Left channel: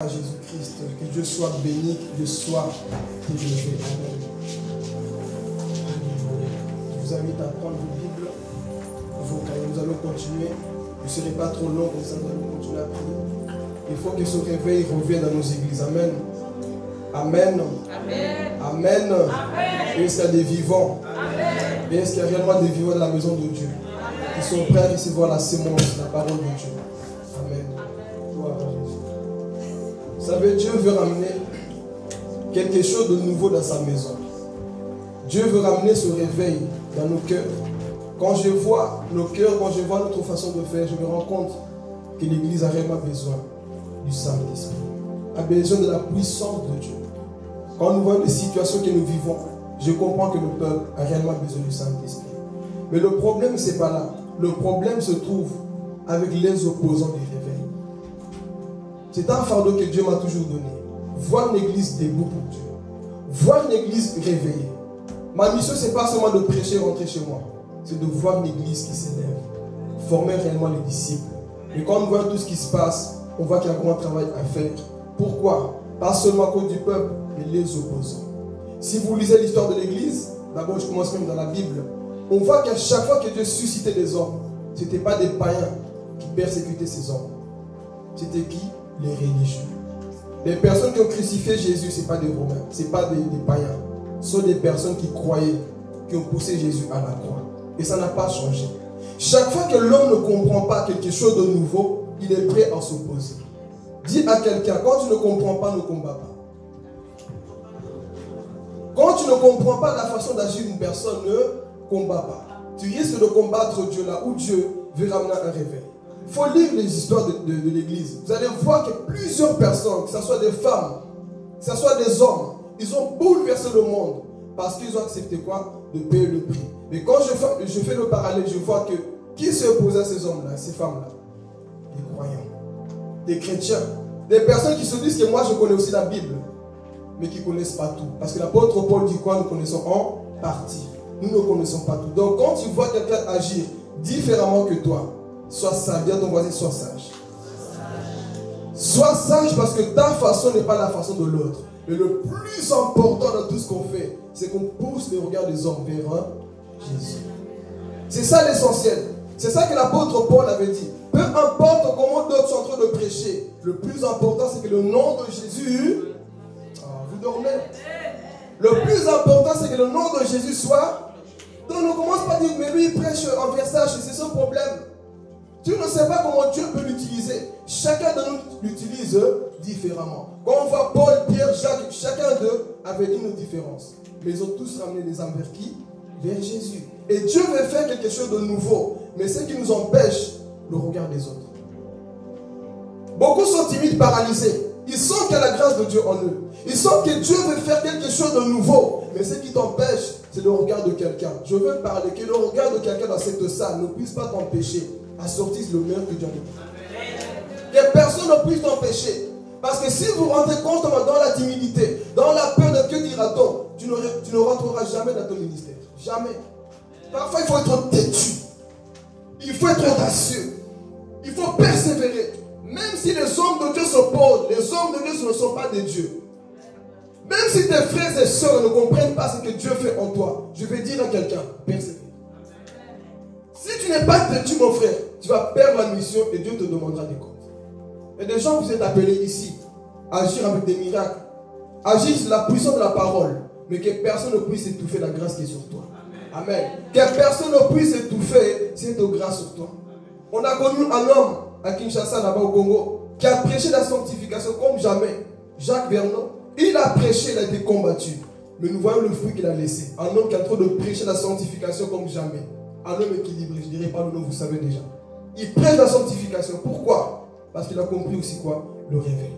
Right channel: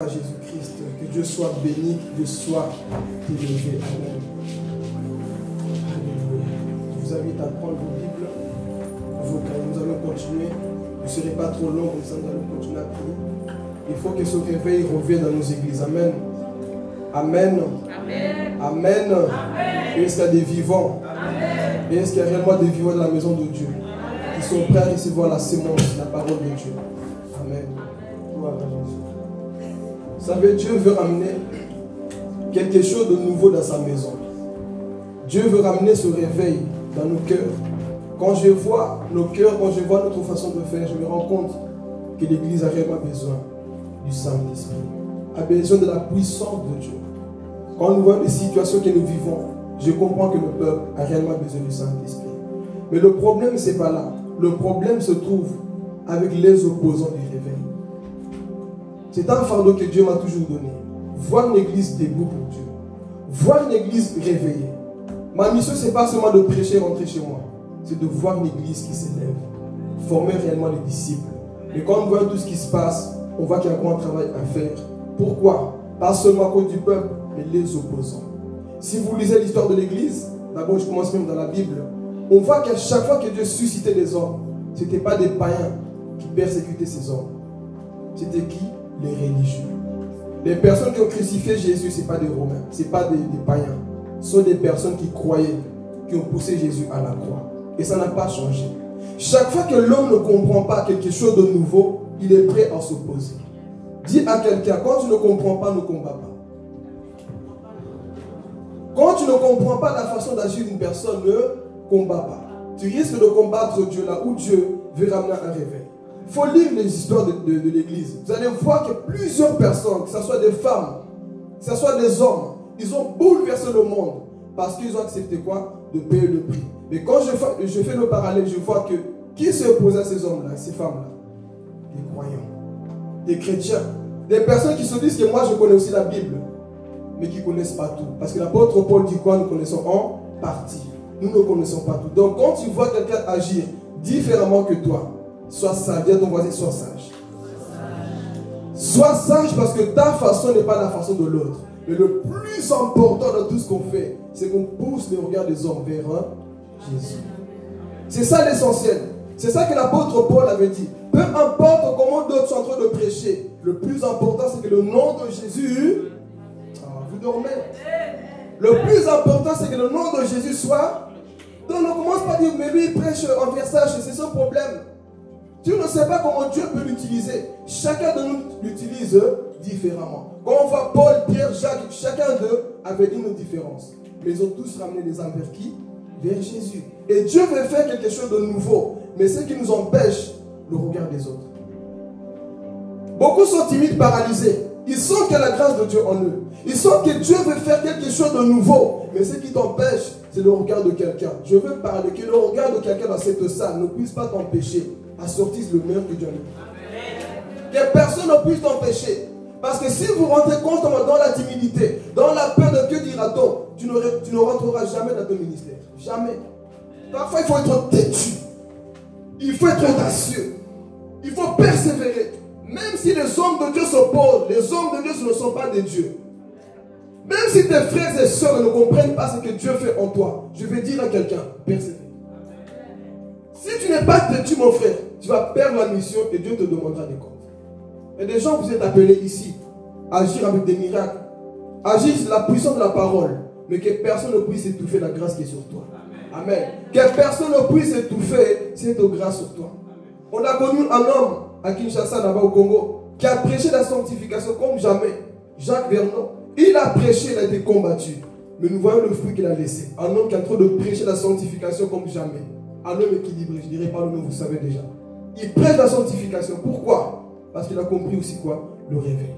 À Jésus-Christ, que Dieu soit béni, que Dieu soit élevé. Amen. Alléluia. Je vous invite à prendre vos Bibles, vos cahiers. Nous allons continuer. Vous ne serez pas trop long, comme ça nous allons continuer à prier. Il faut que ce réveil revienne dans nos églises. Amen. Amen. Amen. Amen. Amen. Est-ce qu'il y a des vivants? Amen. Et est-ce qu'il y a réellement des vivants dans la maison de Dieu qui sont prêts à recevoir la sémence, la parole de Dieu? Amen. Gloire à Jésus. Vous savez, Dieu veut ramener quelque chose de nouveau dans sa maison. Dieu veut ramener ce réveil dans nos cœurs. Quand je vois nos cœurs, quand je vois notre façon de faire, je me rends compte que l'Église a réellement besoin du Saint-Esprit, a besoin de la puissance de Dieu. Quand nous voyons les situations que nous vivons, je comprends que le peuple a réellement besoin du Saint-Esprit. Mais le problème, ce n'est pas là. Le problème se trouve avec les opposants du réveil. C'est un fardeau que Dieu m'a toujours donné. Voir une église debout pour Dieu. Voir une église réveillée. Ma mission, ce n'est pas seulement de prêcher, rentrer chez moi. C'est de voir une église qui s'élève. Former réellement les disciples. Et quand on voit tout ce qui se passe, on voit qu'il y a encore un travail à faire. Pourquoi? Pas seulement à cause du peuple, mais les opposants. Si vous lisez l'histoire de l'église, d'abord je commence même dans la Bible, on voit qu'à chaque fois que Dieu suscitait les hommes, ce n'était pas des païens qui persécutaient ces hommes. C'était qui? Les religieux. Les personnes qui ont crucifié Jésus, ce n'est pas des Romains, ce n'est pas des païens. Ce sont des personnes qui croyaient, qui ont poussé Jésus à la croix. Et ça n'a pas changé. Chaque fois que l'homme ne comprend pas quelque chose de nouveau, il est prêt à s'opposer. Dis à quelqu'un, quand tu ne comprends pas, ne combat pas. Quand tu ne comprends pas la façon d'agir d'une personne, ne combat pas. Tu risques de combattre Dieu là où Dieu veut ramener un réveil. Il faut lire les histoires de l'église. Vous allez voir que plusieurs personnes, que ce soit des femmes, que ce soit des hommes, ils ont bouleversé le monde parce qu'ils ont accepté quoi? De payer le prix. Mais quand je fais le parallèle, je vois que qui s'est opposé à ces hommes-là, ces femmes-là? Des croyants, des chrétiens, des personnes qui se disent que moi je connais aussi la Bible, mais qui ne connaissent pas tout. Parce que l'apôtre Paul dit quoi? Nous connaissons en partie. Nous ne connaissons pas tout. Donc quand tu vois quelqu'un agir différemment que toi, sois sage. Dis à ton voisin, sois sage. Sois sage parce que ta façon n'est pas la façon de l'autre. Mais le plus important de tout ce qu'on fait, c'est qu'on pousse les regards des hommes vers Jésus. C'est ça l'essentiel. C'est ça que l'apôtre Paul avait dit. Peu importe comment d'autres sont en train de prêcher, le plus important c'est que le nom de Jésus... vous dormez. Le plus important c'est que le nom de Jésus soit... Donc on ne commence pas à dire, mais lui il prêche en versage, c'est son problème. Tu ne sais pas comment Dieu peut l'utiliser. Chacun de nous l'utilise différemment. Quand on voit Paul, Pierre, Jacques, chacun d'eux avait une différence. Mais ils ont tous ramené des âmes vers qui? Vers Jésus. Et Dieu veut faire quelque chose de nouveau. Mais ce qui nous empêche, le regard des autres. Beaucoup sont timides, paralysés. Ils sentent qu'il y a la grâce de Dieu en eux. Ils sentent que Dieu veut faire quelque chose de nouveau. Mais ce qui t'empêche, c'est le regard de quelqu'un. Je veux parler que le regard de quelqu'un dans cette salle ne puisse pas t'empêcher à sortir le meilleur que Dieu a mis. Que personne ne puisse t'empêcher. Parce que si vous rentrez constamment dans la timidité, dans la peur de que dira-t-on, tu ne rentreras jamais dans ton ministère. Jamais. Parfois, il faut être têtu. Il faut être audacieux. Il faut persévérer. Même si les hommes de Dieu s'opposent, les hommes de Dieu ne sont pas des dieux. Même si tes frères et sœurs ne comprennent pas ce que Dieu fait en toi, je vais dire à quelqu'un, persévère. Si tu n'es pas têtu, mon frère, tu vas perdre la mission et Dieu te demandera des comptes. Et des gens, vous êtes appelés ici à agir avec des miracles, agir sur la puissance de la parole, mais que personne ne puisse étouffer la grâce qui est sur toi. Amen. Que personne ne puisse étouffer cette grâce sur toi. On a connu un homme à Kinshasa, là-bas au Congo, qui a prêché la sanctification comme jamais. Jacques Vernon. Il a prêché, il a été combattu. Mais nous voyons le fruit qu'il a laissé. Un homme qui est en train de prêcher la sanctification comme jamais. Un homme équilibré, je ne dirais pas le nom, vous savez déjà. Il prêche la sanctification. Pourquoi? Parce qu'il a compris aussi quoi? Le réveil.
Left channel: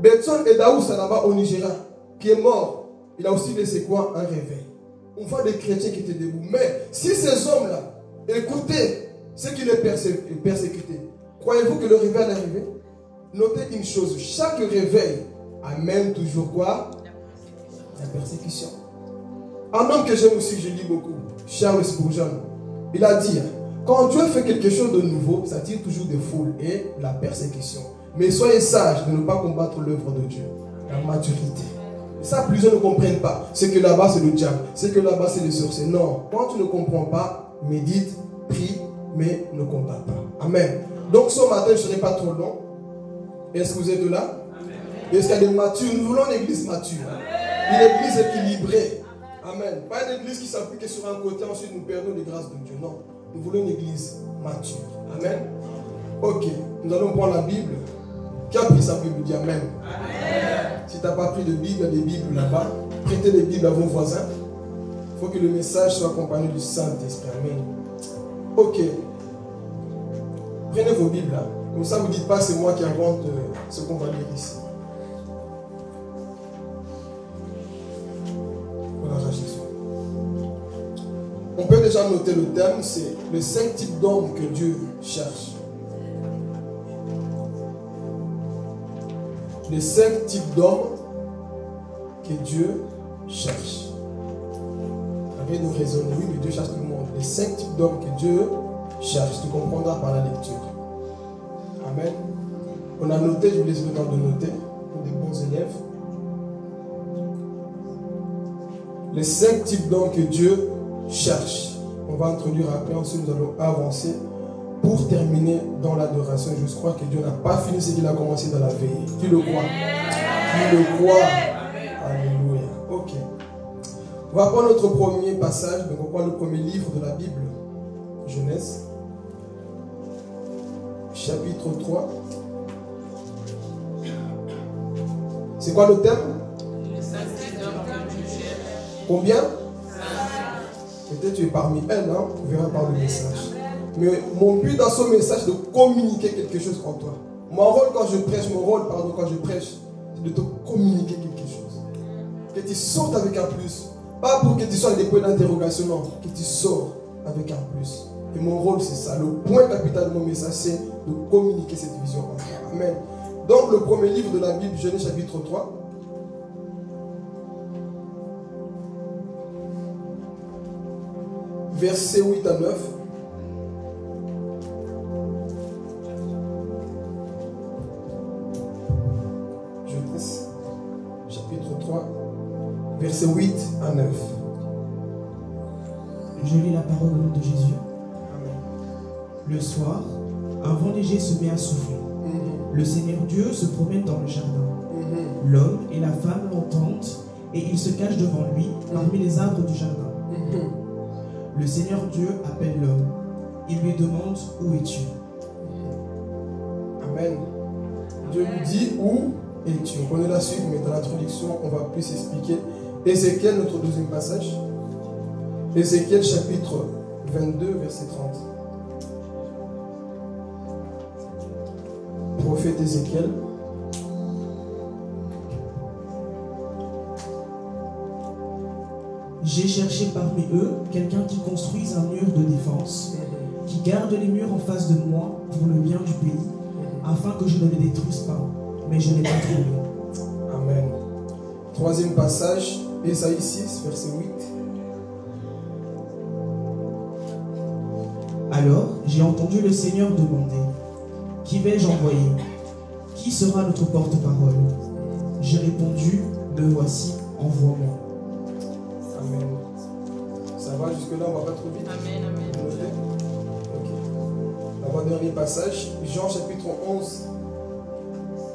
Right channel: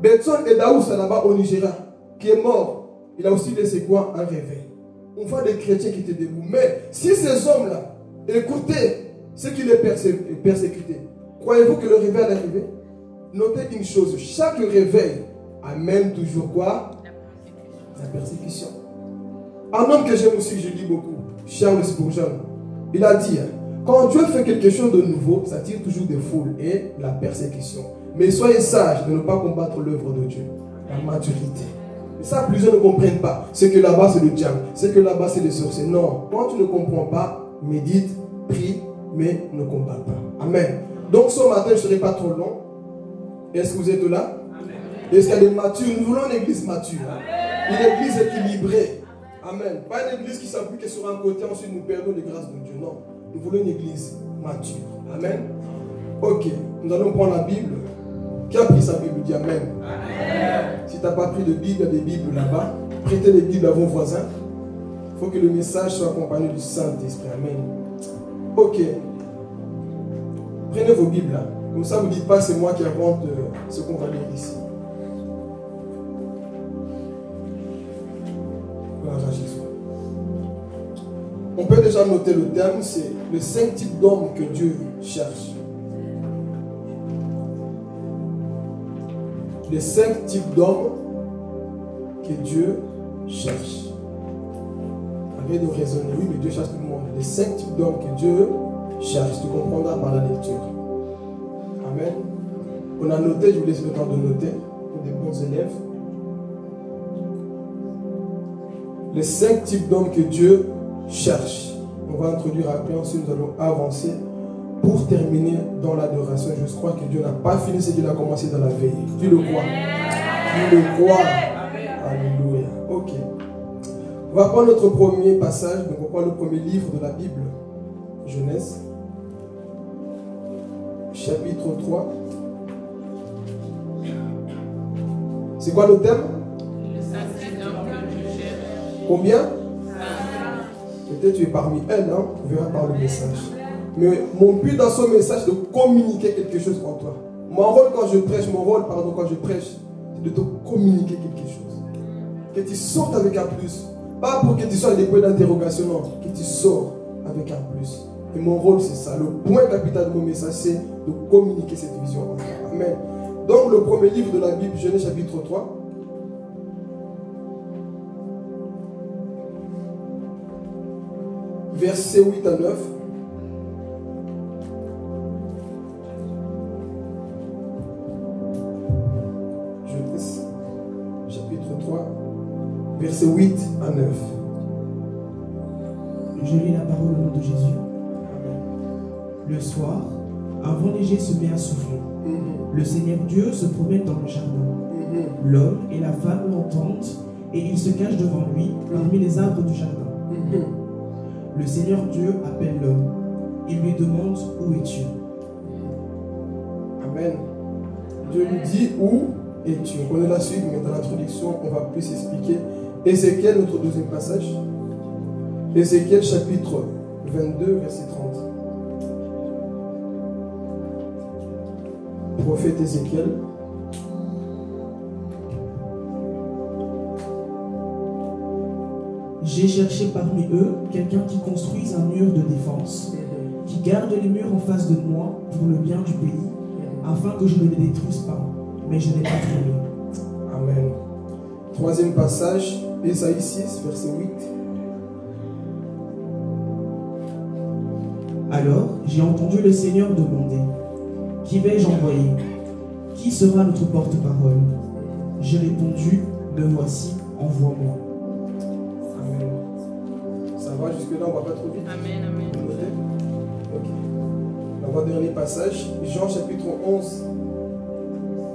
Betson et Daoussa là-bas au Nigeria, qui est mort, il a aussi laissé quoi? Un réveil. On voit des chrétiens qui étaient debout. Mais si ces hommes-là écoutaient ceux qui les persécutaient, croyez-vous que le réveil allait arriver? Notez une chose, chaque réveil amène toujours quoi? La persécution. Un homme que j'aime aussi, que je lis beaucoup, Charles Spurgeon, il a dit, quand Dieu fait quelque chose de nouveau, ça tire toujours des foules et la persécution. Mais soyez sages de ne pas combattre l'œuvre de Dieu. La maturité. Et ça, plusieurs ne comprennent pas. C'est que là-bas, c'est le diable. C'est que là-bas, c'est les sorciers. Non. Quand tu ne comprends pas, médite, prie, mais ne combats pas. Amen. Donc ce matin, je ne serai pas trop long. Est-ce que vous êtes là? Est-ce qu'il y a des matures? Nous voulons une église mature. Une église équilibrée. Amen. Pas une église qui s'appuie que sur un côté, ensuite nous perdons les grâces de Dieu. Non. Nous voulons une église mature. Amen. Ok. Nous allons prendre la Bible. Qui a pris sa Bible? Dit Amen. Amen. Si tu n'as pas pris de Bible, il y a des Bibles là-bas. Prêtez les Bibles à vos voisins. Il faut que le message soit accompagné du Saint-Esprit. Amen. Ok. Prenez vos Bibles là. Comme ça, vous ne dites pas que c'est moi qui invente ce qu'on va lire ici. Voilà, Jésus. On peut déjà noter le thème, c'est les 5 types d'hommes que Dieu cherche. Les 5 types d'hommes que Dieu cherche. Ça vient de raisonner, oui, mais Dieu cherche tout le monde. Les 5 types d'hommes que Dieu cherche, tu comprendras par la lecture. Amen. On a noté, je vous laisse le temps de noter, pour des bons élèves. Les 5 types d'hommes que Dieu cherche. On va introduire après, ensuite nous allons avancer pour terminer dans l'adoration. Je crois que Dieu n'a pas fini ce qu'il a commencé dans la veille. Tu le crois? Tu le crois? Alléluia. Ok. On va prendre notre premier passage. Donc on prend le premier livre de la Bible. Genèse. Chapitre 3. C'est quoi le thème? Combien? Peut-être tu es parmi elles, hein? On verra par le message. Mais mon but dans ce message, c'est de communiquer quelque chose en toi. Mon rôle quand je prêche, c'est de te communiquer quelque chose. Que tu sortes avec un plus. Pas pour que tu sois des points d'interrogation, non. Que tu sors avec un plus. Et mon rôle, c'est ça. Le point capital de mon message, c'est de communiquer cette vision en toi. Amen. Donc, le premier livre de la Bible, Genèse chapitre 3. Versets 8 à 9. Genèse chapitre 3, versets 8 à 9. Je lis la parole au nom de Jésus. Le soir, un vent léger se met à souffler. Le Seigneur Dieu se promène dans le jardin. L'homme et la femme l'entendent et ils se cachent devant lui parmi les arbres du jardin. Le Seigneur Dieu appelle l'homme. Il lui demande: où es-tu? Amen. Dieu lui dit: où es-tu? On connaît la suite, mais dans l'introduction, on va plus expliquer. Ézéchiel, notre deuxième passage. Ézéchiel chapitre 22, verset 30. Prophète Ézéchiel. J'ai cherché parmi eux quelqu'un qui construise un mur de défense, qui garde les murs en face de moi pour le bien du pays, afin que je ne les détruise pas, mais je n'ai pas trouvé. Amen. Troisième passage, Ésaïe 6, verset 8. Alors j'ai entendu le Seigneur demander: qui vais-je envoyer? Qui sera notre porte-parole? J'ai répondu: me voici, envoie-moi. Amen. Ça va jusque-là, on ne va pas trop vite. Amen, amen. Vous notez? Ok. Avant-dernier passage, Jean chapitre 11,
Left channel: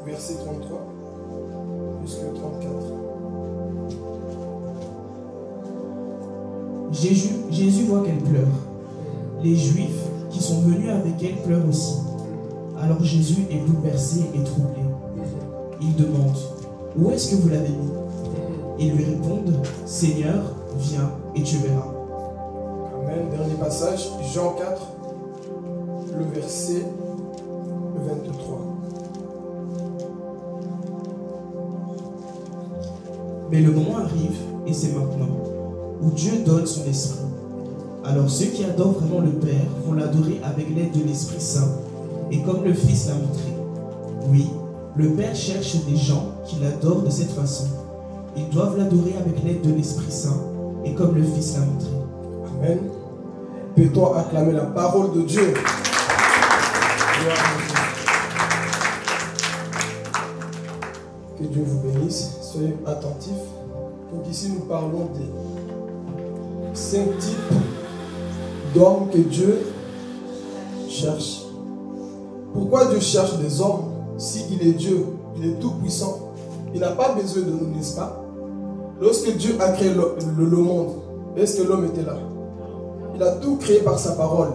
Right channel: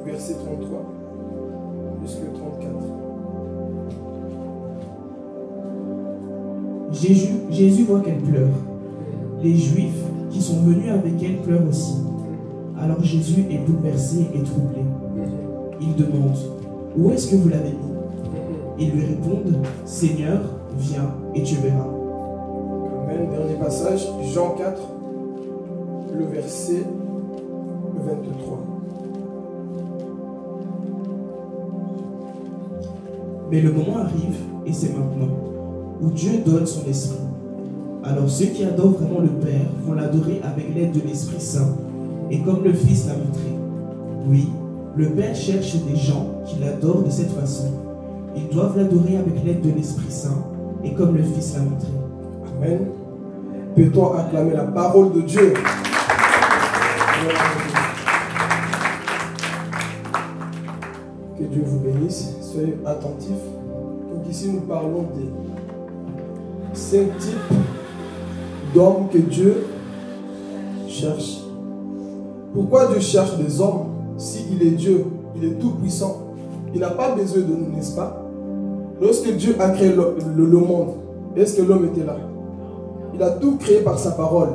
verset 33 jusqu'à 34. Jésus voit qu'elle pleure. Les Juifs qui sont venus avec elle pleurent aussi. Alors Jésus est bouleversé et troublé. Il demande: où est-ce que vous l'avez mis? Ils lui répondent: Seigneur, viens et tu verras. Amen. Dernier passage, Jean 4, le verset 23. Mais le moment arrive, et c'est maintenant, où Dieu donne son esprit. Alors ceux qui adorent vraiment le Père vont l'adorer avec l'aide de l'Esprit Saint, et comme le Fils l'a montré. Oui, le Père cherche des gens qui l'adorent de cette façon. Ils doivent l'adorer avec l'aide de l'Esprit Saint, et comme le Fils l'a montré. Amen. Peut-on acclamer la parole de Dieu? Que Dieu vous bénisse. Soyez attentifs. Donc ici, nous parlons des 5 types d'hommes que Dieu cherche. Pourquoi Dieu cherche des hommes? Si il est Dieu, il est tout puissant, il n'a pas besoin de nous, n'est-ce pas? Lorsque Dieu a créé le monde, est-ce que l'homme était là? Il a tout créé par sa parole.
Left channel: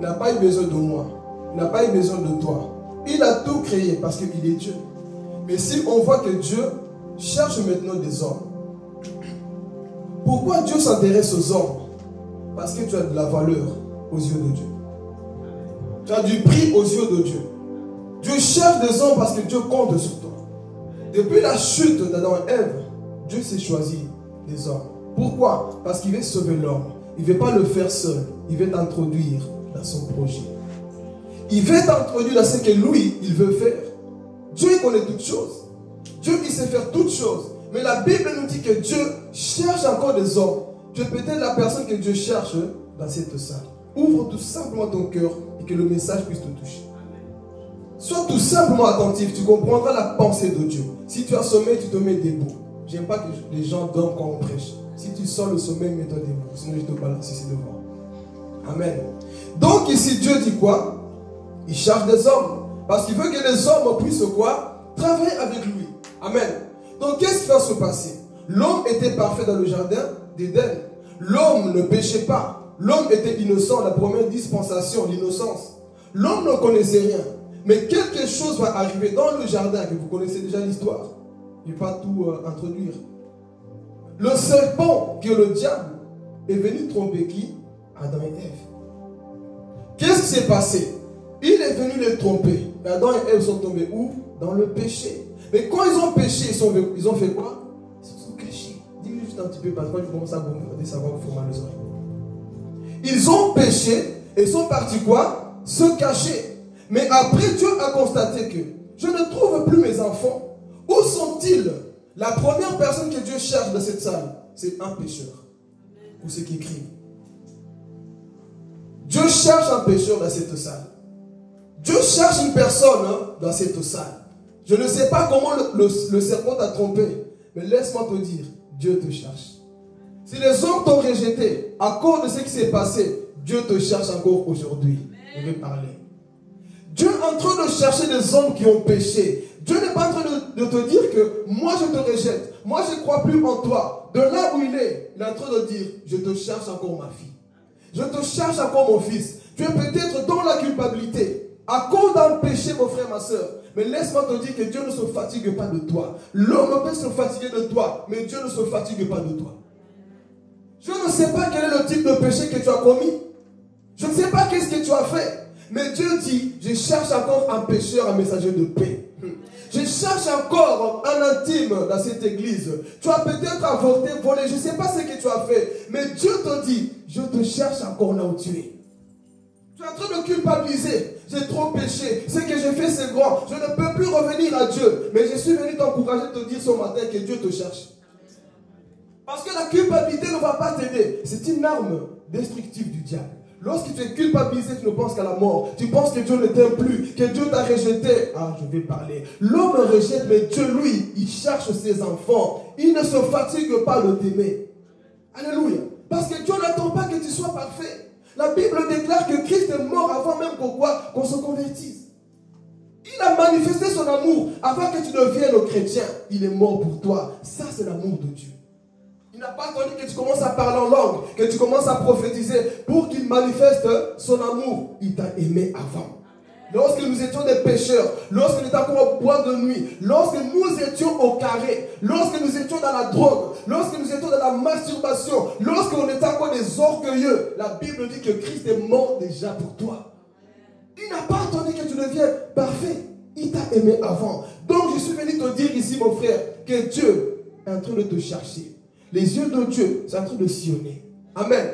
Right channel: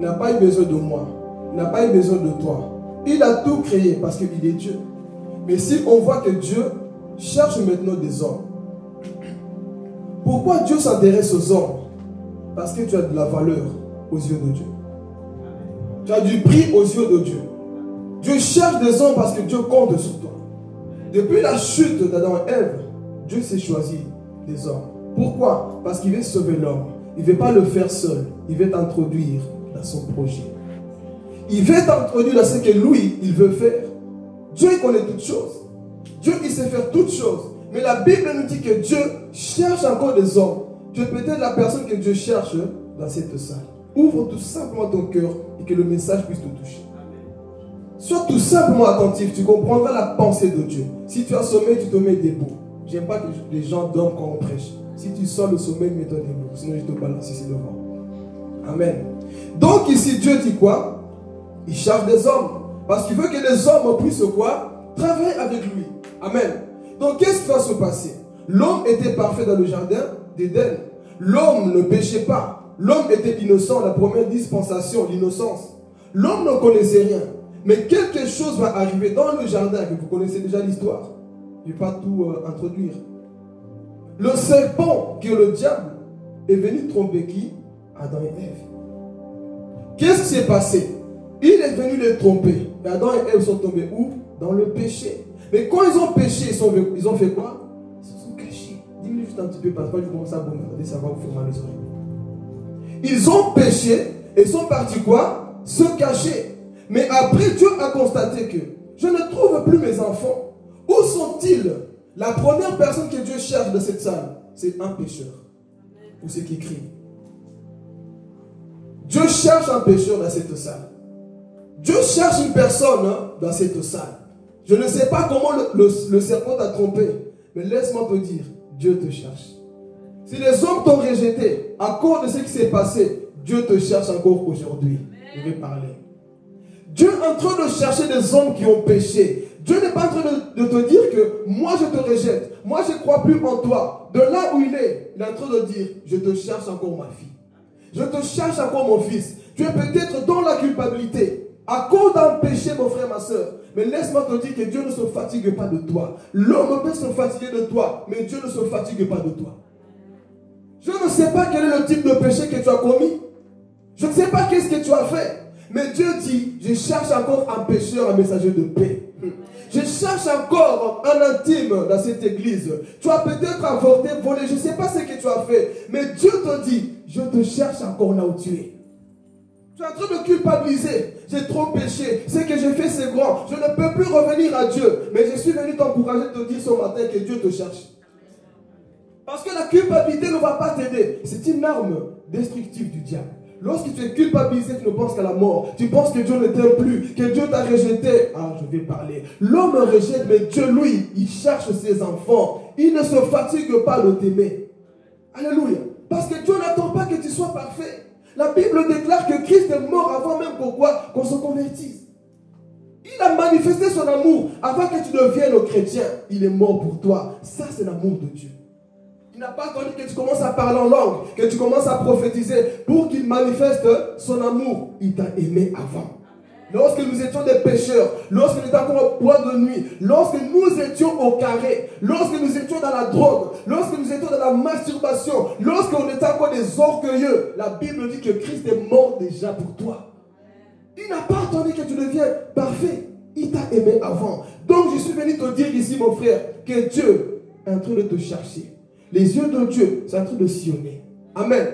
Il n'a pas eu besoin de moi. Il n'a pas eu besoin de toi. Il a tout créé parce qu'il est Dieu. Mais si on voit que Dieu cherche maintenant des hommes, pourquoi Dieu s'intéresse aux hommes? Parce que tu as de la valeur aux yeux de Dieu. Tu as du prix aux yeux de Dieu. Dieu cherche des hommes parce que Dieu compte sur toi. Depuis la chute d'Adam et Ève, Dieu s'est choisi des hommes. Pourquoi? Parce qu'il veut sauver l'homme. Il ne veut pas le faire seul. Il veut t'introduire dans son projet. Il veut t'introduire dans ce que lui, il veut faire. Dieu, il connaît toutes choses. Dieu, il sait faire toutes choses. Mais la Bible nous dit que Dieu cherche encore des hommes. Tu es peut-être la personne que Dieu cherche dans cette salle. Ouvre tout simplement ton cœur et que le message puisse te toucher. Sois tout simplement attentif, tu comprendras la pensée de Dieu. Si tu as sommeil, tu te mets debout. J'aime pas que les gens dorment quand on prêche. Si tu sens le sommeil, mets-toi debout. Sinon, je te balance ici devant. Amen. Donc ici, Dieu dit quoi? Il cherche des hommes. Parce qu'il veut que les hommes puissent quoi? Travailler avec lui. Amen. Donc qu'est-ce qui va se passer? L'homme était parfait dans le jardin d'Éden. L'homme ne péchait pas. L'homme était innocent, la première dispensation, l'innocence. L'homme ne connaissait rien. Mais quelque chose va arriver dans le jardin, que vous connaissez déjà l'histoire. Je ne vais pas tout introduire. Le serpent, qui est le diable, est venu tromper qui? Adam et Ève. Qu'est-ce qui s'est passé? Il est venu les tromper. Et Adam et Ève sont tombés où? Dans le péché. Mais quand ils ont péché, ils ont fait quoi? Ils se sont cachés. Dis-moi juste un petit peu, parce que quand je commence à bombarder, ça va vous faire mal aux oreilles. Ils ont péché et sont partis quoi? Se cacher. Mais après, Dieu a constaté que je ne trouve plus mes enfants. Où sont-ils? La première personne que Dieu cherche dans cette salle, c'est un pécheur. Pour ceux qui crient. Dieu cherche un pécheur dans cette salle. Dieu cherche une personne dans cette salle. Je ne sais pas comment le serpent t'a trompé, mais laisse-moi te dire, Dieu te cherche. Si les hommes t'ont rejeté à cause de ce qui s'est passé, Dieu te cherche encore aujourd'hui. Je vais parler. Dieu est en train de chercher des hommes qui ont péché. Dieu n'est pas en train de te dire que moi je te rejette, moi je ne crois plus en toi. De là où il est en train de dire, je te cherche encore ma fille. Je te cherche encore mon fils. Tu es peut-être dans la culpabilité. À cause d'un péché, mon frère, ma soeur. Mais laisse-moi te dire que Dieu ne se fatigue pas de toi. L'homme peut se fatiguer de toi, mais Dieu ne se fatigue pas de toi. Je ne sais pas quel est le type de péché que tu as commis. Je ne sais pas qu'est-ce que tu as fait. Mais Dieu dit, je cherche encore un pécheur, un messager de paix. Je cherche encore un intime dans cette église. Tu as peut-être avorté, volé, je ne sais pas ce que tu as fait. Mais Dieu te dit, je te cherche encore là où tu es. Tu es en train de culpabiliser. J'ai trop péché. Ce que j'ai fait, c'est grand. Je ne peux plus revenir à Dieu. Mais je suis venu t'encourager, te dire ce matin que Dieu te cherche. Parce que la culpabilité ne va pas t'aider. C'est une arme destructive du diable. Lorsque tu es culpabilisé, tu ne penses qu'à la mort. Tu penses que Dieu ne t'aime plus, que Dieu t'a rejeté. Ah, je vais parler. L'homme rejette, mais Dieu, lui, il cherche ses enfants. Il ne se fatigue pas de t'aimer. Alléluia. Parce que Dieu n'attend pas que tu sois parfait. La Bible déclare que Christ est mort avant même qu'on se convertisse. Il a manifesté son amour avant que tu deviennes chrétien. Il est mort pour toi. Ça, c'est l'amour de Dieu. Il n'a pas attendu que tu commences à parler en langue, que tu commences à prophétiser pour qu'il manifeste son amour. Il t'a aimé avant. Lorsque nous étions des pécheurs, lorsque nous étions encore au bois de nuit, lorsque nous étions au carré, lorsque nous étions dans la drogue, lorsque nous étions dans la masturbation, lorsqu'on était encore des orgueilleux, la Bible dit que Christ est mort déjà pour toi. Il n'a pas attendu que tu deviennes parfait. Il t'a aimé avant. Donc je suis venu te dire ici, mon frère, que Dieu est en train de te chercher. Les yeux de Dieu sont en train de sillonner. Amen.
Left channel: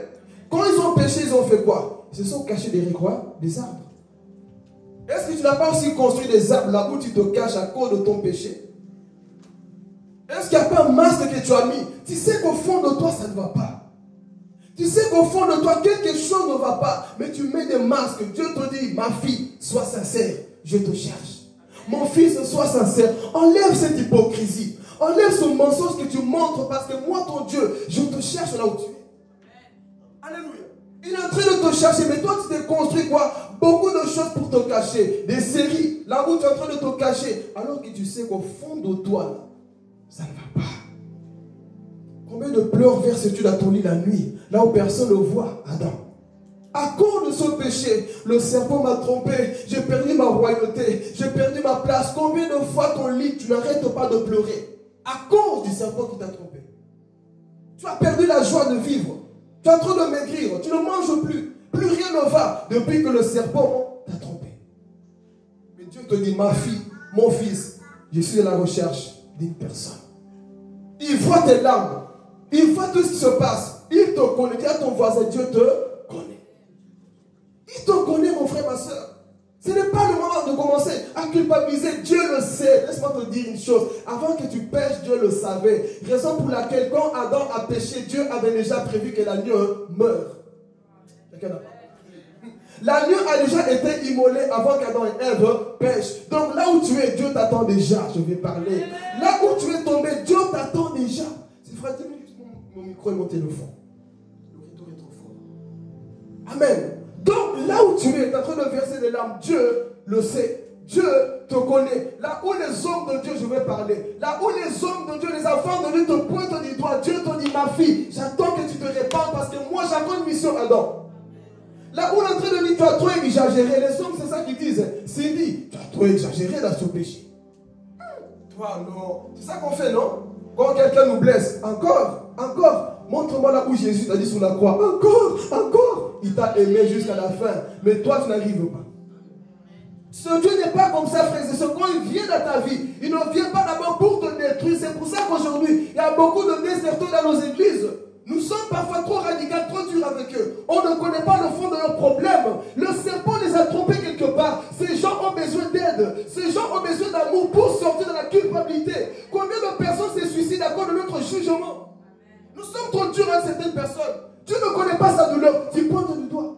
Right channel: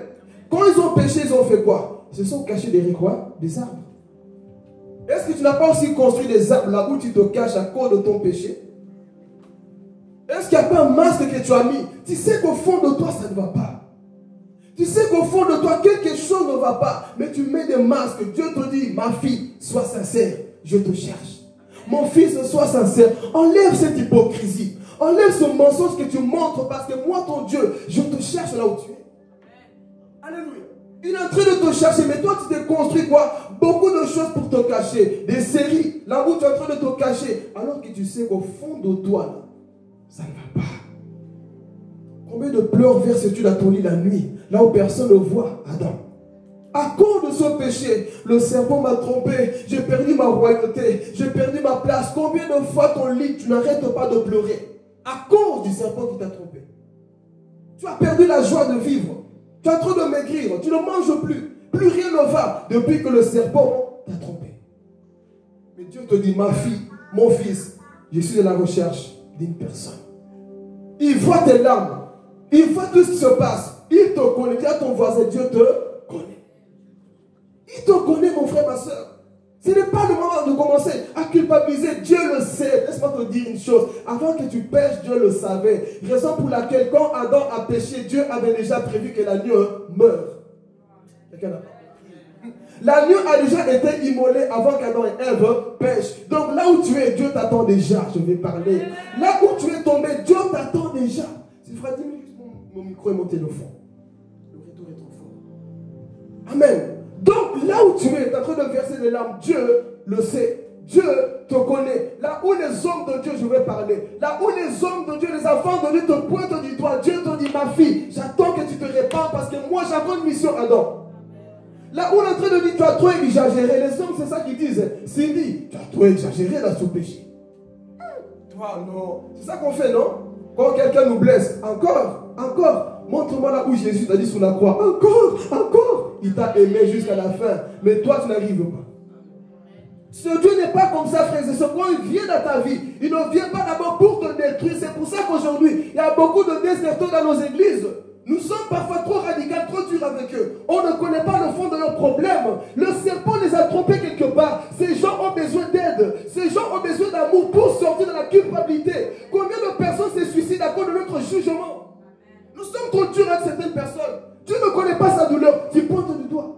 Quand ils ont péché, ils ont fait quoi? Ils se sont cachés derrière quoi? Des arbres. Est-ce que tu n'as pas aussi construit des arbres là où tu te caches à cause de ton péché? Est-ce qu'il n'y a pas un masque que tu as mis? Tu sais qu'au fond de toi, ça ne va pas. Tu sais qu'au fond de toi, quelque chose ne va pas. Mais tu mets des masques. Dieu te dit, ma fille, sois sincère. Je te cherche. Mon fils, sois sincère. Enlève cette hypocrisie. Enlève ce mensonge que tu montres parce que moi, ton Dieu, je te cherche là où tu es. Alléluia. Il est en train de te chercher, mais toi, tu t'es construit quoi? Beaucoup de choses pour te cacher. Des séries, là où tu es en train de te cacher. Alors que tu sais qu'au fond de toi, là, ça ne va pas. Combien de pleurs verses-tu dans ton lit la nuit, là où personne ne voit, Adam? À cause de ce péché, le serpent m'a trompé, j'ai perdu ma royauté, j'ai perdu ma place. Combien de fois ton lit, tu n'arrêtes pas de pleurer? À cause du serpent qui t'a trompé. Tu as perdu la joie de vivre. Tu es en train de maigrir, tu ne manges plus. Plus rien ne va depuis que le serpent t'a trompé. Mais Dieu te dit, ma fille, mon fils, je suis à la recherche d'une personne. Il voit tes larmes. Il voit tout ce qui se passe. Il te connaît. Dis à ton voisin, Dieu te connaît. Il te connaît, mon frère, ma soeur. Ce n'est pas le moment de commencer à culpabiliser. Dieu le sait. Laisse-moi te dire une chose. Avant que tu pêches, Dieu le savait. Raison pour laquelle, quand Adam a péché, Dieu avait déjà prévu que l'agneau meure. L'agneau a déjà été immolé avant qu'Adam et Ève pêchent. Donc là où tu es, Dieu t'attend déjà. Je vais parler. Là où tu es tombé, Dieu t'attend déjà. C'est frère, dis-moi juste mon micro et mon téléphone. Le retour est trop fort. Amen. Donc là où tu es en train de verser des larmes, Dieu le sait. Dieu te connaît. Là où les hommes de Dieu, je vais parler. Là où les hommes de Dieu, les enfants de Dieu te pointent du doigt. Dieu te dit, ma fille, j'attends que tu te répandes parce que moi j'ai encore une mission à Adam. Là où on est en train de dire, tu as trop exagéré. Les hommes, c'est ça qu'ils disent. Cindy, tu as trop exagéré dans ce péché. Toi, non. C'est ça qu'on fait, non? Quand quelqu'un nous blesse, encore. Montre-moi là où Jésus t'a dit sur la croix. Encore. Il t'a aimé jusqu'à la fin. Mais toi, tu n'arrives pas. Ce Dieu n'est pas comme ça, frères et sœurs. Quand il vient dans ta vie, il ne vient pas d'abord pour te détruire. C'est pour ça qu'aujourd'hui, il y a beaucoup de déserteurs dans nos églises. Nous sommes parfois trop radicaux, trop durs avec eux. On ne connaît pas le fond de leurs problèmes. Le serpent les a trompés quelque part. Ces gens ont besoin d'aide. Ces gens ont besoin d'amour pour sortir de la culpabilité. Combien de personnes se suicident à cause de notre jugement? Nous sommes trop durs avec certaines personnes. Tu ne connais pas sa douleur. Tu pointes du doigt.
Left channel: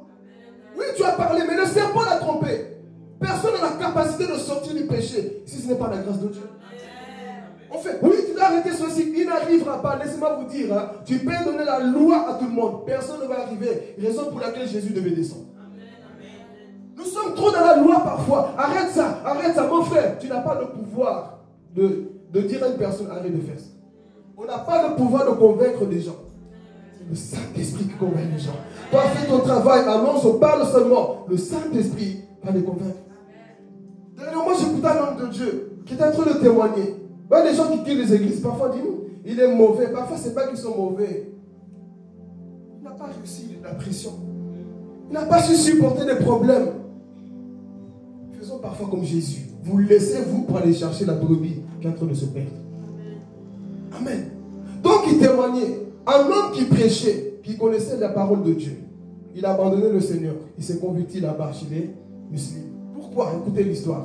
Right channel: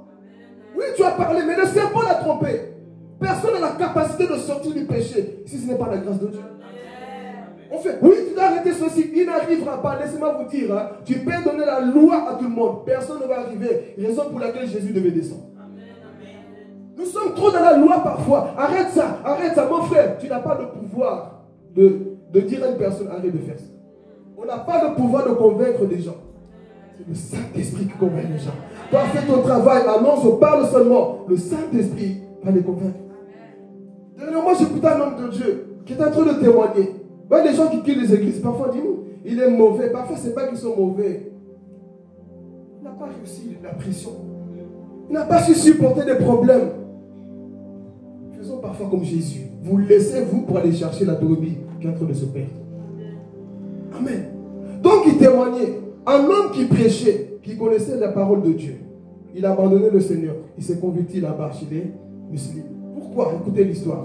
Oui, tu as parlé, mais le serpent l'a trompé. Personne n'a la capacité de sortir du péché si ce n'est pas la grâce de Dieu. On fait, oui, tu dois arrêter ceci, il n'arrivera pas. Laissez-moi vous dire, hein, tu peux donner la loi à tout le monde. Personne ne va arriver. Raison pour laquelle Jésus devait descendre. Nous sommes trop dans la loi parfois. Arrête ça, mon frère. Tu n'as pas le pouvoir de dire à une personne, arrête de faire ça. On n'a pas le pouvoir de convaincre des gens. C'est le Saint-Esprit qui convainc les gens. Toi, fais ton travail, annonce, parle seulement. Le Saint-Esprit va les convaincre. Dernièrement, j'écoutais un homme de Dieu qui était en train de témoigner. Ouais, les gens qui quittent les églises, parfois disent, il est mauvais. Parfois, ce n'est pas qu'ils sont mauvais. Il n'a pas réussi la pression. Il n'a pas su supporter des problèmes. Faisons parfois comme Jésus. Vous laissez, vous, pour aller chercher la brebis qui est en train de se perdre. Amen. Donc, il témoignait. Un homme qui prêchait, qui connaissait la parole de Dieu. Il a abandonné le Seigneur. Il s'est converti là-bas chez les musulmans. Pourquoi? Écoutez l'histoire.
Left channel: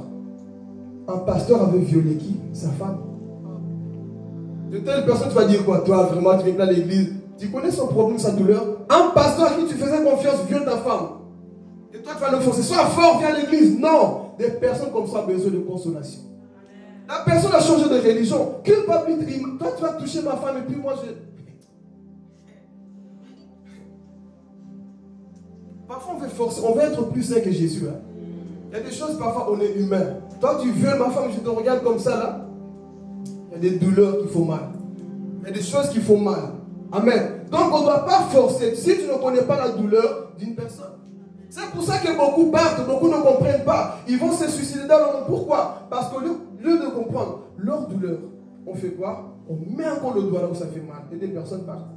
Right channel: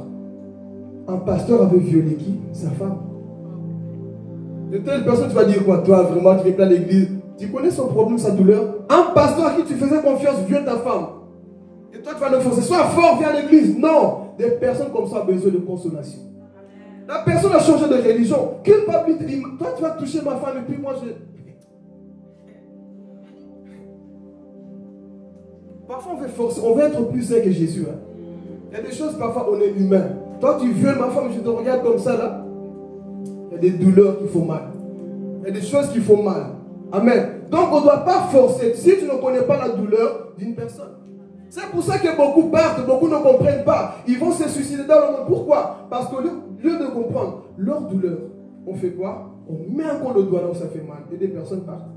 Un pasteur avait violé qui? Sa femme. De telle personne, tu vas dire quoi? Toi, vraiment, tu viens à l'église. Tu connais son problème, sa douleur. Un pasteur à qui tu faisais confiance viole ta femme. Et toi, tu vas le forcer. Sois fort, viens à l'église. Non. Des personnes comme ça ont besoin de consolation. La personne a changé de religion. Culpabilité. Toi, tu vas toucher ma femme et puis moi, je... Parfois, on veut forcer. On veut être plus saint que Jésus. Hein. Il y a des choses, parfois, on est humain. Toi, tu violes ma femme, je te regarde comme ça, là. Il y a des douleurs qui font mal. Il y a des choses qui font mal. Amen. Donc, on ne doit pas forcer. Si tu ne connais pas la douleur d'une personne. C'est pour ça que beaucoup partent, beaucoup ne comprennent pas. Ils vont se suicider dans le monde. Pourquoi? Parce qu'au lieu de comprendre leur douleur, on fait quoi? On met encore le doigt là où ça fait mal. Et des personnes partent.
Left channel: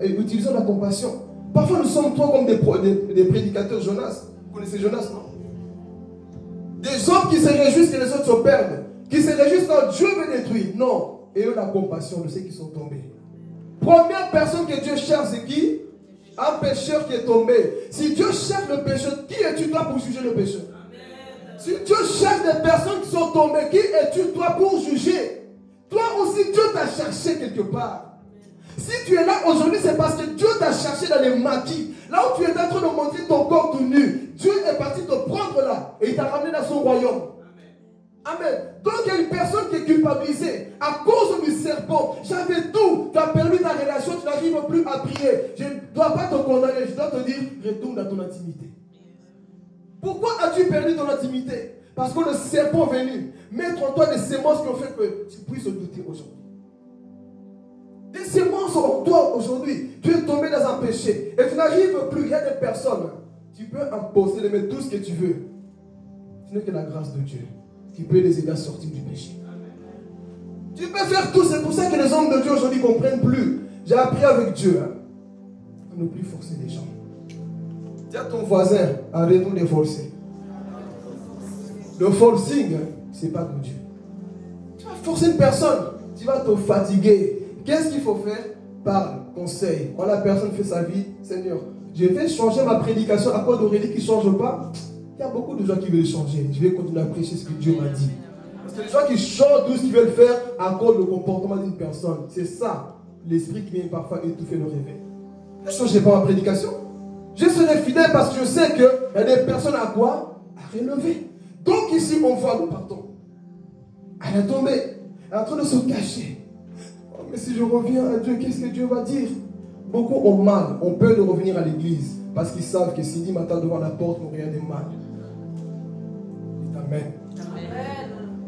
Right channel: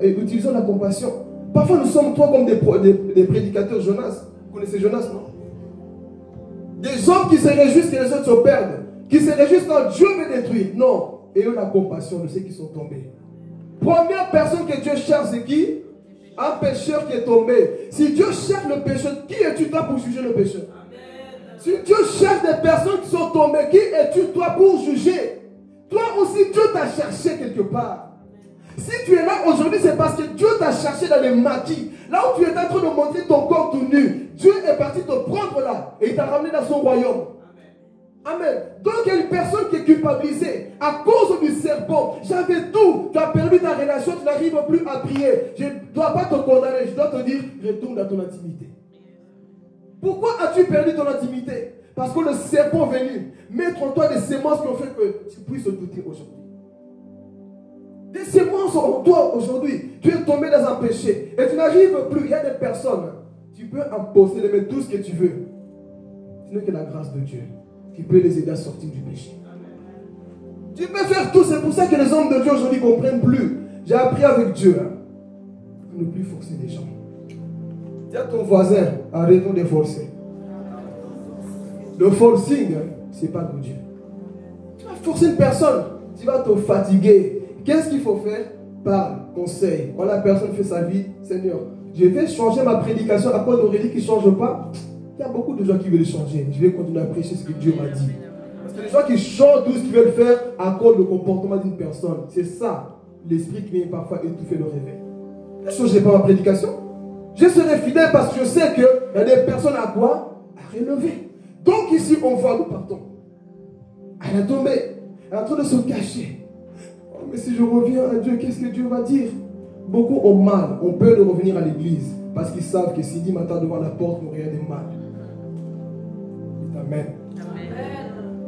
Et utilisons la compassion. Parfois, nous sommes trop comme des prédicateurs Jonas. Vous connaissez Jonas, non? Des hommes qui se réjouissent que les autres se perdent. Qui se réjouissent quand Dieu veut détruire. Non. Et eux, la compassion de ceux qui sont tombés. Première personne que Dieu cherche, c'est qui? Un pécheur qui est tombé. Si Dieu cherche le pécheur, qui es-tu toi pour juger le pécheur? Si Dieu cherche des personnes qui sont tombées, qui es-tu toi pour juger? Toi aussi, Dieu t'a cherché quelque part. Si tu es là aujourd'hui, c'est parce que Dieu t'a cherché dans les maquis. Là où tu es en train de montrer ton corps tout nu, Dieu est parti te prendre là et il t'a ramené dans son royaume. Amen. Donc il y a une personne qui est culpabilisée à cause du serpent. J'avais tout. Tu as perdu ta relation, tu n'arrives plus à prier. Je ne dois pas te condamner, je dois te dire, retourne à ton intimité. Pourquoi as-tu perdu ton intimité? Parce que le serpent est venu mettre en toi des sémences qui ont fait que tu puisses te douter aujourd'hui. Des sémences en toi aujourd'hui. Tu es tombé dans un péché et tu n'arrives plus. Il y a des personnes. Tu peux imposer, les mettre tout ce que tu veux. Ce n'est que la grâce de Dieu qui peut les aider à sortir du péché. Tu peux faire tout. C'est pour ça que les hommes de Dieu aujourd'hui ne comprennent plus. J'ai appris avec Dieu à ne plus forcer les gens. Dis à ton voisin, arrêtons de forcer. Le forcing, ce n'est pas de Dieu. Tu vas forcer une personne, tu vas te fatiguer. Qu'est-ce qu'il faut faire? Parle, conseil. Quand la personne fait sa vie, Seigneur, je vais changer ma prédication à cause d'Aurélie qui ne change pas. Il y a beaucoup de gens qui veulent changer. Je vais continuer à prêcher ce que Dieu m'a dit. Parce que les gens qui changent tout ce qu'ils veulent faire à cause du comportement d'une personne, c'est ça, l'esprit qui vient parfois étouffer le réveil. Je ne changerai pas ma prédication. Je serai fidèle parce que je sais qu'il y a des personnes à quoi? À relever. Donc ici, on voit, nous partons. Elle est tombée. Elle est en train de se cacher. Oh, mais si je reviens à Dieu, qu'est-ce que Dieu va dire? Beaucoup ont mal, ont peur de revenir à l'église. Parce qu'ils savent que s'ils disent matin devant la porte, nous rien de mal. Amen.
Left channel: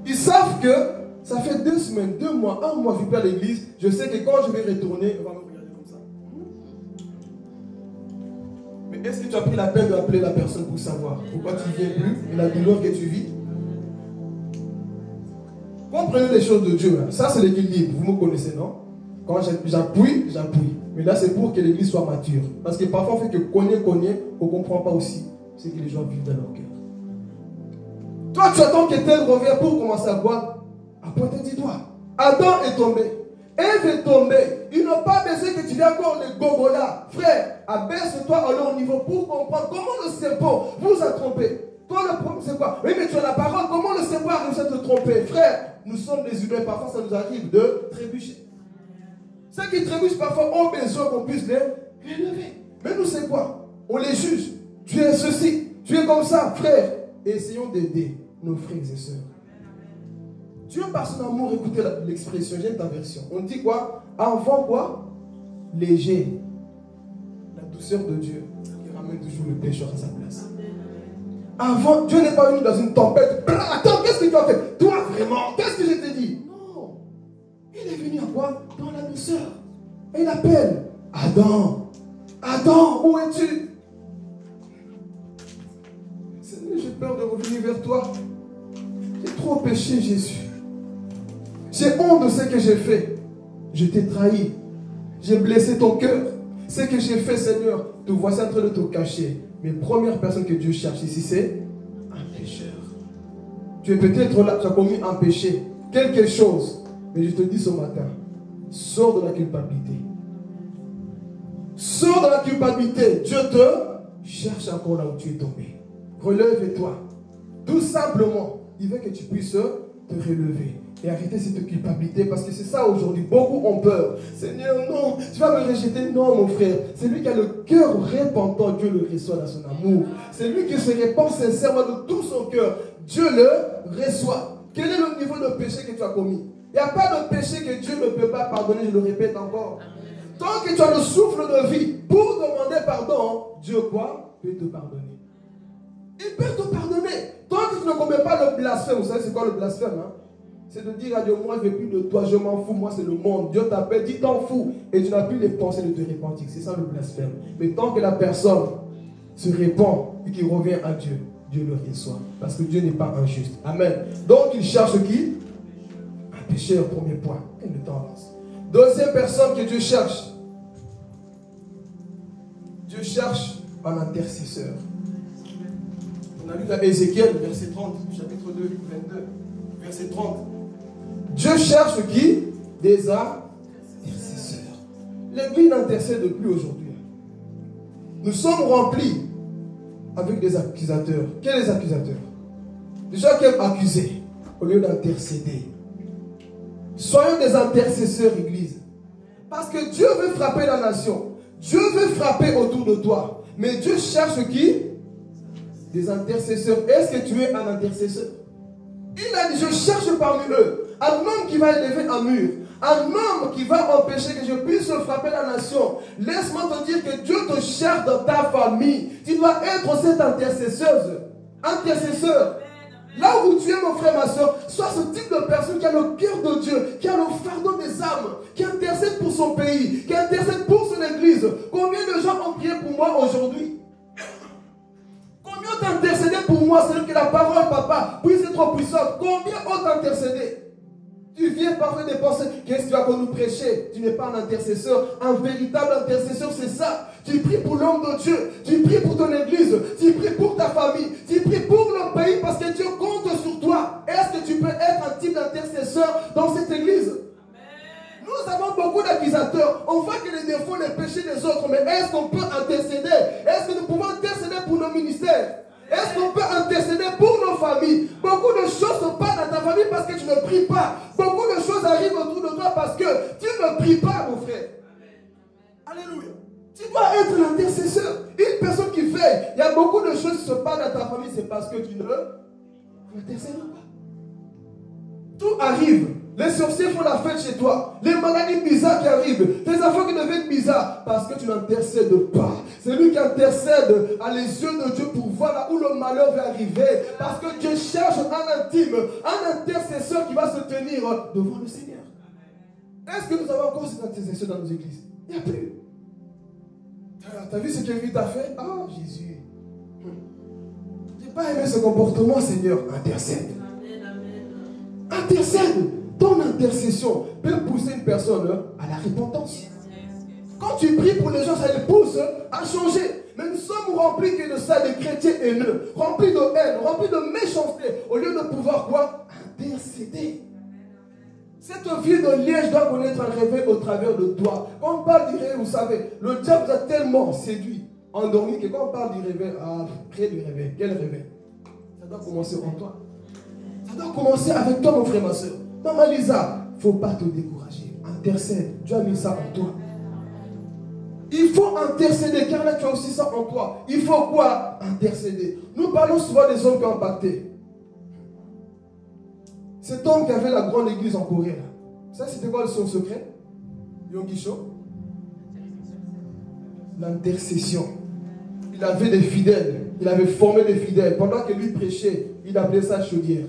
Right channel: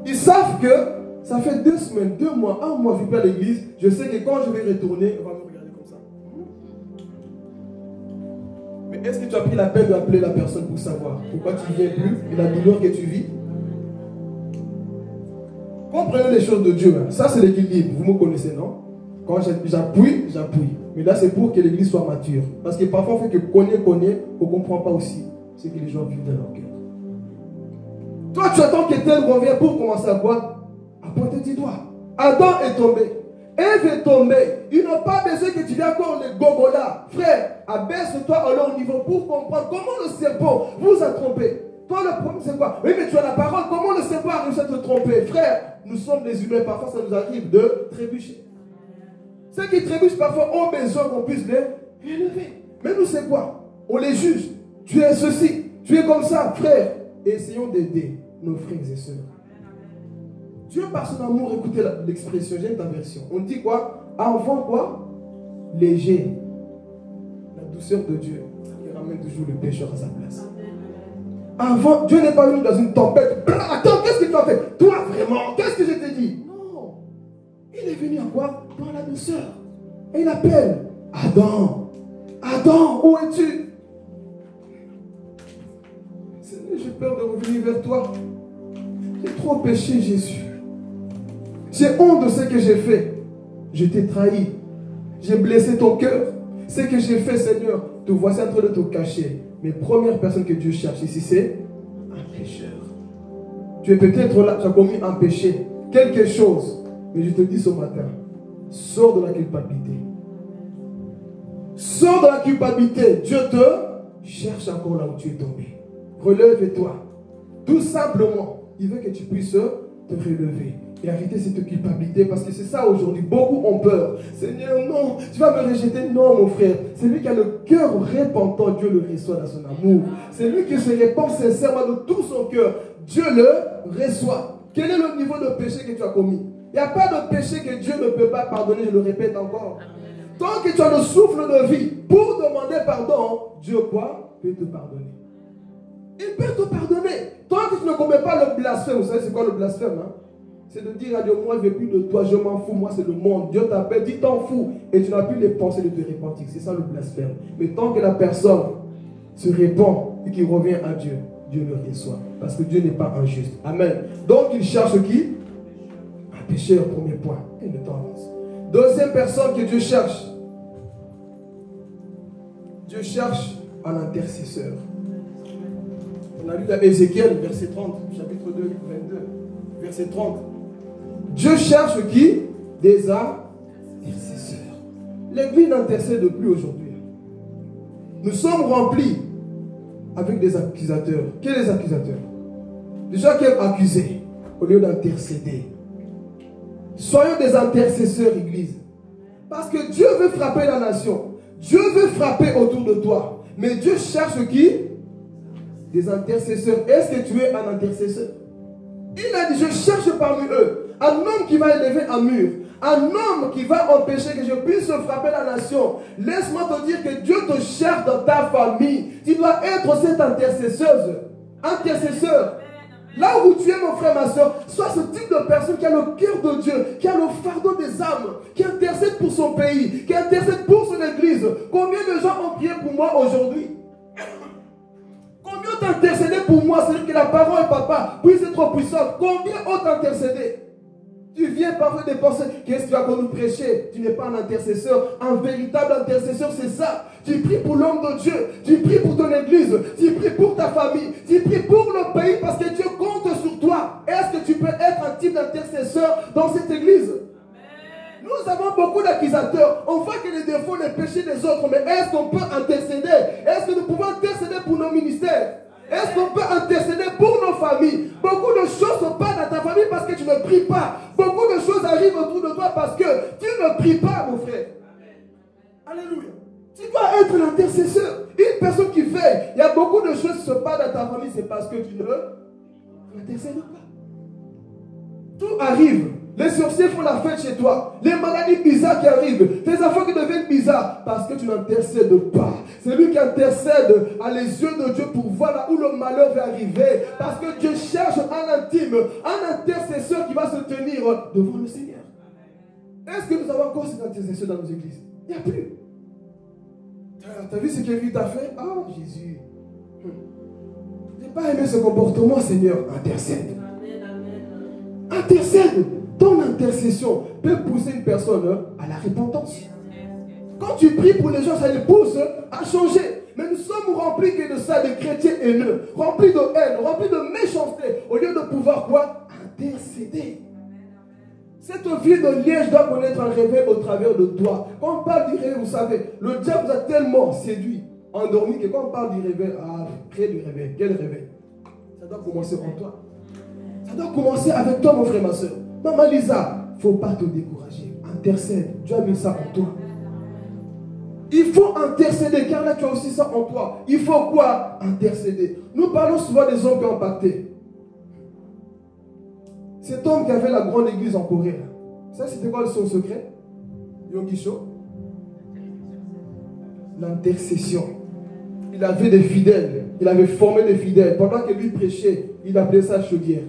Ils savent que ça fait 2 semaines, 2 mois, 1 mois, je ne vais pas à l'église. Je sais que quand je vais retourner, elle va me regarder comme ça. Mais est-ce que tu as pris la peine d'appeler la personne pour savoir pourquoi tu ne viens plus et la douleur que tu vis? Comprenez les choses de Dieu. Ça, c'est l'équilibre. Vous me connaissez, non? Quand j'appuie, j'appuie. Mais là, c'est pour que l'église soit mature. Parce que parfois, on fait que connaît, on ne comprend pas aussi ce que les gens vivent dans leur cœur. Toi, tu attends qu'Ételle revienne pour commencer à boire. À pointer du doigt. Adam est tombé. Ève est tombée. Ils n'ont pas besoin que tu viennes encore les gogolas. Frère, abaisse-toi à leur niveau pour comprendre comment le serpent vous a trompé. Toi, le problème, c'est quoi? Oui, mais tu as la parole. Comment le serpent a réussi à te tromper? Frère, nous sommes des humains. Parfois, ça nous arrive de trébucher. Ceux qui trébuchent parfois ont besoin qu'on puisse les élever. Mais nous, c'est quoi? On les juge. Tu es ceci. Tu es comme ça, frère. Essayons d'aider nos frères et sœurs. Dieu, par son amour, écoutez l'expression, j'aime ta version. On dit quoi? Enfant quoi? Léger. La douceur de Dieu, il ramène toujours le pécheur à sa place. Avant, Dieu n'est pas venu dans une tempête. Attends, qu'est-ce que tu as fait? Toi, vraiment, qu'est-ce que je t'ai dit? Non. Il est venu à quoi? Dans la douceur. Et il appelle Adam. Adam, où es-tu? Seigneur, j'ai peur de revenir vers toi. J'ai trop péché, Jésus. J'ai honte de ce que j'ai fait. Je t'ai trahi. J'ai blessé ton cœur. Ce que j'ai fait, Seigneur, te voici en train de te cacher. Mais première personne que Dieu cherche ici, c'est un pécheur. Tu es peut-être là, tu as commis un péché, quelque chose. Mais je te dis ce matin, sors de la culpabilité. Sors de la culpabilité. Dieu te cherche encore là où tu es tombé. Relève-toi. Tout simplement, il veut que tu puisses te relever et arrêter cette culpabilité, parce que c'est ça aujourd'hui. Beaucoup ont peur. Seigneur, non, tu vas me rejeter. Non, mon frère. C'est lui qui a le cœur repentant. Dieu le reçoit dans son amour. C'est lui qui se répand sincèrement de tout son cœur. Dieu le reçoit. Quel est le niveau de péché que tu as commis? Il n'y a pas de péché que Dieu ne peut pas pardonner, je le répète encore. Tant que tu as le souffle de vie pour demander pardon, Dieu quoi? Peut te pardonner. Il peut te pardonner. Tant que tu ne commets pas le blasphème. Vous savez c'est quoi le blasphème? C'est de dire à Dieu, moi je ne veux plus de toi, je m'en fous, moi c'est le monde. Dieu t'appelle, dis t'en fous. Et tu n'as plus les pensées de te repentir. C'est ça le blasphème. Mais tant que la personne se répand et qu'il revient à Dieu, Dieu le reçoit. Parce que Dieu n'est pas injuste. Amen. Donc il cherche qui? Un pécheur, premier point. Et le temps avance. Deuxième personne que Dieu cherche. Dieu cherche un intercesseur. On a lu dans Ézéchiel, verset 30, chapitre 2, 22, verset 30. Dieu cherche qui? Des intercesseurs. L'église n'intercède plus aujourd'hui. Nous sommes remplis avec des accusateurs. Quels les accusateurs? Des gens qui aiment accuser au lieu d'intercéder. Soyons des intercesseurs, église. Parce que Dieu veut frapper la nation. Dieu veut frapper autour de toi. Mais Dieu cherche qui? Des intercesseurs. Est-ce que tu es un intercesseur? Il a dit, je cherche parmi eux un homme qui va élever un mur, un homme qui va empêcher que je puisse frapper la nation. Laisse-moi te dire que Dieu te cherche dans ta famille. Tu dois être cette intercesseuse, intercesseur. Là où tu es, mon frère, ma soeur, sois ce type de personne qui a le cœur de Dieu, qui a le fardeau des âmes, qui intercède pour son pays, qui intercède pour son église. Combien de gens ont prié pour moi aujourd'hui? Combien ont intercédé pour moi? C'est-à-dire que la parole, papa, puisse être puissante. Combien ont intercédé? Tu viens parler des pensées. Qu'est-ce que tu vas nous prêcher? Tu n'es pas un intercesseur. Un véritable intercesseur, c'est ça. Tu pries pour l'homme de Dieu. Tu pries pour ton église. Tu pries pour ta famille. Tu pries pour le pays parce que Dieu compte sur toi. Est-ce que tu peux être un type d'intercesseur dans cette église? Nous avons beaucoup d'accusateurs. On voit que les défauts, les péchés des autres. Mais est-ce qu'on peut intercéder? Est-ce que nous pouvons intercéder pour nos ministères? Est-ce qu'on peut intercéder pour nos familles? Beaucoup de choses se passent dans ta famille parce que tu ne pries pas. Beaucoup de choses arrivent autour de toi parce que tu ne pries pas, mon frère. Alléluia. Tu dois être l'intercesseur. Une personne qui veille. Il y a beaucoup de choses qui se passent dans ta famille. C'est parce que tu n'intercèdes pas. Tout arrive. Les sorciers font la fête chez toi. Les maladies bizarres qui arrivent. Tes enfants qui deviennent bizarres. Parce que tu n'intercèdes pas. C'est lui qui intercède à les yeux de Dieu pour voir là où le malheur va arriver. Parce que Dieu cherche un intime, un intercesseur qui va se tenir devant le Seigneur. Est-ce que nous avons encore cet intercesseur dans nos églises? Il n'y a plus. Tu as vu ce que lui t'a fait? Ah, Jésus. Je n'ai pas aimé ce comportement, Seigneur. Intercède. Intercède. Ton intercession peut pousser une personne à la repentance. Quand tu pries pour les gens, ça les pousse à changer. Mais nous sommes remplis que de ça, des chrétiens haineux, remplis de haine, remplis de méchanceté, au lieu de pouvoir quoi? Intercéder. Cette vie de liège doit connaître un réveil au travers de toi. Quand on parle du réveil, vous savez, le diable vous a tellement séduit, endormi, que quand on parle du réveil, priez du réveil. Quel réveil? Ça doit commencer en toi. Ça doit commencer avec toi, mon frère, ma soeur. Maman Lisa, il ne faut pas te décourager. Intercède. Dieu a mis ça en toi. Il faut intercéder, car là tu as aussi ça en toi. Il faut quoi? Intercéder. Nous parlons souvent des hommes qui ont impacté. Cet homme qui avait la grande église en Corée, là. Ça c'était quoi son secret? Yonggi-sho? L'intercession. Il avait des fidèles. Il avait formé des fidèles. Pendant que lui prêchait, il appelait ça chaudière.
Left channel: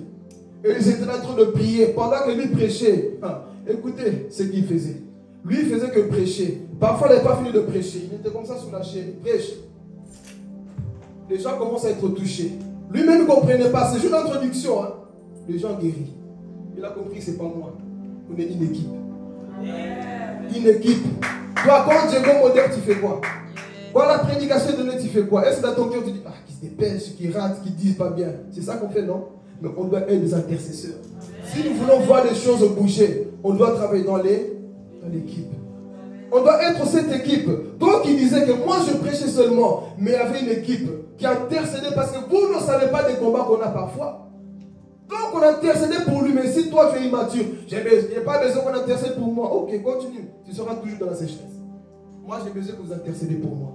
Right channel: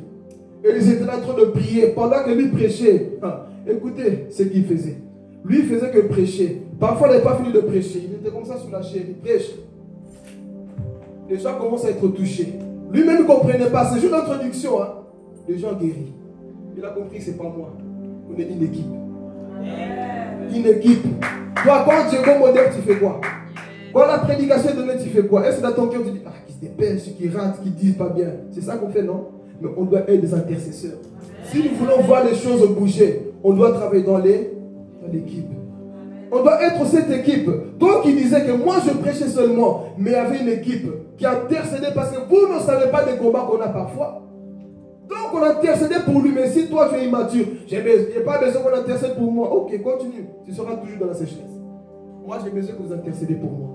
Et ils étaient en train de prier. Pendant que lui prêchait, écoutez ce qu'il faisait. Lui, il faisait que prêcher. Parfois, il n'avait pas fini de prêcher. Il était comme ça sur la chaîne. Il prêche. Les gens commencent à être touchés. Lui-même ne comprenait pas. C'est juste l'introduction. Les gens guéris. Il a compris que ce n'est pas moi. On est une équipe. Une équipe. Toi, quand Dieu est modèle, tu fais quoi? Quand la prédication est donnée, tu fais quoi? Est-ce que dans ton cœur, tu dis, qui se dépêche, qui rate, qui ne disent pas bien? C'est ça qu'on fait, non? Mais on doit être des intercesseurs. Si nous voulons voir les choses bouger, on doit travailler dans l'équipe. On doit être cette équipe. Toi qui disais que moi je prêchais seulement, mais il y avait une équipe qui intercédait parce que vous ne savez pas des combats qu'on a parfois. Donc on intercédait pour lui, mais si toi tu es immature, je n'ai pas besoin qu'on intercède pour moi. Ok, continue. Tu seras toujours dans la sécheresse. Moi j'ai besoin que vous intercédez pour moi.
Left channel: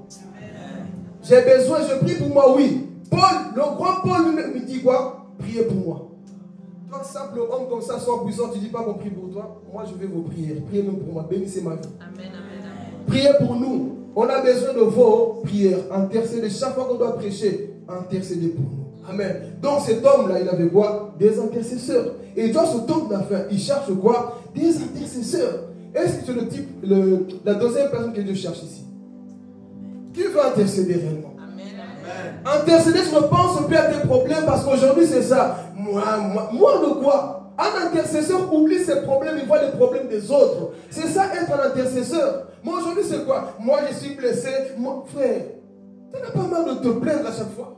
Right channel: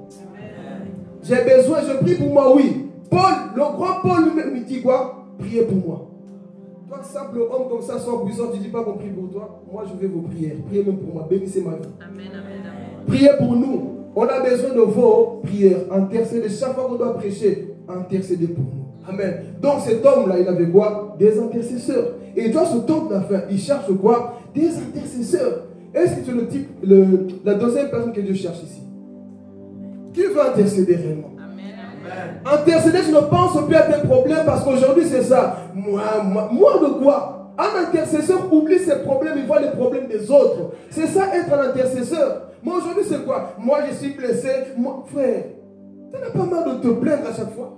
J'ai besoin, je prie pour moi, oui. Paul, le grand Paul lui-même me dit quoi? Priez pour moi. Toi, simple homme comme ça, sans puissant, tu ne dis pas qu'on prie pour toi. Moi, je veux vos prières. Priez même pour moi. Bénissez ma vie. Amen, amen, amen. Priez pour nous. On a besoin de vos prières. Intercédez. Chaque fois qu'on doit prêcher, intercédez pour nous. Amen. Donc, cet homme-là, il avait quoi? Des intercesseurs. Et Dieu, ce homme de la fin, il cherche quoi? Des intercesseurs. Est-ce que c'est le type, la deuxième personne que Dieu cherche ici? Qui veut intercéder réellement? Intercéder, tu ne penses plus à tes problèmes parce qu'aujourd'hui c'est ça. Moi de quoi? Un intercesseur oublie ses problèmes, il voit les problèmes des autres. C'est ça être un intercesseur. Moi aujourd'hui c'est quoi? Moi je suis blessé. Moi, frère, tu n'as pas mal de te plaindre à chaque fois.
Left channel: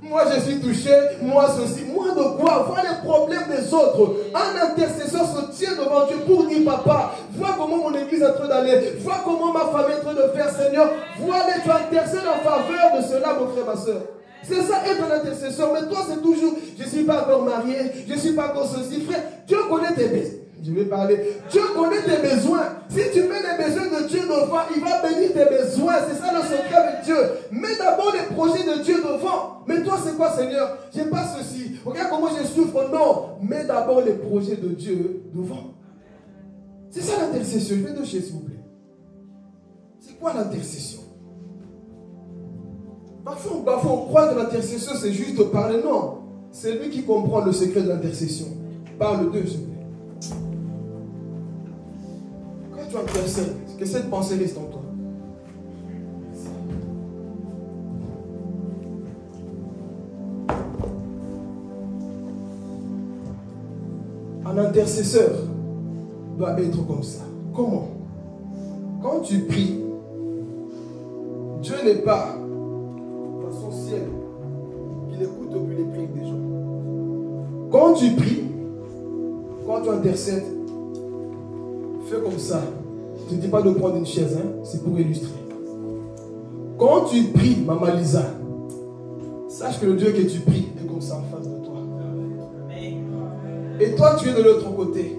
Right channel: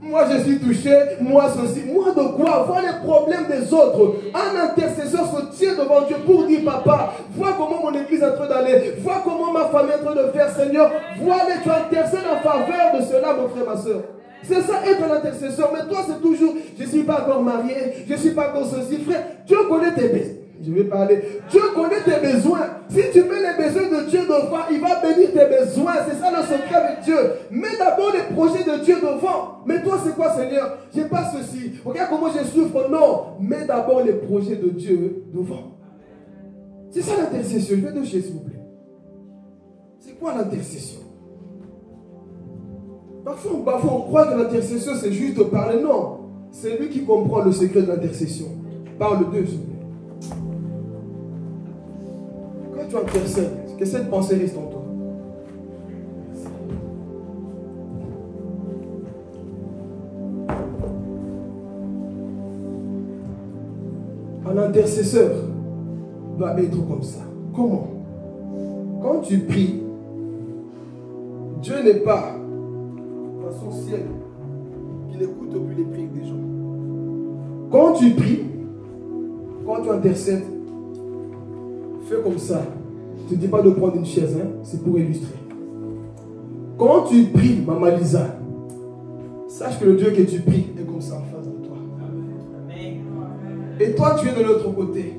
Moi je suis touché, moi ceci. Moi de quoi? Voir les problèmes des autres. Un intercesseur se tient devant Dieu pour dire papa, vois comment mon église est en train d'aller, vois comment ma famille est en train de faire, Seigneur. Vois les tu intercèdes en faveur de cela, mon frère, ma soeur. C'est ça être un intercesseur. Mais toi c'est toujours, je ne suis pas encore marié, je ne suis pas encore ceci. Frère, Dieu connaît tes besoins. Je vais parler. Dieu connaît tes besoins. Si tu mets les besoins de Dieu devant, il va bénir tes besoins. C'est ça le secret avec Dieu. Mets d'abord les projets de Dieu devant. Mais toi, c'est quoi, Seigneur? J'ai pas ceci. Regarde comment je souffre. Non. Mets d'abord les projets de Dieu devant. C'est ça l'intercession. Je vais toucher, s'il vous plaît. C'est quoi l'intercession? Parfois, on croit que l'intercession, c'est juste de parler. Non. C'est lui qui comprend le secret de l'intercession. Parle d'eux, s'il vous plaît. Quand tu intercèdes, que cette pensée reste en toi. Un intercesseur doit être comme ça. Comment? Quand tu pries, Dieu n'est pas dans son ciel qu'il écoute plus les prières des gens. Quand tu pries, quand tu intercèdes, fais comme ça. Je ne te dis pas de prendre une chaise, hein? C'est pour illustrer. Quand tu pries, Maman Lisa, sache que le Dieu que tu pries est comme ça en face de toi. Et toi, tu es de l'autre côté.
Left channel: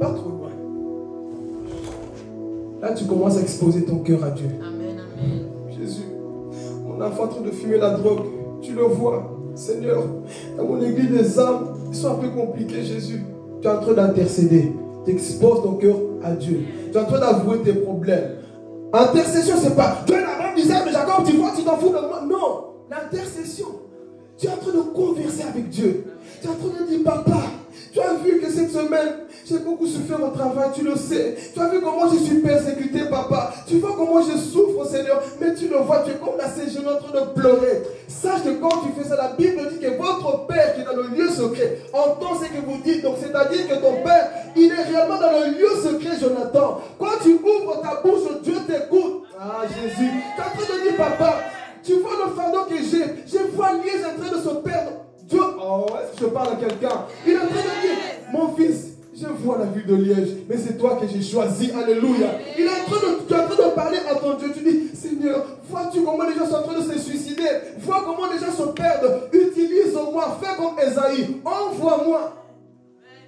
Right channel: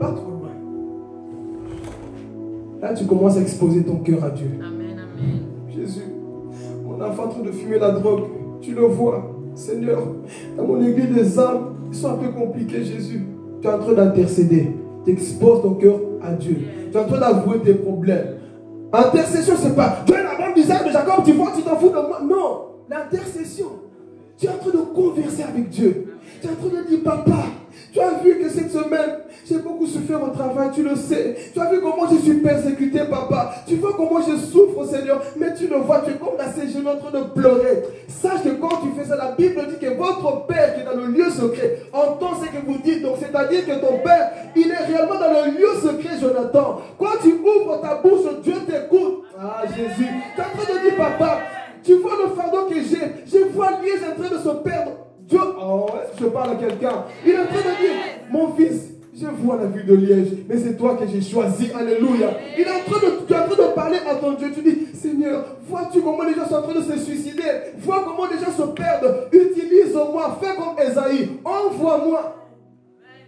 Pas trop loin. Là, tu commences à exposer ton cœur à Dieu. Amen, amen. Jésus, mon enfant en train de fumer la drogue, tu le vois. Seigneur, dans mon église des âmes, ils sont un peu compliqués, Jésus. Tu es en train d'intercéder. Tu exposes ton cœur à Dieu. Tu es en train d'avouer tes problèmes. Intercession, c'est pas tu es la grande visage de Jacob, tu vois, tu t'en fous de moi. Non, l'intercession, tu es en train de converser avec Dieu. Tu es en train de dire, papa, tu as vu que cette semaine, j'ai beaucoup souffert au travail, tu le sais. Tu as vu comment je suis persécuté, papa. Tu vois comment je souffre, Seigneur. Mais tu le vois, tu es comme la genoux en train de pleurer. Sache que quand tu fais ça, la Bible dit que votre Père qui est dans le lieu secret entend ce que vous dites. Donc c'est-à-dire que ton Père, il est réellement dans le lieu secret, Jonathan. Quand tu ouvres ta bouche, Dieu t'écoute. Ah, Jésus. Tu es en train de dire, papa, tu vois le fardeau que j'ai. Je vois Liège en train de se perdre. Dieu, oh, est-ce que je parle à quelqu'un? Il est en train de dire, mon fils, je vois la ville de Liège, mais c'est toi que j'ai choisi. Alléluia. Il est en train tu es en train de parler à ton Dieu. Tu dis, Seigneur, vois-tu comment les gens sont en train de se suicider? Vois comment les gens se perdent. Utilise-moi, fais comme Esaïe. Envoie-moi.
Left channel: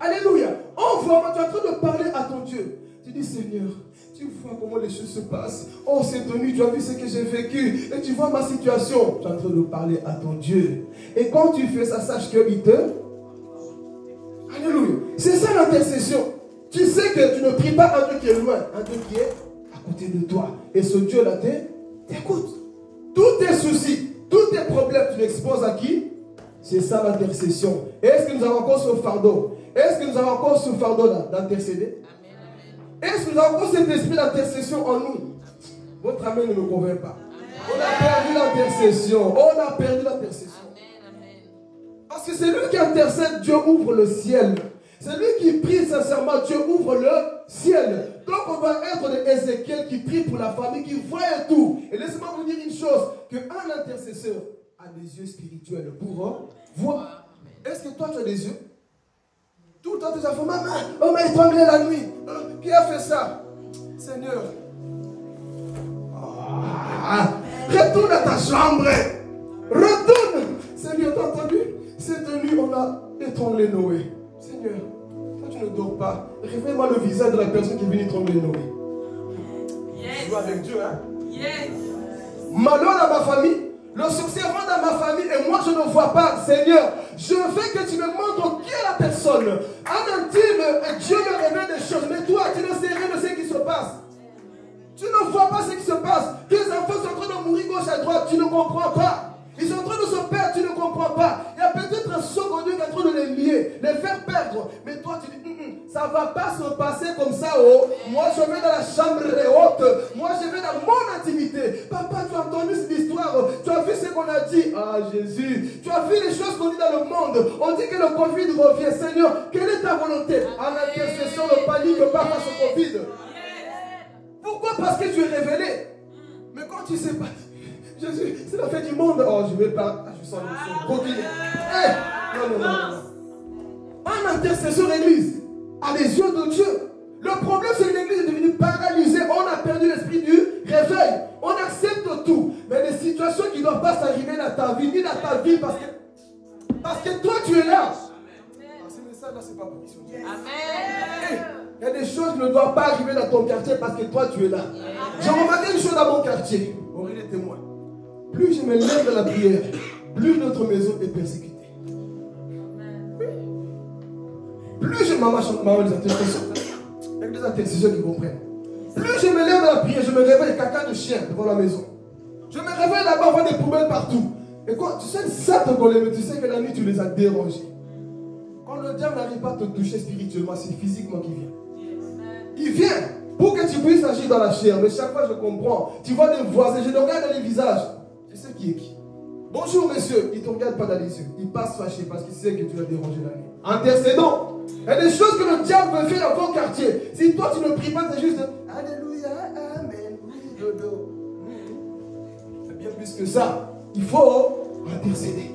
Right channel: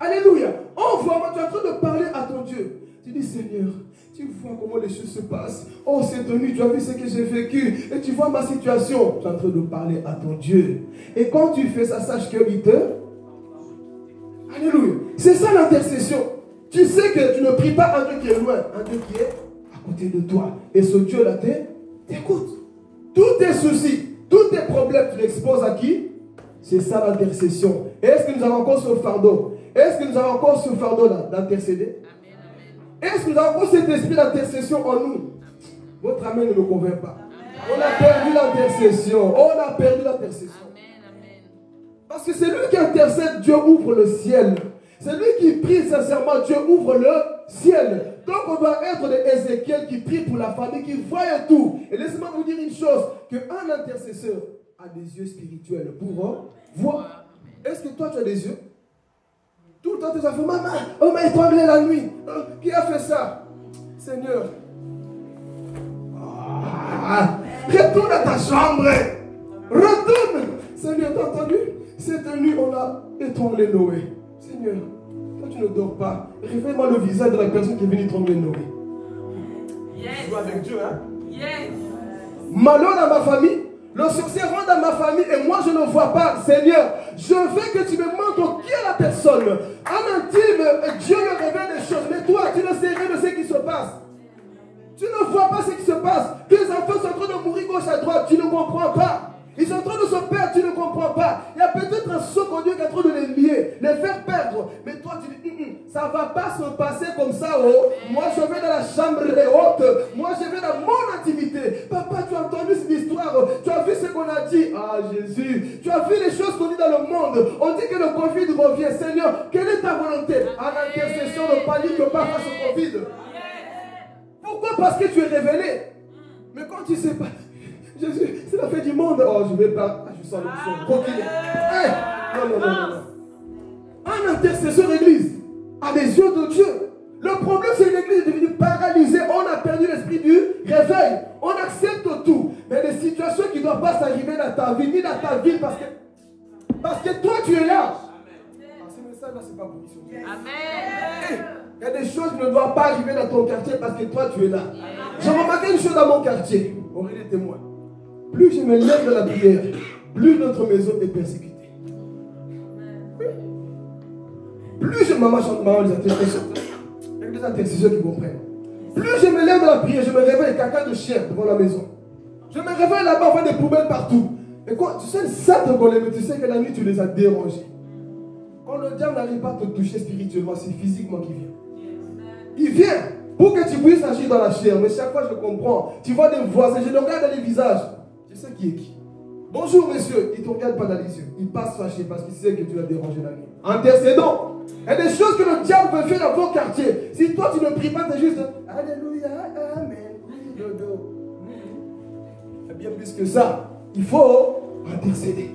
Alléluia. Envoie-moi. Tu es en train de parler à ton Dieu. Tu dis, Seigneur, tu vois comment les choses se passent. Oh, cette nuit, tu as vu ce que j'ai vécu. Et tu vois ma situation. Tu es en train de parler à ton Dieu. Et quand tu fais ça, sache qu'il te... Alléluia. C'est ça l'intercession. Tu sais que tu ne pries pas un Dieu qui est loin, un Dieu qui est à côté de toi. Et ce Dieu-là t'écoute. Tous tes soucis, tous tes problèmes, tu l'exposes à qui? C'est ça l'intercession. Est-ce que nous avons encore ce fardeau? Est-ce que nous avons encore ce fardeau-là d'intercéder? Est-ce que nous avons encore cet esprit d'intercession en nous? Votre amen ne me convainc pas. On a perdu l'intercession. On a perdu l'intercession. Parce que c'est lui qui intercède, Dieu ouvre le ciel. C'est lui qui prie sincèrement, Dieu ouvre le ciel. Donc on va être des Ézéchiel qui prie pour la famille, qui voit tout. Et laissez-moi vous dire une chose, qu'un intercesseur a des yeux spirituels pour voir. Est-ce que toi tu as des yeux? Tout le temps tes enfants, maman, on m'a étranglé la nuit. Qui a fait ça? Seigneur. Retourne à ta chambre. Retourne. Seigneur, t'as entendu? Cette nuit, on a étranglé Noé. Seigneur, toi tu ne dors pas. Révèle-moi le visage de la personne qui est venue étrangler Noé. Yes. Je joue avec Dieu, hein? Yes. Malheur dans ma famille. Le succès rentre dans ma famille et moi je ne vois pas. Seigneur, je veux que tu me montres qui est la personne. En intime, Dieu me révèle des choses. Mais toi, tu ne sais rien de ce qui se passe. Tu ne vois pas ce qui se passe. Tes enfants sont en train de mourir gauche à droite. Tu ne comprends pas. Ils sont en train de se perdre, tu ne comprends pas. Il y a peut-être un second Dieu qui est en train de les lier, les faire perdre. Mais toi, tu dis, ça ne va pas se passer comme ça. Oh. Moi, je vais dans la chambre haute. Moi, je vais dans mon intimité. Papa, tu as entendu cette histoire. Tu as vu ce qu'on a dit. Ah, Jésus. Tu as vu les choses qu'on dit dans le monde. On dit que le Covid revient. Seigneur, quelle est ta volonté? À l'intercession, ne panique pas face au Covid. Pourquoi? Parce que tu es révélé. Mais quand tu ne sais pas... Jésus, c'est la fin du monde. Oh, je vais pas. Ah, je sens le son. Non. Un intercesseur d'église a les yeux de Dieu. Le problème, c'est que l'église est devenue paralysée. On a perdu l'esprit du réveil. On accepte tout. Mais des situations qui ne doivent pas s'arriver dans ta vie, ni dans ta vie, parce que toi, tu es là. Ah, ce message-là, c'est pas pour mission. Amen. Il y a des choses qui ne doivent pas arriver dans ton quartier parce que toi, tu es là. J'ai remarqué une chose dans mon quartier. Aurélie est témoin. plus je me lève dans la prière, plus notre maison est persécutée. Oui. Plus je maman chante, maman les intercesseurs, il y a des intercesseurs qui comprennent. Plus je me lève dans la prière, je me réveille caca de chien devant la maison. Je me réveille là-bas, on voit des poubelles partout. Et quand tu sais ça te collait, mais tu sais que la nuit tu les as dérangés. Quand le diable n'arrive pas à te toucher spirituellement, c'est physiquement qu'il vient. Il vient pour que tu puisses agir dans la chair. Mais chaque fois je comprends, tu vois des voisins, je les regarde dans les visages. Je sais qui est qui. Bonjour monsieur, il ne te regarde pas dans les yeux. Il passe fâché parce qu'il sait que tu l'as dérangé la nuit. Intercédons. Il y a des choses que le diable veut faire dans ton quartier. Si toi tu ne pries pas, c'est juste Alléluia, Amen. C'est bien plus que ça. Il faut intercéder.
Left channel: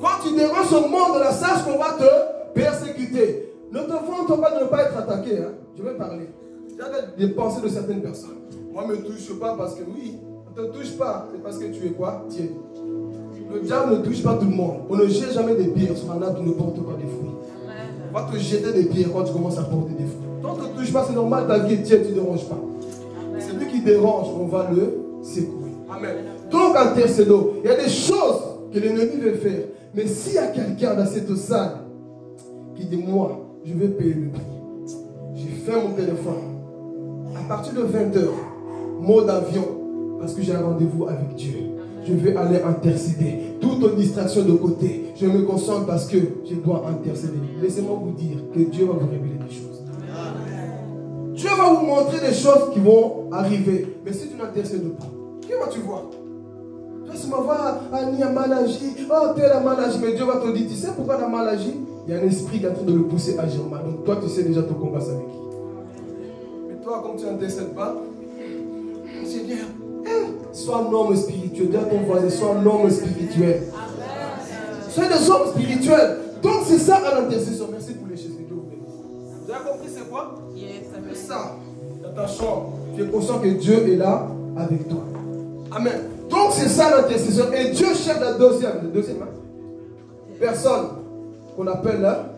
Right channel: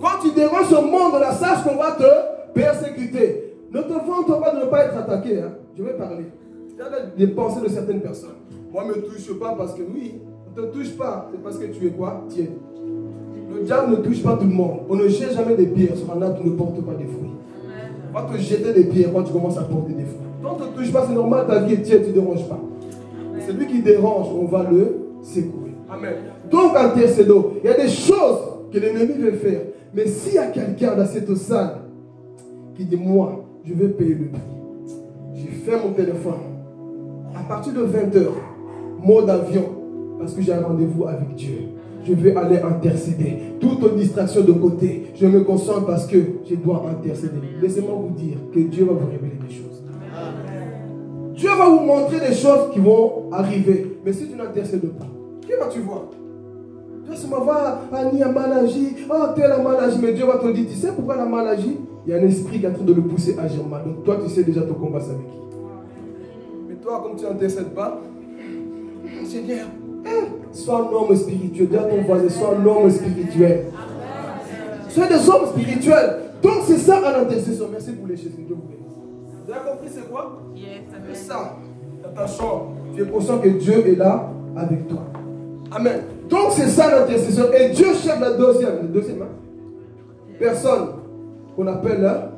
Quand tu déranges au monde, là, sache qu'on va te persécuter. Ne te vante pas de ne pas être attaqué. Hein. Je vais parler. Il y a des pensées de certaines personnes. Moi, ne me touche pas parce que oui, on ne te touche pas. C'est parce que tu es quoi? Tiens. Le diable ne touche pas tout le monde. On ne jette jamais des pierres sur un arbre qui ne porte pas de fruits. On va te jeter des pierres quand tu commences à porter des fruits. Quand on ne te touche pas, c'est normal, ta vie est tiède, tu ne déranges pas. C'est lui qui dérange, on va le secouer. Amen. Donc, intercédons. Il y a des choses que l'ennemi veut faire. Mais s'il y a quelqu'un dans cette salle qui dit, moi, je vais payer le prix. J'ai fait mon téléphone. À partir de 20h, mode avion, parce que j'ai un rendez-vous avec Dieu. Je vais aller intercéder. Toute distraction de côté. Je me concentre parce que je dois intercéder. Laissez-moi vous dire que Dieu va vous révéler des choses. Dieu va vous montrer des choses qui vont arriver. Mais si tu n'intercèdes pas, qui vas-tu voir? Tu vas voir, Annie a mal agi. Oh, tel a mal agi. Mais Dieu va te dire, tu sais pourquoi elle a mal agi? Il y a un esprit qui est en train de le pousser à agir mal. Donc toi, tu sais déjà ton combat avec qui. Mais toi, comme tu n'intercèdes pas, Seigneur, sois un homme spirituel. Dis à ton voisin, sois un homme spirituel. Sois des hommes spirituels. Donc c'est ça à l'intercession. Merci pour les choses que Dieu vous bénisse. Vous avez compris c'est quoi? C'est ça. Dans ta chambre, tu es conscient que Dieu est là avec toi. Amen. Donc c'est ça l'intercession. Et Dieu cherche la deuxième personne qu'on appelle là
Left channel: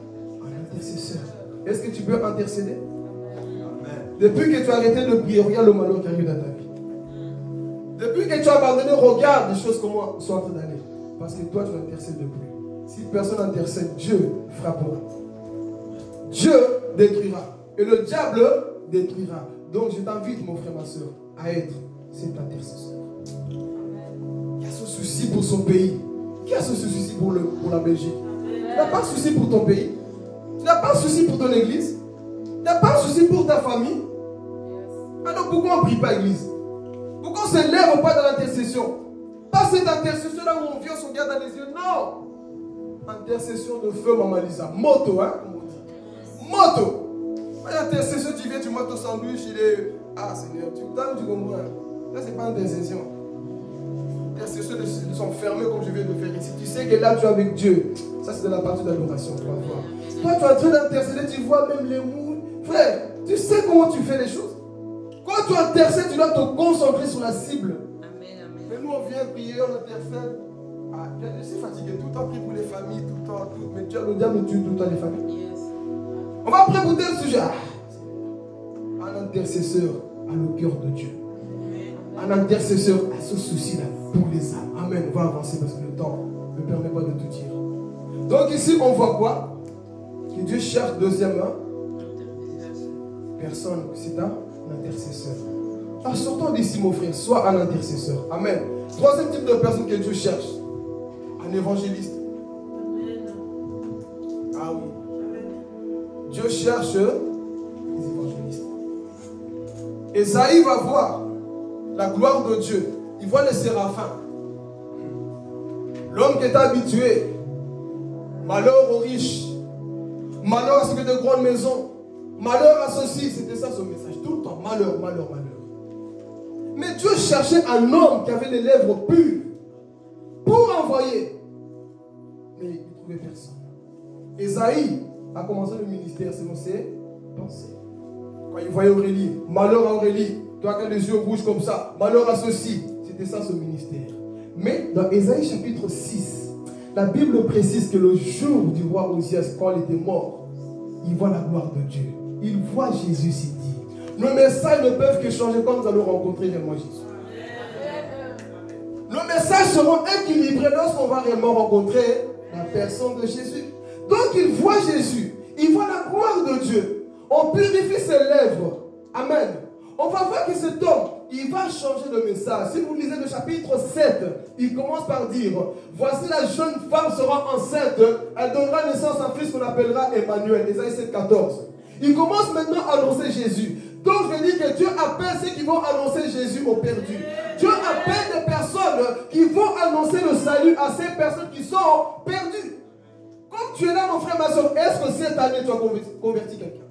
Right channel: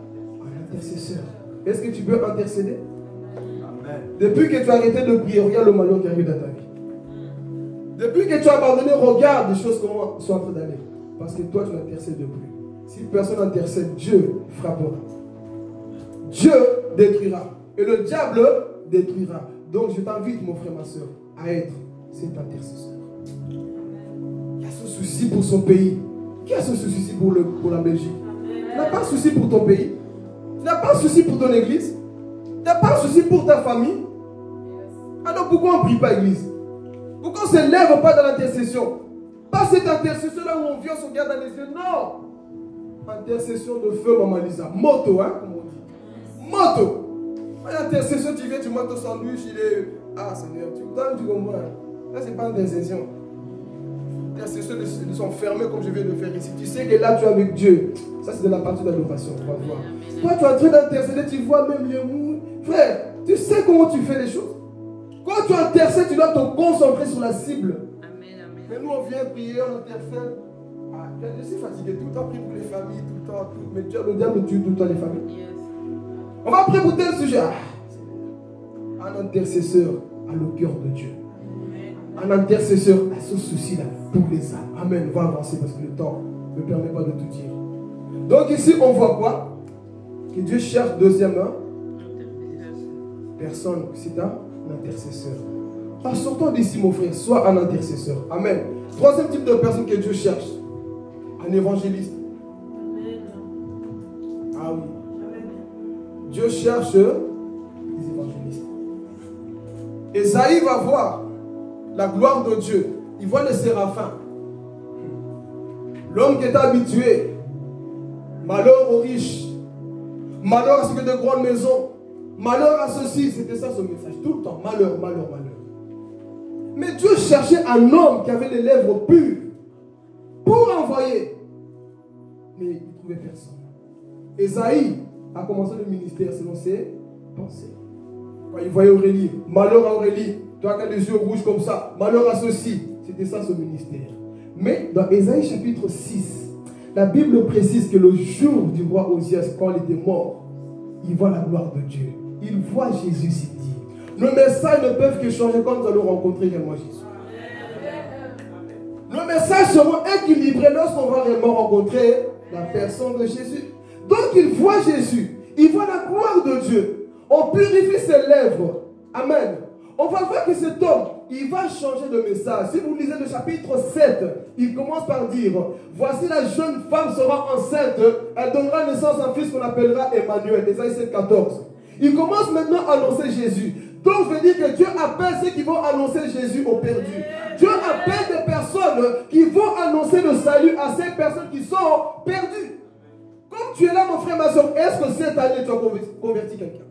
un intercesseur. Est-ce que tu peux intercéder? Amen. Depuis que tu as arrêté de prier, regarde le malheur qui arrive dans ta vie. Depuis que tu as abandonné, regarde les choses comment sont en train d'aller. Parce que toi tu n'intercèdes plus. Si personne n'intercède, Dieu frappera. Dieu détruira. Et le diable détruira. Donc je t'invite mon frère, ma soeur, à être cet intercesseur. Qui a ce souci pour son pays? Qui a ce souci pour la Belgique? Tu n'as pas de souci pour ton pays? Tu n'as pas de souci pour ton église? Tu n'as pas de souci pour ta famille? Alors pourquoi on ne prie pas l'église? Pourquoi on ne se lève pas dans l'intercession? Pas cette intercession là où on vient, on se regarde dans les yeux. Non! Intercession de feu, Maman Lisa. Moto, hein, comme on dit. Moto! L'intercession, tu viens, tu montes au sandwich, il est. Ah Seigneur, tu me donnes, tu comprends. Là, ce n'est pas intercession. Intercession de s'enfermer comme je viens de faire ici. Tu sais que là, tu es avec Dieu. Ça, c'est de la partie d'adoration. Toi, tu es en train d'intercéder, tu vois même les mots. Frère, tu sais comment tu fais les choses. Quand tu intercèdes, tu dois te concentrer sur la cible. Mais nous, on vient prier, on intercède. Ah, je suis fatigué tout le temps, prier pour les familles, tout le temps. Mais le diable tue tout le temps les familles. On va prier pour tel sujet. Un intercesseur a le cœur de Dieu. Un intercesseur a ce souci-là pour les âmes. Amen. On va avancer parce que le temps ne me permet pas de tout dire. Donc ici, on voit quoi? Que Dieu cherche deuxièmement personne. C'est un intercesseur. Alors, sortons d'ici, mon frère. Sois un intercesseur. Amen. Troisième type de personne que Dieu cherche. Un évangéliste. Ah oui. Dieu cherche les évangélistes. Esaïe va voir la gloire de Dieu. Il voit les séraphins. L'homme qui est habitué. Malheur aux riches. Malheur à ceux qui ont de grandes maisons. Malheur à ceux-ci. C'était ça son message. Tout le temps. Malheur, malheur, malheur. Mais Dieu cherchait un homme qui avait les lèvres pures pour envoyer. Mais il ne trouvait personne. Esaïe a commencé le ministère selon ses pensées. Quand il voyait Aurélie, malheur à Aurélie, toi qui as les yeux rouges comme ça, malheur à ceux-ci. C'était ça son ministère. Mais dans Esaïe chapitre 6, la Bible précise que le jour du roi Osias, quand il était mort, il voit la gloire de Dieu. Il voit Jésus s'y dire. Nos messages ne peuvent que changer quand nous allons rencontrer réellement Jésus. Nos messages seront équilibrés lorsqu'on va réellement rencontrer la personne de Jésus. Donc il voit Jésus, il voit la gloire de Dieu. On purifie ses lèvres. Amen. On va voir que cet homme, il va changer de message. Si vous lisez le chapitre 7, il commence par dire, voici la jeune femme sera enceinte, elle donnera naissance à un fils qu'on appellera Emmanuel. Ésaïe 7, 14. Il commence maintenant à annoncer Jésus. Donc je veux dire que Dieu appelle ceux qui vont annoncer Jésus aux perdus. Dieu appelle des personnes qui vont annoncer le salut à ces personnes qui sont perdues. Comme tu es là, mon frère, ma soeur, est-ce que cette année tu as converti quelqu'un?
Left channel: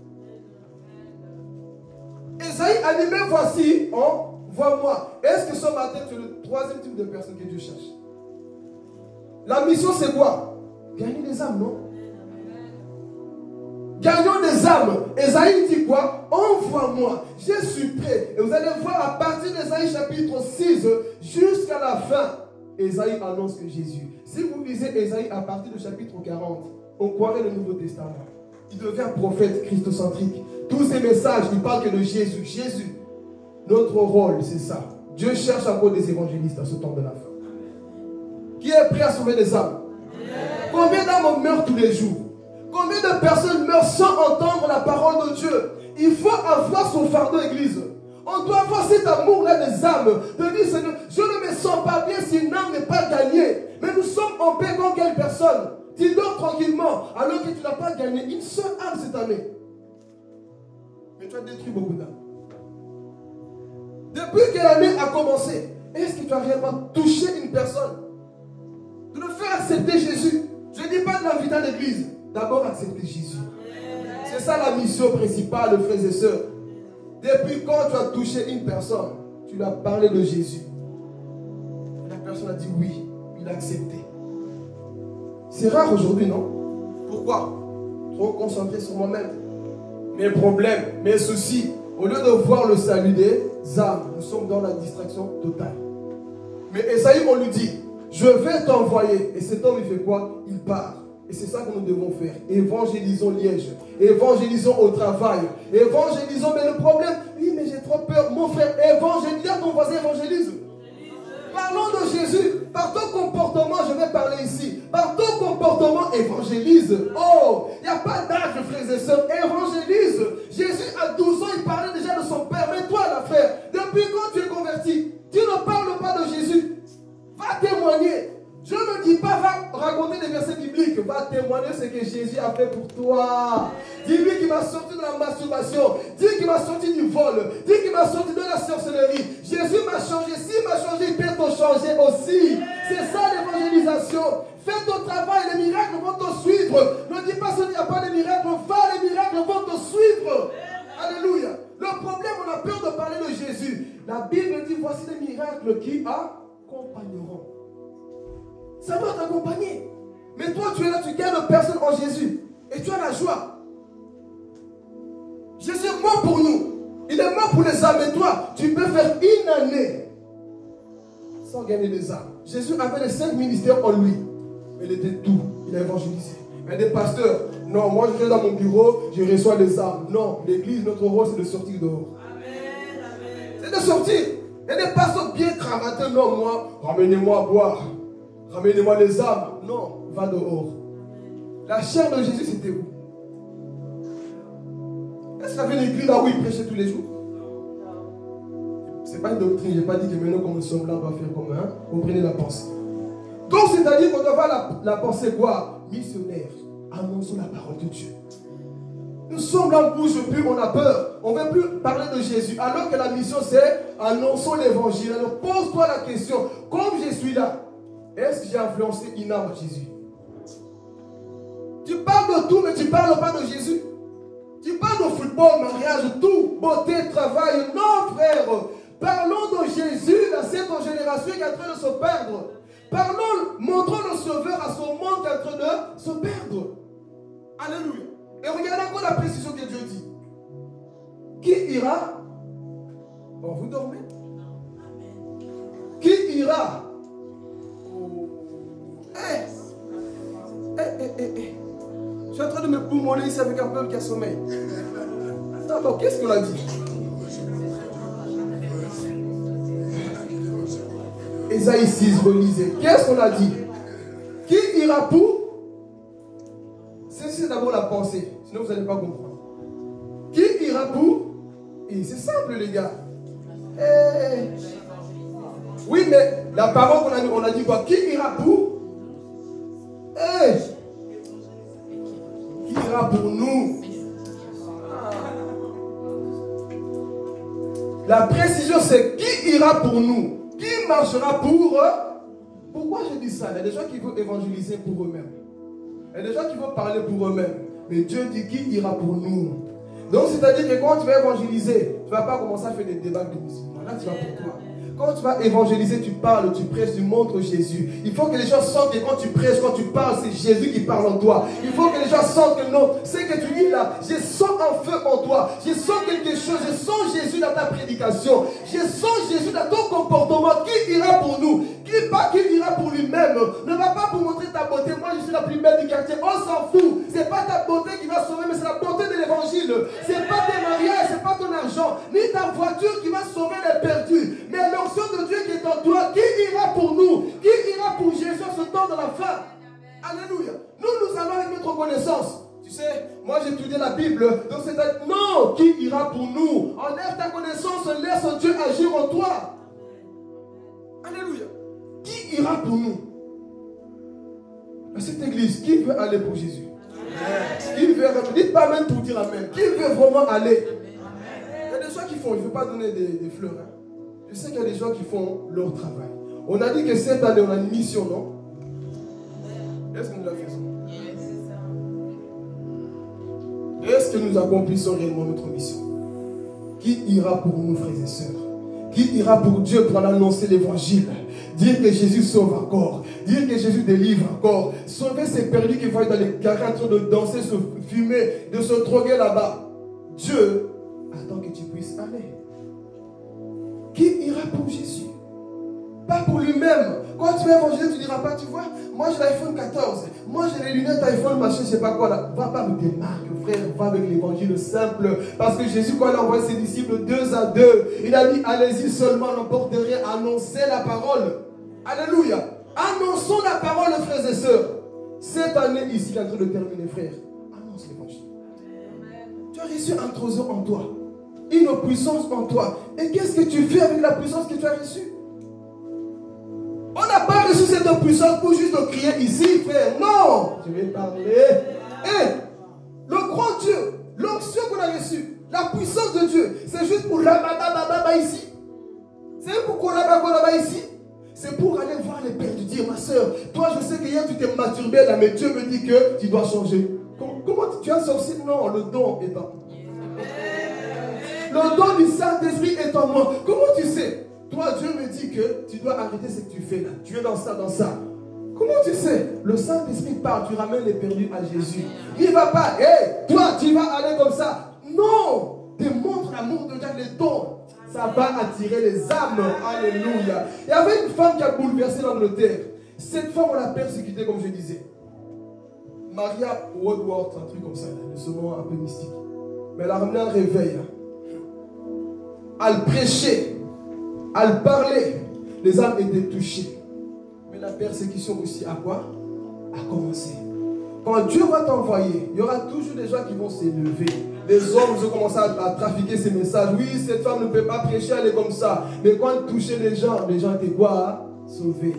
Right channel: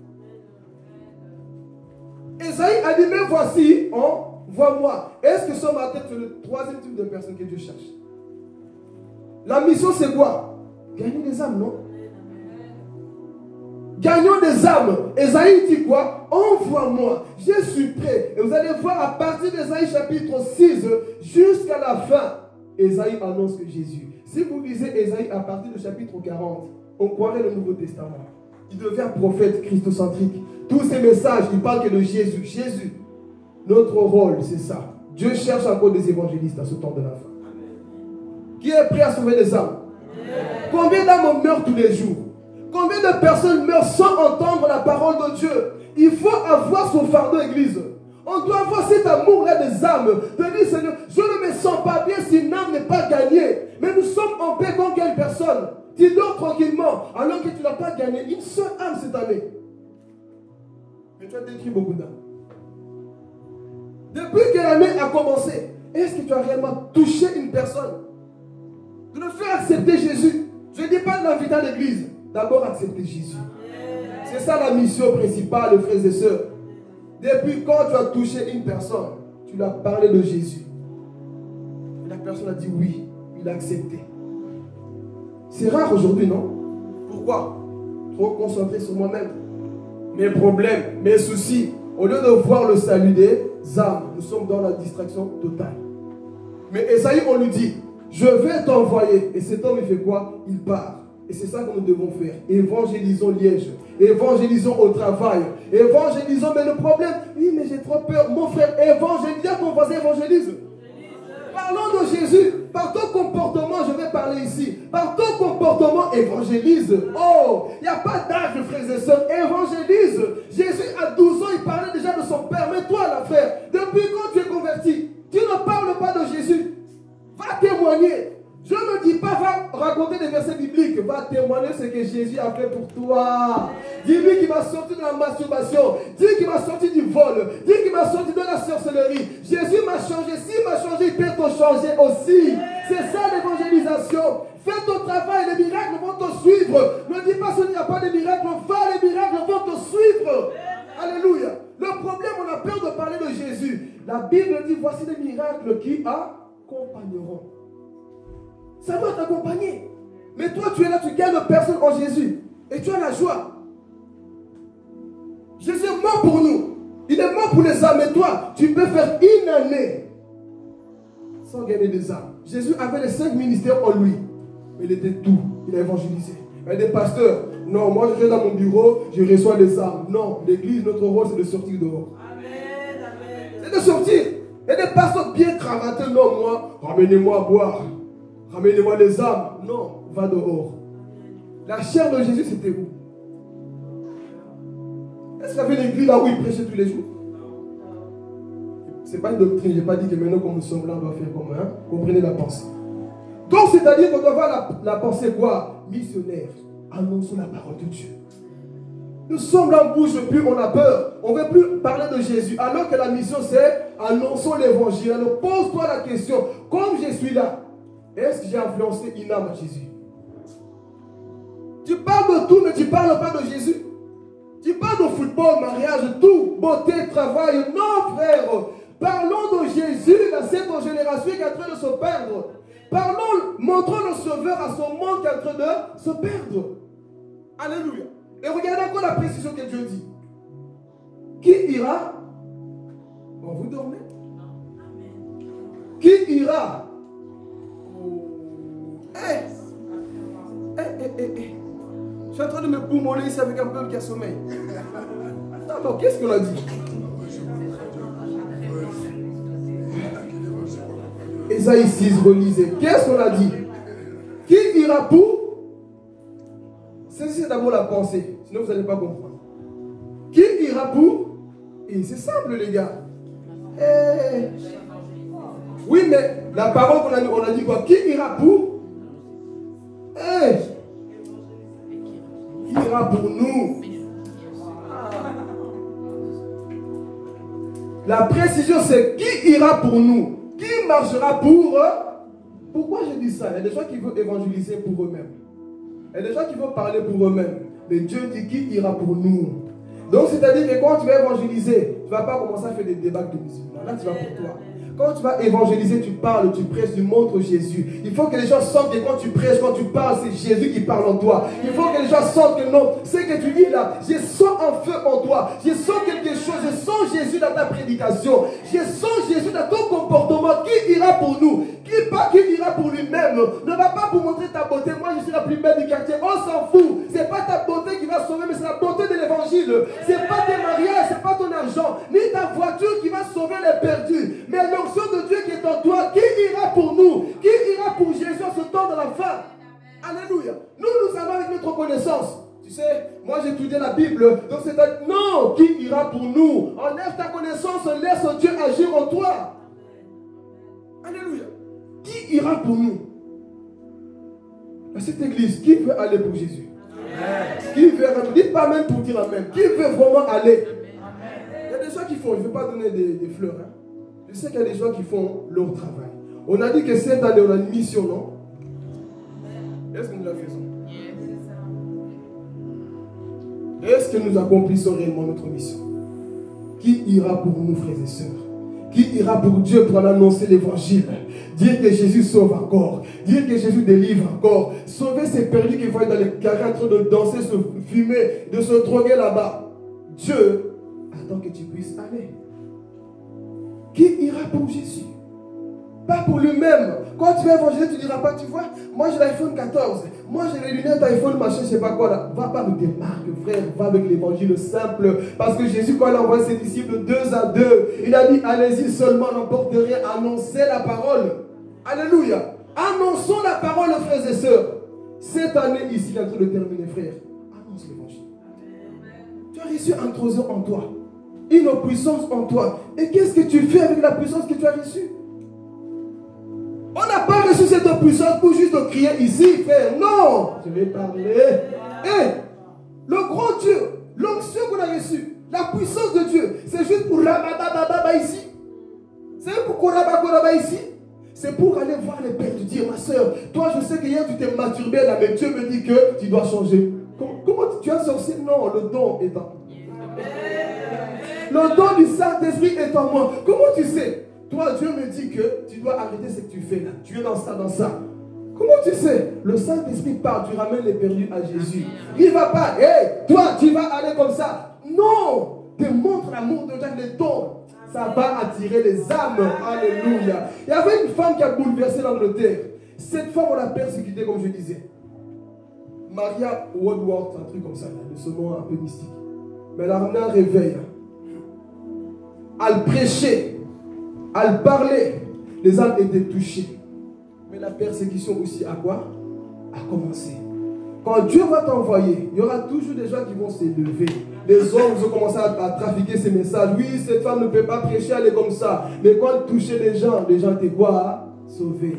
Esaïe a dit, mais voici, vois-moi. Est-ce que ce matin, tu es le troisième type de personne que Dieu cherche? La mission, c'est quoi? Gagner des âmes, non? Gagnons des âmes. Esaïe dit quoi? Envoie-moi. Je suis prêt. Et vous allez voir à partir d'Esaïe chapitre 6 jusqu'à la fin, Esaïe annonce que Jésus. Si vous lisez Esaïe à partir du chapitre 40, on croirait le Nouveau Testament. Il devient prophète christocentrique. Tous ces messages, il parle que de Jésus. Jésus. Notre rôle, c'est ça. Dieu cherche encore des évangélistes à ce temps de la fin. Qui est prêt à sauver des âmes? Combien d'âmes meurent tous les jours? Combien de personnes meurent sans entendre la parole de Dieu? Il faut avoir son fardeau, église. On doit avoir cet amour-là des âmes. De dire, Seigneur, je ne me sens pas bien si une âme n'est pas gagnée. Mais nous sommes en paix contre quelle personne? Tu dors tranquillement alors que tu n'as pas gagné une seule âme cette année. Mais tu as détruit beaucoup d'âmes. Depuis que l'année a commencé, est-ce que tu as réellement touché une personne? De le faire accepter Jésus. Je ne dis pas de l'inviter à l'église. D'abord accepter Jésus. C'est ça la mission principale, frères et sœurs. Depuis quand tu as touché une personne, tu lui as parlé de Jésus. Et la personne a dit oui, il a accepté. C'est rare aujourd'hui, non? Pourquoi? Trop concentré sur moi-même. Mes problèmes, mes soucis. Au lieu de voir le salut des âmes, nous sommes dans la distraction totale. Mais Esaïe, on lui dit, je vais t'envoyer. Et cet homme, il fait quoi? Il part. Et c'est ça que nous devons faire. Évangélisons Liège. Évangélisons au travail. Évangélisons, mais le problème, oui, mais j'ai trop peur. Mon frère, évangélise, ton voisin évangélise. Parlons de Jésus. Par ton comportement, je vais parler ici. Par ton comportement, évangélise. Oh, il n'y a pas d'âge, frères et sœurs. Évangélise. Jésus, à 12 ans, il parlait déjà de son Père. Mais toi, là, frère, depuis quand tu es converti, tu ne parles pas de Jésus. Va témoigner. Je ne dis pas, va raconter des versets bibliques. Va témoigner ce que Jésus a fait pour toi. Dis-lui qu'il m'a sorti de la masturbation. Dis qu'il m'a sorti du vol. Dis qu'il m'a sorti de la sorcellerie. Jésus m'a changé. S'il m'a changé, il peut te changer aussi. C'est ça l'évangélisation. Fais ton travail, les miracles vont te suivre. Ne dis pas qu'il n'y a pas de miracles. Les miracles vont te suivre. Alléluia. Le problème, on a peur de parler de Jésus. La Bible dit, voici des miracles qui accompagneront. Ça doit t'accompagner. Mais toi, tu es là, tu gagnes personne en Jésus. Et tu as la joie. Jésus est mort pour nous. Il est mort pour les âmes. Et toi, tu peux faire une année sans gagner des âmes. Jésus avait les 5 ministères en lui. Mais il était tout. Il a évangélisé. Il y a des pasteurs. Non, moi je vais dans mon bureau, je reçois les âmes. Non, l'église, notre rôle, c'est de sortir dehors. C'est de sortir. Et des pasteurs bien cravatés. Non, moi, ramenez-moi à boire. Ramenez-moi les âmes. Non, va dehors. La chair de Jésus, c'était où? Est-ce qu'il y avait une église là où il prêchait tous les jours? Ce n'est pas une doctrine. Je n'ai pas dit que maintenant, comme nous sommes là, on va faire comme un. Comprenez la pensée. Donc, c'est-à-dire qu'on doit avoir la pensée quoi? Missionnaire. Annonçons la parole de Dieu. Nous sommes là, on ne bouge plus, on a peur. On ne veut plus parler de Jésus. Alors que la mission, c'est annonçons l'évangile. Alors, pose-toi la question. Comme je suis là, est-ce que j'ai influencé une âme à Jésus? Tu parles de tout, mais tu ne parles pas de Jésus. Tu parles de football, mariage, tout, beauté, travail. Non, frère. Parlons de Jésus dans cette génération qui est en train de se perdre. Parlons, montrons le Sauveur à son monde qui est en train de se perdre. Alléluia. Et regardez encore la précision que Dieu dit. Qui ira? Bon, vous dormez? Qui ira? Je suis en train de me poumoler ici avec un peuple qui a sommeil. Non, qu'est-ce qu'on a dit? Ésaïe 6, relisez. Qu'est-ce qu'on a dit? Qui ira pour? C'est d'abord la pensée, sinon vous n'allez pas comprendre. Qui ira pour? Et c'est simple les gars. Oui, mais la parole on a dit quoi? Qui ira pour? Qui ira pour nous? La précision c'est qui ira pour nous? Qui marchera pour eux? Pourquoi je dis ça? Il y a des gens qui veulent évangéliser pour eux-mêmes. Il y a des gens qui veulent parler pour eux-mêmes. Mais Dieu dit qui ira pour nous. Donc c'est-à-dire que quand tu vas évangéliser, tu ne vas pas commencer à faire des débats de musulmans. Là tu vas pour toi. Quand tu vas évangéliser, tu parles, tu prêches, tu montres Jésus. Il faut que les gens sentent que quand tu prêches, quand tu parles, c'est Jésus qui parle en toi. Il faut que les gens sentent que non, c'est que tu dis là, je sens un feu en toi. Je sens quelque chose, je sens Jésus dans ta prédication. Je sens Jésus dans ton comportement. Qui ira pour nous? Qui ira pour lui-même? Ne va pas pour montrer ta beauté. Moi, je suis la plus belle du quartier. On s'en fout. Ce n'est pas ta beauté qui va sauver, mais c'est la beauté de l'évangile. Ce n'est pas tes mariages, ce n'est pas ton argent, ni ta voiture qui va sauver les perdus. Mais l'onction de Dieu qui est en toi, qui ira pour nous? Qui ira pour Jésus en ce temps de la fin? Alléluia. Nous allons avec notre connaissance. Tu sais, moi j'ai étudié la Bible, donc c'est non, qui ira pour nous? Enlève ta connaissance, laisse Dieu agir en toi. Alléluia. Qui ira pour nous? À cette église, qui veut aller pour Jésus? Amen. Qui veut, dites pas même pour dire amen. Qui veut vraiment aller? Amen. Il y a des gens qui font, je ne veux pas donner des fleurs. Hein. Je sais qu'il y a des gens qui font leur travail. On a dit que cette année, on a une mission, non? Est-ce que nous la faisons? Est-ce que nous accomplissons réellement notre mission? Qui ira pour nous, frères et sœurs? Qui ira pour Dieu pour aller annoncer l'évangile? Dire que Jésus sauve encore. Dire que Jésus délivre encore. Sauver ces perdus qui vont être dans les carrés en train de danser, se fumer, de se droguer là-bas. Dieu attend que tu puisses aller. Qui ira pour Jésus? Pas pour lui-même. Quand tu vas évangéliser, tu ne diras pas, tu vois, moi j'ai l'iPhone 14, moi j'ai les lunettes iPhone, machin, je ne sais pas quoi là. Va pas avec des marques, frère, va avec l'évangile simple. Parce que Jésus, quand il a envoyé ses disciples 2 à 2, il a dit, allez-y seulement, n'emporte rien, annoncez la parole. Alléluia. Annonçons la parole, frères et sœurs. Cette année ici, il est en train de terminer, frère. Annonce l'évangile. Tu as reçu un trésor en toi, une puissance en toi. Et qu'est-ce que tu fais avec la puissance que tu as reçue? On n'a pas reçu cette puissance pour juste crier ici, frère. Non, je vais parler. Le grand Dieu, l'onction qu'on a reçue, la puissance de Dieu, c'est juste pour là-bas ici. C'est pour qu'on là-bas ici. C'est pour aller voir les pères, tu dis, ma soeur, toi je sais que hier tu t'es masturbé là, mais Dieu me dit que tu dois changer. Comment tu as sorti? Non, le don est en moi. Le don du Saint-Esprit est en moi. Comment tu sais? Toi, Dieu me dit que tu dois arrêter ce que tu fais là. Tu es dans ça, dans ça. Comment tu sais? Le Saint-Esprit parle, tu ramènes les perdus à Jésus. Il ne va pas, toi, tu vas aller comme ça. Non! Démontre l'amour de Dieu, les dons. Ça va attirer les âmes. Alléluia. Il y avait une femme qui a bouleversé l'Angleterre. Cette femme, on l'a persécutée, comme je disais. Maria Woodworth, un truc comme ça, là, de ce nom un peu mystique. Mais elle a ramené un réveil. Elle prêchait. Elle parlait, les âmes étaient touchées. Mais la persécution aussi a quoi? A commencé. Quand Dieu va t'envoyer, il y aura toujours des gens qui vont s'élever. Les hommes vont commencer à trafiquer ces messages. Oui, cette femme ne peut pas prêcher, elle est comme ça. Mais quand elle touchait les gens étaient quoi? Sauvés.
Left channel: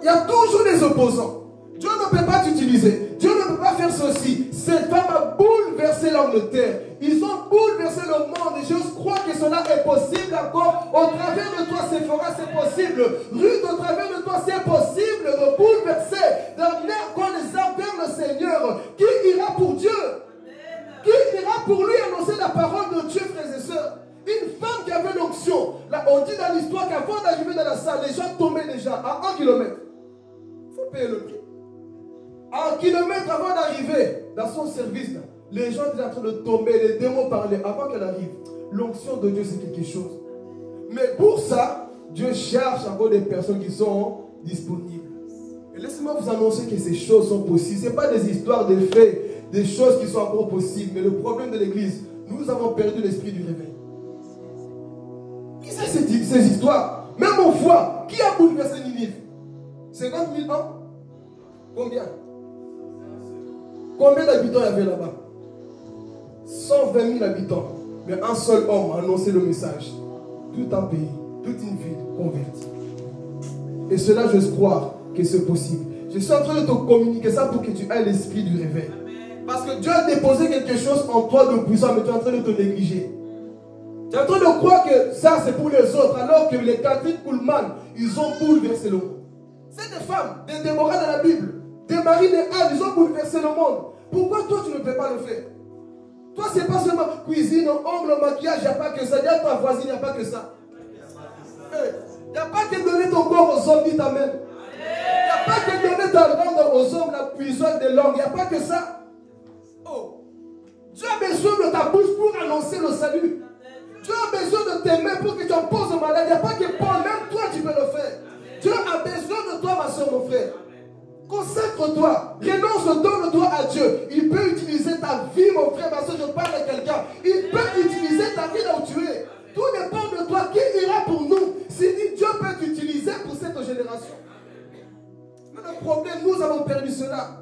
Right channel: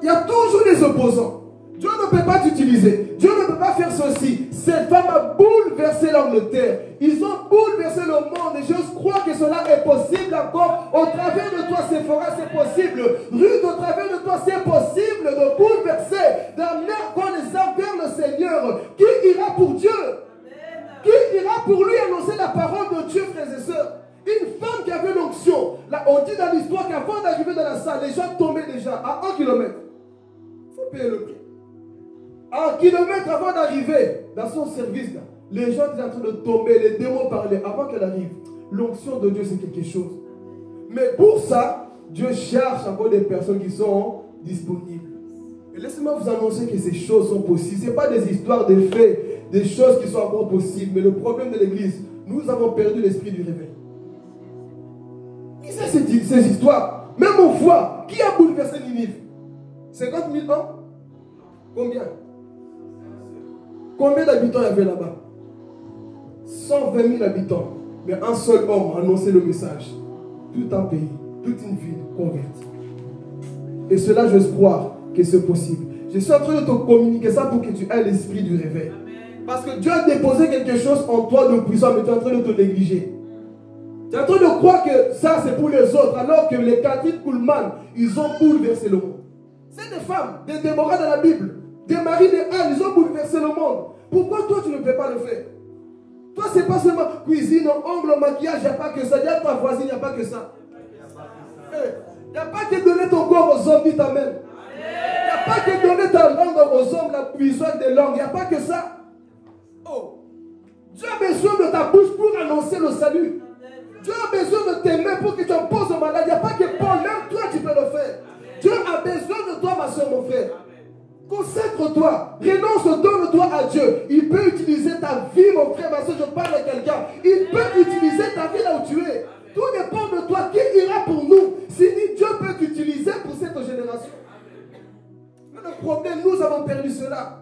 Il y a toujours des opposants. Dieu ne peut pas t'utiliser. Dieu ne peut pas faire ceci. Cette femme a bouleversé l'Angleterre. Ils ont bouleversé le monde. Et je crois que cela est possible encore. Au travers de toi, Sephora, c'est possible. Ruth, au travers de toi, c'est possible de bouleverser, d'amener encore les âmes vers le Seigneur. Qui ira pour Dieu? Qui ira pour lui annoncer la parole de Dieu, frères et sœurs? Une femme qui avait l'onction. On dit dans l'histoire qu'avant d'arriver dans la salle, les gens tombaient déjà à 1 kilomètre. Il faut payer le prix. 1 kilomètre avant d'arriver dans son service, là, les gens étaient en train de tomber, les démons parlaient avant qu'elle arrive. L'onction de Dieu, c'est quelque chose. Mais pour ça, Dieu cherche encore des personnes qui sont disponibles. Et laissez-moi vous annoncer que ces choses sont possibles. Ce n'est pas des histoires, des faits, des choses qui sont encore possibles. Mais le problème de l'Église, nous avons perdu l'esprit du réveil. Lisez ces histoires. Même on voit, qui a bouleversé Ninive? 50 000 ans? Combien? Combien d'habitants il y avait là-bas? 120 000 habitants. Mais un seul homme a annoncé le message. Tout un pays, toute une ville convertie. Et cela, je crois que c'est possible. Je suis en train de te communiquer ça pour que tu aies l'esprit du réveil. Parce que Dieu a déposé quelque chose en toi de puissant, mais tu es en train de te négliger. Tu es en train de croire que ça c'est pour les autres, alors que les Catherine Kuhlman, ils ont bouleversé le monde. C'est des femmes, des Déborah dans la Bible, des Marie, des Anne, ils ont bouleversé le monde. Pourquoi toi tu ne peux pas le faire? Toi c'est pas seulement cuisine, ongle, maquillage, il n'y a pas que ça. Dis à ta voisine, il n'y a pas que ça. Il n'y a pas que donner ton corps aux hommes, dit amen. Il n'y a pas que donner ta langue aux hommes, la puissance des langues. Il n'y a pas que ça. Oh. Dieu a besoin de ta bouche pour annoncer le salut. Dieu a besoin de tes mains pour que tu en poses au malade. Il n'y a pas que Paul, même toi tu peux le faire. Dieu a besoin de toi, ma soeur, mon frère. Consacre-toi, renonce, donne-toi à Dieu. Il peut utiliser ta vie, mon frère, ma soeur, je parle à quelqu'un. Il peut utiliser ta vie là où tu es. Tout dépend de toi. Qui ira pour nous? Si Dieu peut t'utiliser pour cette génération. Mais le problème, nous avons perdu cela.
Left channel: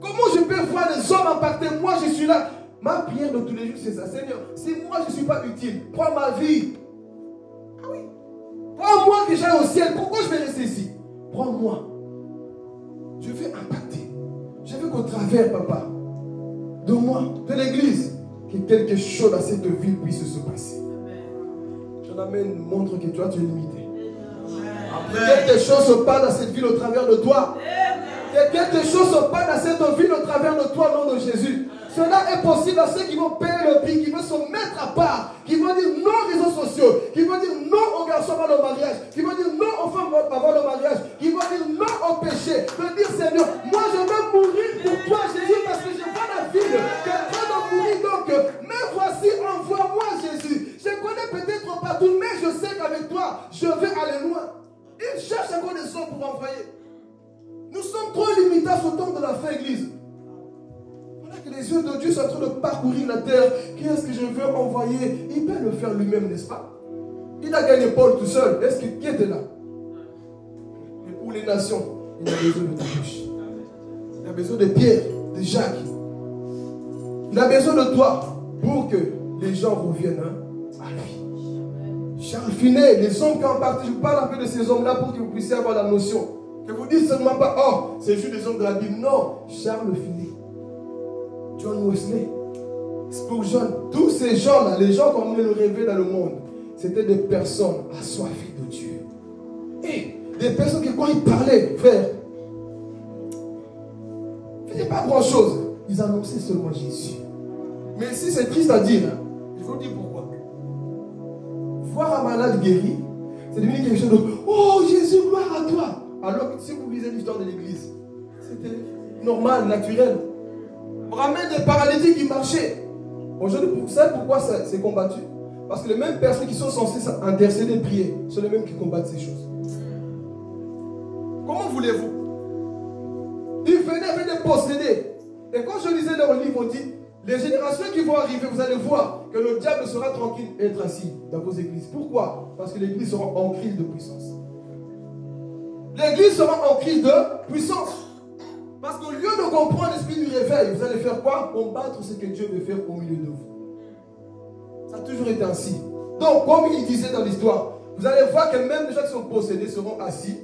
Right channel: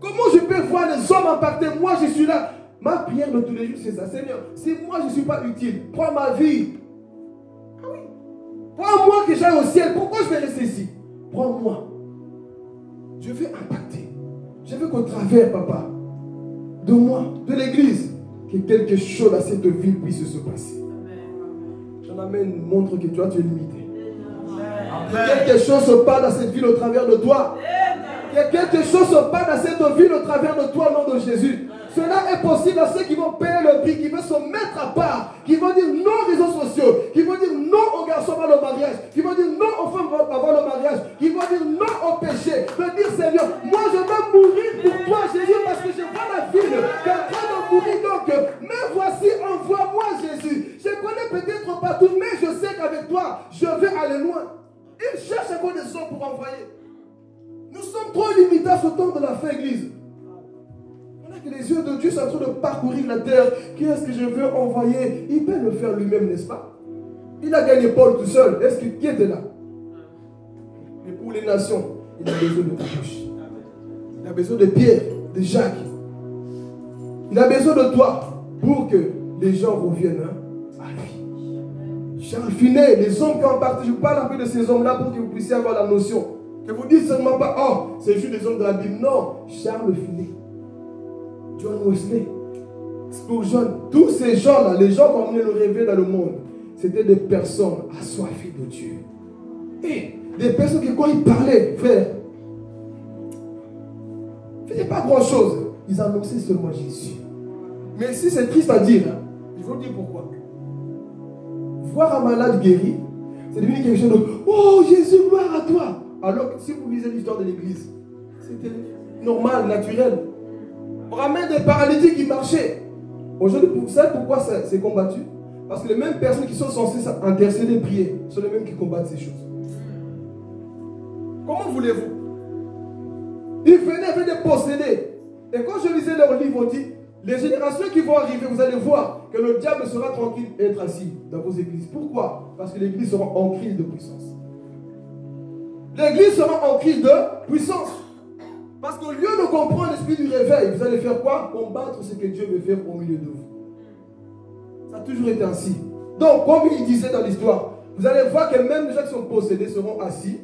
Comment je peux voir les hommes impactés? Moi, je suis là. Ma prière de tous les jours, c'est ça. Seigneur, si moi, je ne suis pas utile, prends ma vie. Ah oui. Prends-moi que j'aille au ciel. Pourquoi je vais rester ici? Prends-moi. Je veux impacter. Je veux qu'au travers, papa, de moi, de l'église, que quelque chose à cette ville puisse se passer. J'en amène, montre que toi, tu es limité. Que quelque chose se passe dans cette ville au travers de toi. Que quelque chose se passe dans cette ville au travers de toi, au nom de Jésus. Cela est possible à ceux qui vont payer le prix, qui vont se mettre à part, qui vont dire non aux réseaux sociaux, qui vont dire non aux garçons avant le mariage, qui vont dire non aux femmes avant le mariage, qui vont dire non au péché. De dire Seigneur, moi je vais mourir pour toi Jésus parce que je vois la ville qui est en train de mourir. Donc, mais voici, envoie-moi Jésus. Je connais peut-être pas tout, mais je sais qu'avec toi, je vais aller loin. Il cherche encore des hommes pour envoyer. Nous sommes trop limités à ce temps de la fin, église. Que les yeux de Dieu sont en train de parcourir la terre. Qu'est-ce que je veux envoyer? Il peut le faire lui-même, n'est-ce pas? Il a gagné Paul tout seul. Est-ce qui était là? Mais pour les nations, il a besoin de ta bouche. Il a besoin de Pierre, de Jacques. Il a besoin de toi pour que les gens reviennent à lui. Charles Finet, les hommes qui ont parti, je parle un peu de ces hommes-là pour que vous puissiez avoir la notion. Que vous dites seulement pas, oh, c'est juste des hommes de la Bible. Non, Charles Finet. John Wesley, Spurgeon, tous ces gens-là, les gens qui ont amené le réveil dans le monde, c'était des personnes assoiffées de Dieu. Et des personnes qui, quand ils parlaient, frère, ils ne faisaient pas grand-chose. Ils annonçaient seulement Jésus. Mais si c'est triste à dire, hein, je vais vous dire pourquoi. Voir un malade guéri, c'est devenu quelque chose de « Oh Jésus, gloire à toi !» Alors que si vous lisez l'histoire de l'Église, c'était normal, naturel. On ramène des paralytiques qui marchaient. Aujourd'hui, vous savez pourquoi c'est combattu? Parce que les mêmes personnes qui sont censées intercéder et prier sont les mêmes qui combattent ces choses. Comment voulez-vous? Ils venaient des possédés. Et quand je lisais leur livre, on dit, les générations qui vont arriver, vous allez voir que le diable sera tranquille et être assis dans vos églises. Pourquoi? Parce que l'église sera en crise de puissance. L'église sera en crise de puissance. Parce qu'au lieu de comprendre l'esprit du réveil, vous allez faire quoi? Combattre ce que Dieu veut faire au milieu de vous. Ça a toujours été ainsi. Donc, comme il disait dans l'histoire, vous allez voir que même les gens qui sont possédés seront assis.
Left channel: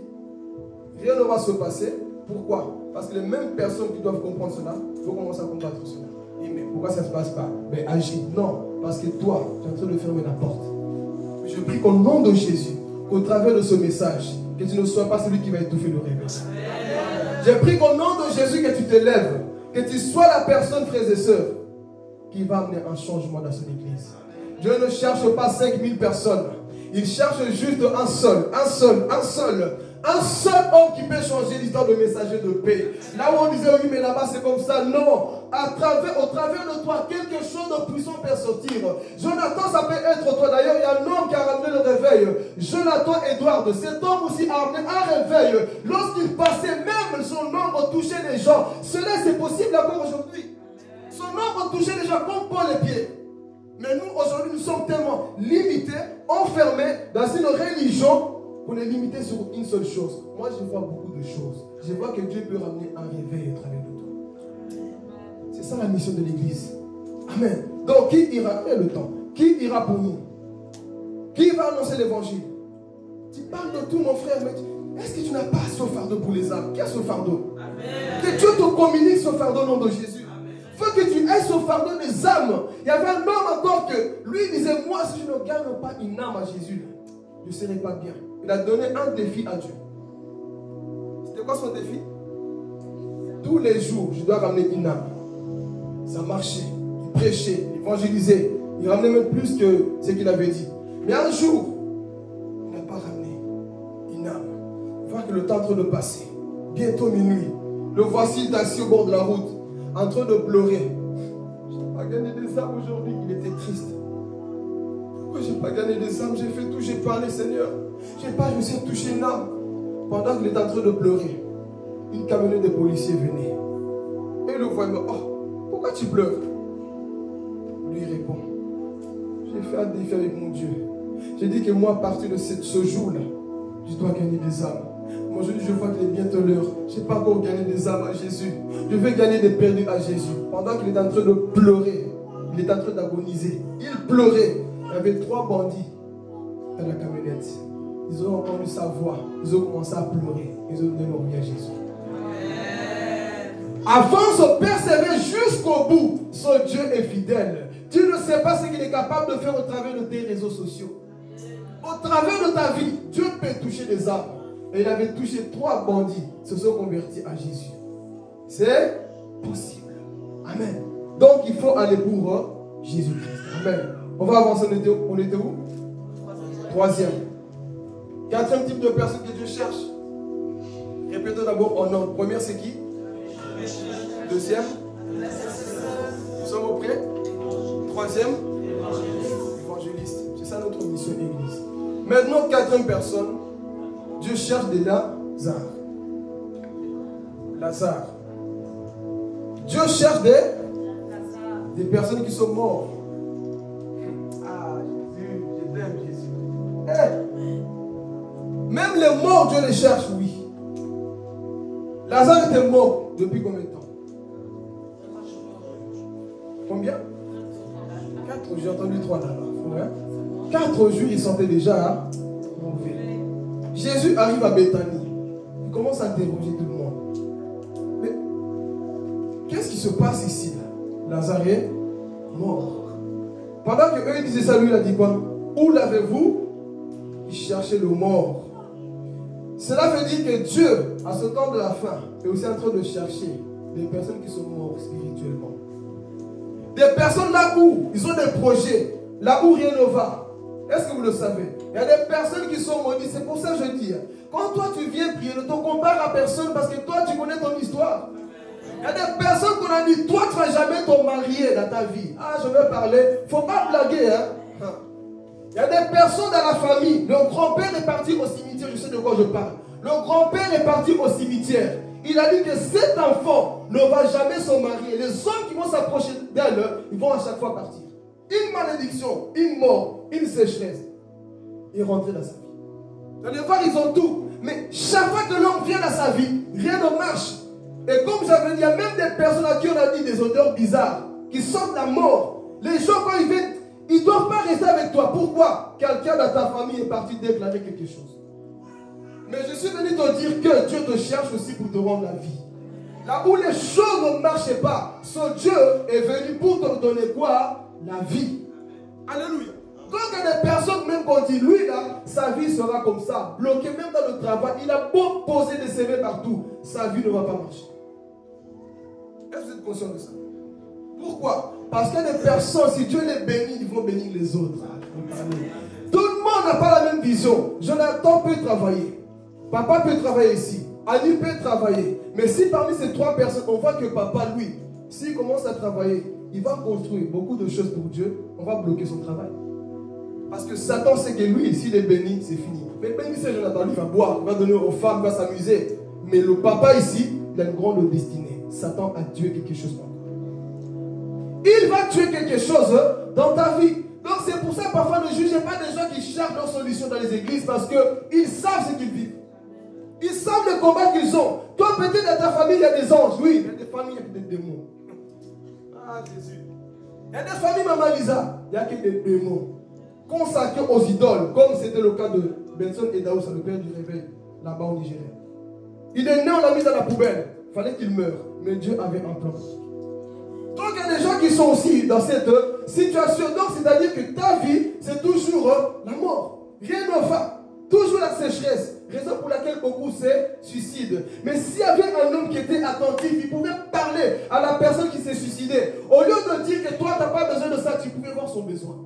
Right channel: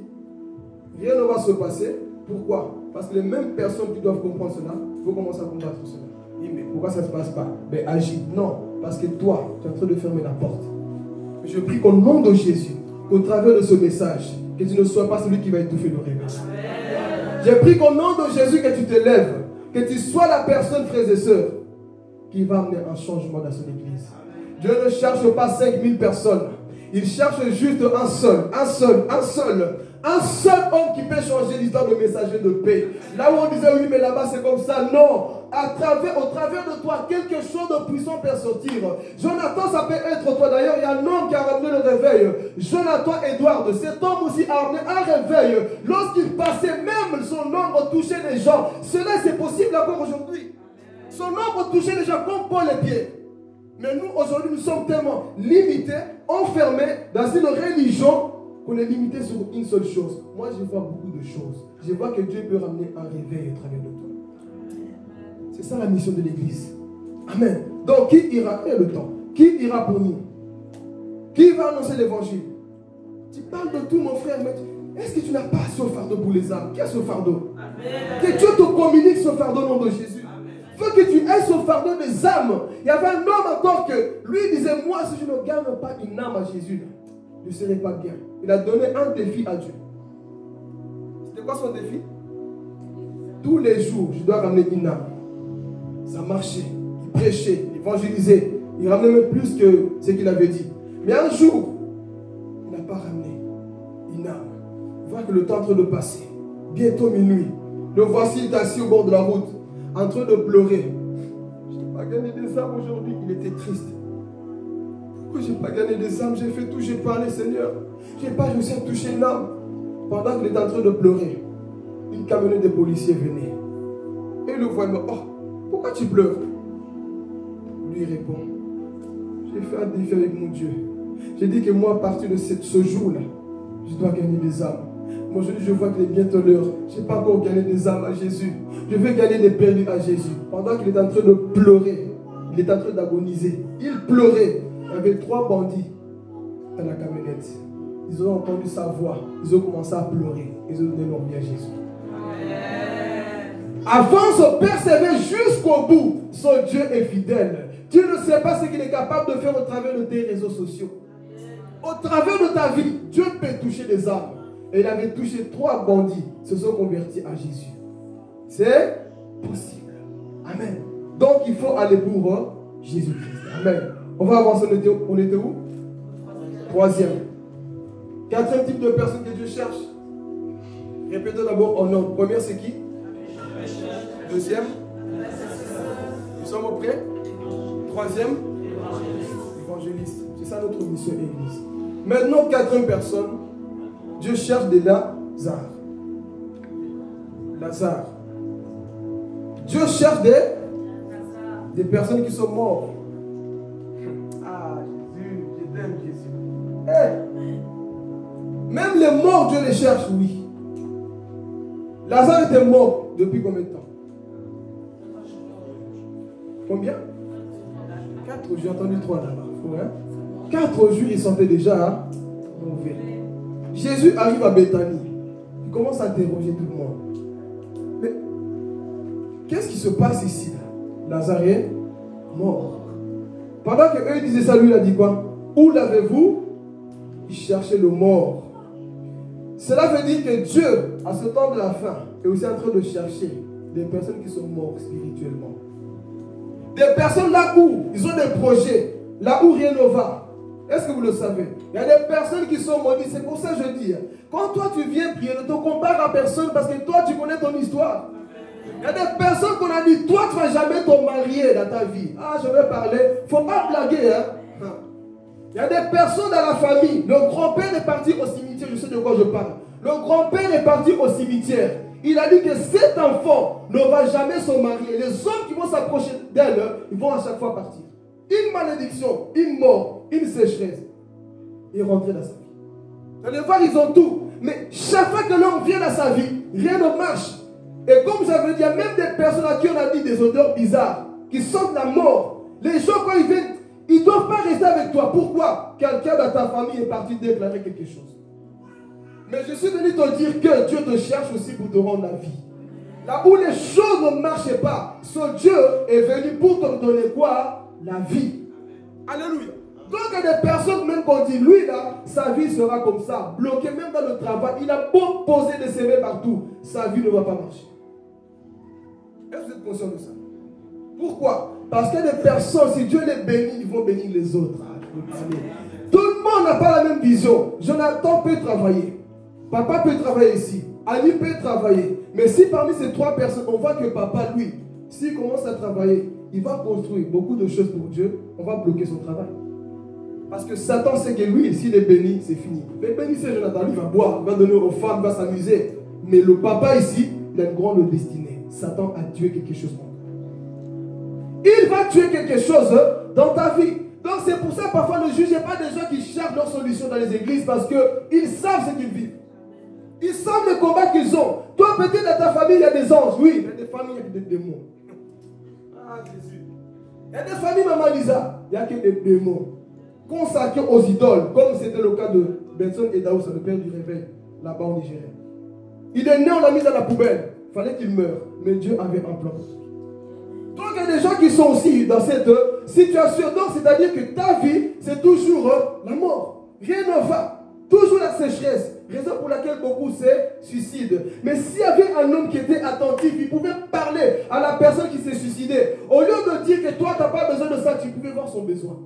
Rien ne va se passer. Pourquoi? Parce que les mêmes personnes qui doivent comprendre cela, il faut commencer à combattre cela. Et mais pourquoi ça ne se passe pas? Mais agis. Non, parce que toi, tu es en train de fermer la porte. Je prie qu'au nom de Jésus, qu'au travers de ce message, que tu ne sois pas celui qui va étouffer le réveil. Je prie qu'au nom de Jésus, que tu te lèves, que tu sois la personne, frères et sœurs, qui va amener un changement dans son église. Dieu ne cherche pas 5000 personnes. Il cherche juste un seul homme qui peut changer l'histoire de messager de paix. Là où on disait oui mais là-bas c'est comme ça, non. Au travers de toi, quelque chose de puissant peut sortir. Jonathan, ça peut être toi. D'ailleurs, il y a un homme qui a ramené le réveil. Jonathan Edward, cet homme aussi a ramené un réveil. Lorsqu'il passait, même son ombre touchait les gens. Cela c'est possible encore aujourd'hui. Son ombre touchait les gens comme Paul les pieds. Mais nous, aujourd'hui, nous sommes tellement limités, enfermés dans une religion qu'on est limité sur une seule chose. Moi, je vois beaucoup de choses. Je vois que Dieu peut ramener un réveil au travers de toi. C'est ça la mission de l'Église. Amen. Donc, qui ira? Il y a le temps. Qui ira pour nous? Qui va annoncer l'évangile? Tu parles de tout, mon frère, mais est-ce que tu n'as pas ce fardeau pour les âmes? Qui a ce fardeau? Amen. Que Dieu te communique ce fardeau au nom de Jésus. Il faut que tu aies ce fardeau des âmes. Il y avait un homme encore que lui disait, moi, si je ne gagne pas une âme à Jésus, je ne serai pas bien. Il a donné un défi à Dieu. C'était quoi son défi? Tous les jours, je dois ramener une âme. Ça marchait. Il prêchait, il évangélisait. Il ramenait même plus que ce qu'il avait dit. Mais un jour, il n'a pas ramené une âme. Il voit que le temps est en train de passer. Bientôt minuit. Le voici, il est assis au bord de la route, en train de pleurer. Je n'ai pas gagné des âmes aujourd'hui. Il était triste. Pourquoi je n'ai pas gagné des âmes? J'ai fait tout, j'ai parlé, Seigneur. Je n'ai pas réussi à toucher une âme. Pendant qu'il était en train de pleurer, une camionnette de policiers venait. Et il le voit, il me dit, oh, pourquoi tu pleures? Lui répond, j'ai fait un défi avec mon Dieu. J'ai dit que moi, à partir de ce jour-là, je dois gagner des âmes. Moi, je vois qu'il est bientôt l'heure. Je n'ai pas encore gagné des âmes à Jésus. Je vais gagner des perdus à Jésus. Pendant qu'il est en train de pleurer, il est en train d'agoniser. Il pleurait. Il y avait 3 bandits dans la camionnette. Ils ont entendu sa voix. Ils ont commencé à pleurer. Ils ont donné leur vie à Jésus. Avance, persévère jusqu'au bout. Son Dieu est fidèle. Dieu ne sait pas ce qu'il est capable de faire au travers de tes réseaux sociaux. Au travers de ta vie, Dieu peut toucher des âmes. Et il avait touché 3 bandits. Se sont convertis à Jésus. C'est possible. Amen. Donc il faut aller pour Jésus-Christ. Amen. On va avancer. On était où? 3e. 4e type de personne que Dieu cherche. Répétons d'abord en ordre. Première, c'est qui? 2e. Nous sommes au près. 3e. Évangéliste. C'est ça notre mission église. Maintenant, 4e personne. Dieu cherche des Lazare. Lazare. Dieu cherche des personnes qui sont mortes. Ah, Jésus, je t'aime, Jésus. Hey. Même les morts, Dieu les cherche, oui. Lazare était mort depuis combien de temps? Combien? 4 jours, j'ai entendu 3 là-bas. Hein? 4 jours, il sentait déjà mauvais. Jésus arrive à Béthanie. Il commence à interroger tout le monde. Mais qu'est-ce qui se passe ici là? Lazare est mort. Pendant qu'eux disaient ça, lui il a dit quoi? Où l'avez-vous? Il cherchait le mort. Cela veut dire que Dieu, à ce temps de la fin, est aussi en train de chercher des personnes qui sont mortes spirituellement. Des personnes là où ils ont des projets, là où rien ne va. Est-ce que vous le savez? Il y a des personnes qui sont maudites. C'est pour ça que je dis, quand toi tu viens prier, ne te compare à personne parce que toi tu connais ton histoire. Il y a des personnes qu'on a dit, toi tu ne vas jamais te marier dans ta vie. Ah, je vais parler. Il ne faut pas blaguer. Hein? Il y a des personnes dans la famille. Le grand-père est parti au cimetière. Je sais de quoi je parle. Le grand-père est parti au cimetière. Il a dit que cet enfant ne va jamais se marier. Les hommes qui vont s'approcher d'elle, ils vont à chaque fois partir. Une malédiction, une mort, une sécheresse. Et rentrer dans sa vie. Dans les voir, ils ont tout. Mais chaque fois que l'homme vient dans sa vie, rien ne marche. Et comme j'avais dit, il y a même des personnes à qui on a dit des odeurs bizarres, qui sentent la mort. Les gens, quand ils viennent, ils ne doivent pas rester avec toi. Pourquoi? Quelqu'un dans ta famille est parti déclarer quelque chose. Mais je suis venu te dire que Dieu te cherche aussi pour te rendre la vie. Là où les choses ne marchaient pas, ce Dieu est venu pour te donner quoi? La vie. Alléluia. Donc il y a des personnes, même qu'on dit, lui là, sa vie sera comme ça, bloquée même dans le travail. Il a beau poser des CV partout, sa vie ne va pas marcher. Est-ce que vous êtes conscient de ça? Pourquoi? Parce que les personnes, si Dieu les bénit, ils vont bénir les autres. Tout le monde n'a pas la même vision. Jonathan peut travailler. Papa peut travailler ici. Annie peut travailler. Mais si parmi ces 3 personnes, on voit que papa, lui, s'il commence à travailler, il va construire beaucoup de choses pour Dieu, on va bloquer son travail. Parce que Satan sait que lui, s'il est béni, c'est fini. Mais béni, c'est Jonathan, lui, il va boire, il va donner aux femmes, il va s'amuser. Mais le papa ici, il a une grande destinée. Satan a tué quelque chose pour toi. Il va tuer quelque chose dans ta vie. Donc c'est pour ça parfois ne jugez pas des gens qui cherchent leur solution dans les églises parce qu'ils savent ce qu'ils vivent. Ils savent le combat qu'ils ont. Toi peut-être dans ta famille il y a des anges. Oui, il y a des familles, il y a des démons. Ah Jésus. Il y a des familles, Maman Lisa, il n'y a que des démons consacrés aux idoles, comme c'était le cas de Benson et Daoussa, le père du réveil, là-bas au Nigeria. Il est né, on l'a mis dans la poubelle. Il fallait qu'il meure, mais Dieu avait un plan. Donc il y a des gens qui sont aussi dans cette situation. Donc c'est-à-dire que ta vie, c'est toujours la mort. Rien ne va. Toujours la sécheresse. Raison pour laquelle beaucoup se suicident. Mais s'il y avait un homme qui était attentif, il pouvait parler à la personne qui s'est suicidée. Au lieu de dire que toi, tu n'as pas besoin de ça, tu pouvais voir son besoin.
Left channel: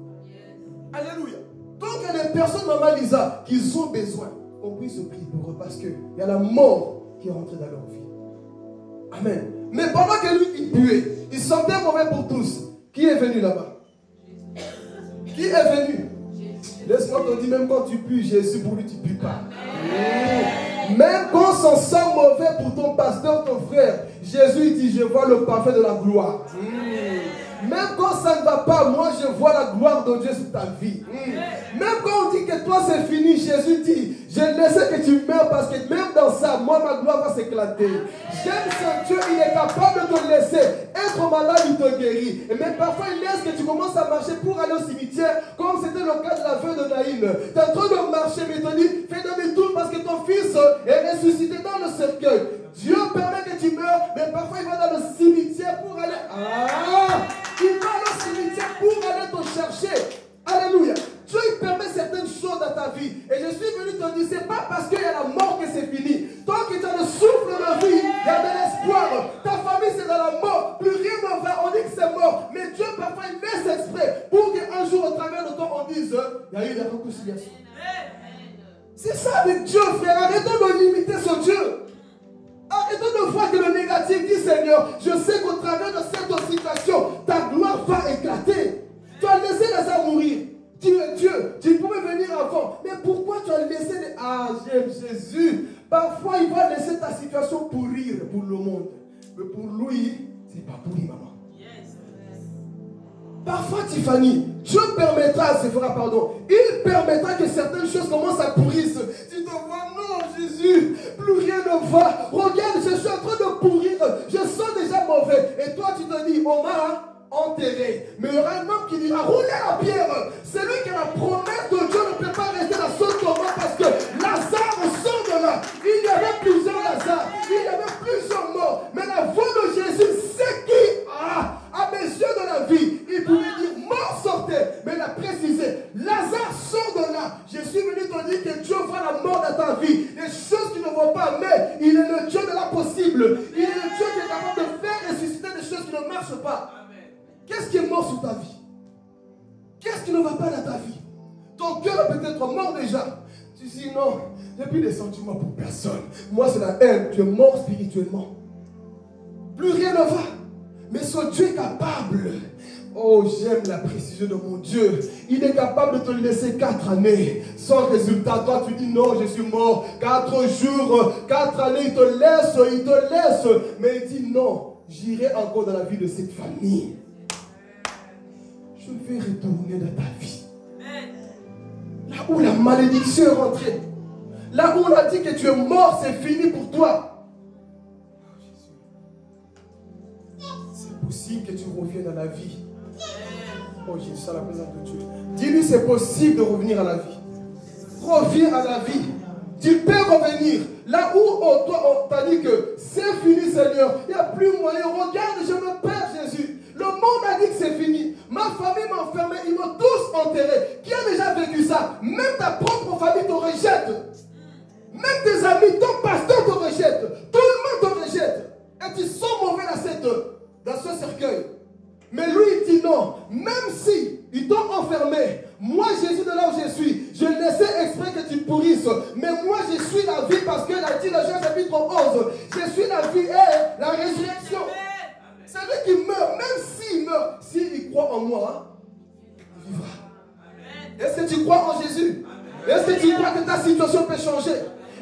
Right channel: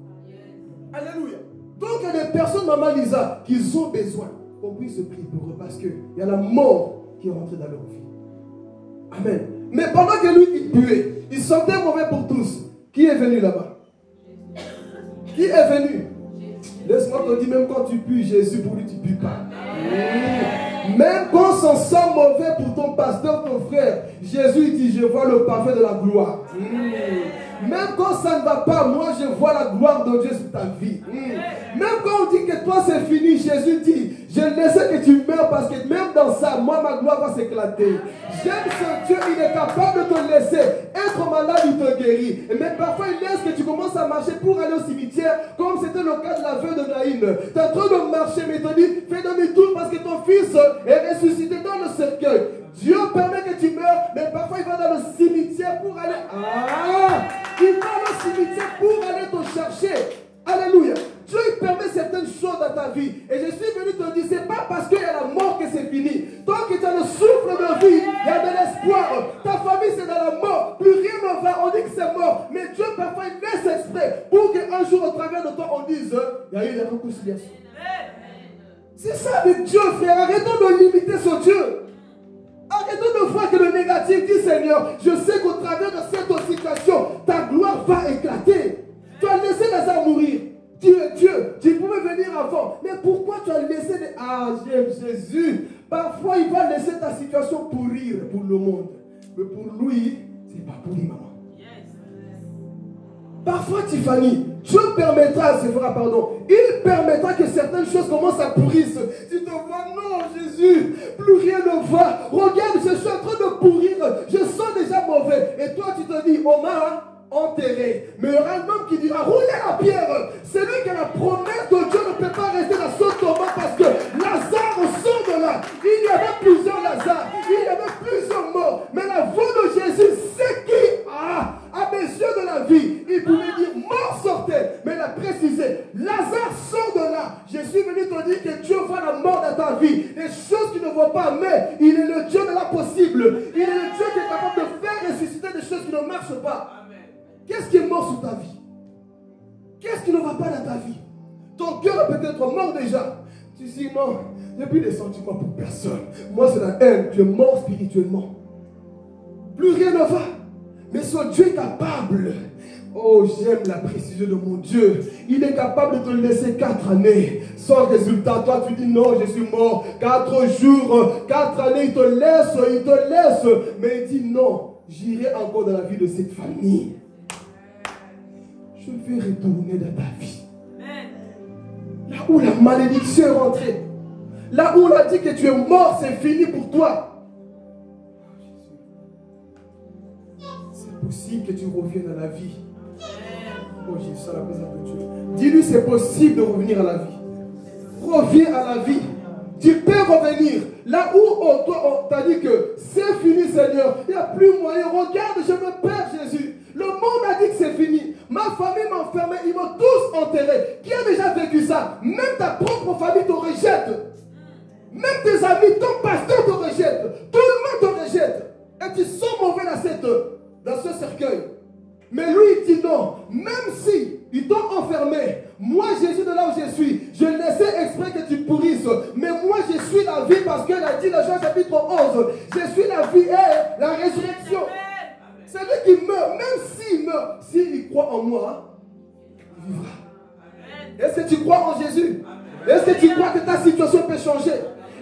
Alléluia. Donc il y a des personnes, Maman Lisa, qui ont besoin qu'on puisse prier pour eux parce qu'il y a la mort qui est rentrée dans leur vie. Amen. Mais pendant que lui, il puait, il sentait mauvais pour tous. Qui est venu là-bas? Qui est venu? Laisse-moi te dire, même quand tu pues, Jésus, pour lui, tu ne pues pas. Même quand ça sent mauvais pour ton pasteur, ton frère, Jésus, il dit, je vois le parfait de la gloire. Même quand ça ne va pas, moi, je vois la gloire de Dieu sur ta vie. Même quand on dit que toi, c'est fini, Jésus dit, je laisse que tu meurs parce que même dans ça, moi, ma gloire va s'éclater. J'aime ce Dieu, il est capable de te laisser être malade, il te guérit. Mais parfois, il laisse que tu commences à marcher pour aller au cimetière, comme c'était le cas de la veuve de Naïn. Tu es en train de marcher, mais il te dit, fais demi-tour parce que ton fils est ressuscité dans le cercueil. Dieu permet que tu meurs, mais parfois il va dans le cimetière pour aller... il va au cimetière pour aller te chercher. Alléluia. Dieu il permet certaines choses dans ta vie. Et je suis venu te dire, c'est pas parce qu'il y a la mort que c'est fini. Tant que tu as le souffle de vie, il y a de l'espoir. Ta famille c'est dans la mort. Plus rien ne va. On dit que c'est mort. Mais Dieu parfois il laisse exprès pour qu'un jour au travers de toi on dise, il y a eu des réconciliations. C'est ça avec Dieu, frère. Arrêtons de limiter ce Dieu. Arrêtons de voir que le négatif dit Seigneur, je sais qu'au travers de cette situation, ta gloire va éclater. Tu as laissé Lazare mourir. Tu es Dieu. Tu pouvais venir avant. Mais pourquoi tu as laissé les... Ah, j'aime Jésus. Parfois, il va laisser ta situation pourrir pour le monde. Mais pour lui, c'est pas pourri, maman. Parfois, Tiffany, Dieu permettra, c'est vrai, pardon, il permettra que certaines choses commencent à pourrir. Tu te vois, non, Jésus, plus rien ne va. Regarde, je suis en train de pourrir. Je sens déjà mauvais. Et toi, tu te dis, on m'a enterré. Mais il y aura un homme qui dira, roulez la pierre. Celui qui a la promesse de Dieu ne peut pas rester dans son tombeau parce que Lazare sort de là. Il y avait plusieurs Lazare. Il y avait plusieurs morts. Mais la voix de Jésus, c'est qui à mes yeux de la vie, il pouvait dire mort sortait, mais il a précisé Lazare sort de là. Je suis venu te dire que Dieu voit la mort dans ta vie, les choses qui ne vont pas, mais il est le Dieu de l'impossible. Il est le Dieu qui est capable de faire ressusciter des choses qui ne marchent pas. Qu'est-ce qui est mort sur ta vie? Qu'est-ce qui ne va pas dans ta vie? Ton cœur est peut-être mort déjà. Tu dis non, il n'y a plus de sentiments pour personne. Moi c'est la haine, tu es mort spirituellement. Plus rien ne va. Mais ce Dieu est capable. Oh, j'aime la précision de mon Dieu. Il est capable de te laisser 4 années sans résultat. Toi, tu dis non, je suis mort. 4 jours, 4 années, il te laisse. Mais il dit non, j'irai encore dans la vie de cette famille. Je vais retourner dans ta vie. Là où la malédiction est rentrée. Là où on a dit que tu es mort, c'est fini pour toi. Possible que tu reviennes à la vie. Oh Jésus, la présence de Dieu. Dis-lui c'est possible de revenir à la vie. Reviens à la vie. Tu peux revenir. Là où toi on t'a dit que c'est fini Seigneur, il n'y a plus moyen. Regarde, je me perds Jésus. Le monde a dit que c'est fini. Ma famille m'a enfermé, ils m'ont tous enterré. Qui a déjà vécu ça? Même ta propre famille te rejette. Même tes amis, ton pasteur te rejette. Tout le monde te rejette. Et tu sens mauvais dans ce cercueil. Mais lui il dit non, même si ils t'ont enfermé, moi Jésus de là où je suis, je laissais exprès que tu pourrisses, mais moi je suis la vie parce qu'elle a dit dans Jean chapitre 11, je suis la vie et la résurrection. C'est lui qui meurt, même s'il meurt, s'il croit en moi, il vivra. Est-ce que tu crois en Jésus? Est-ce que tu crois que ta situation peut changer?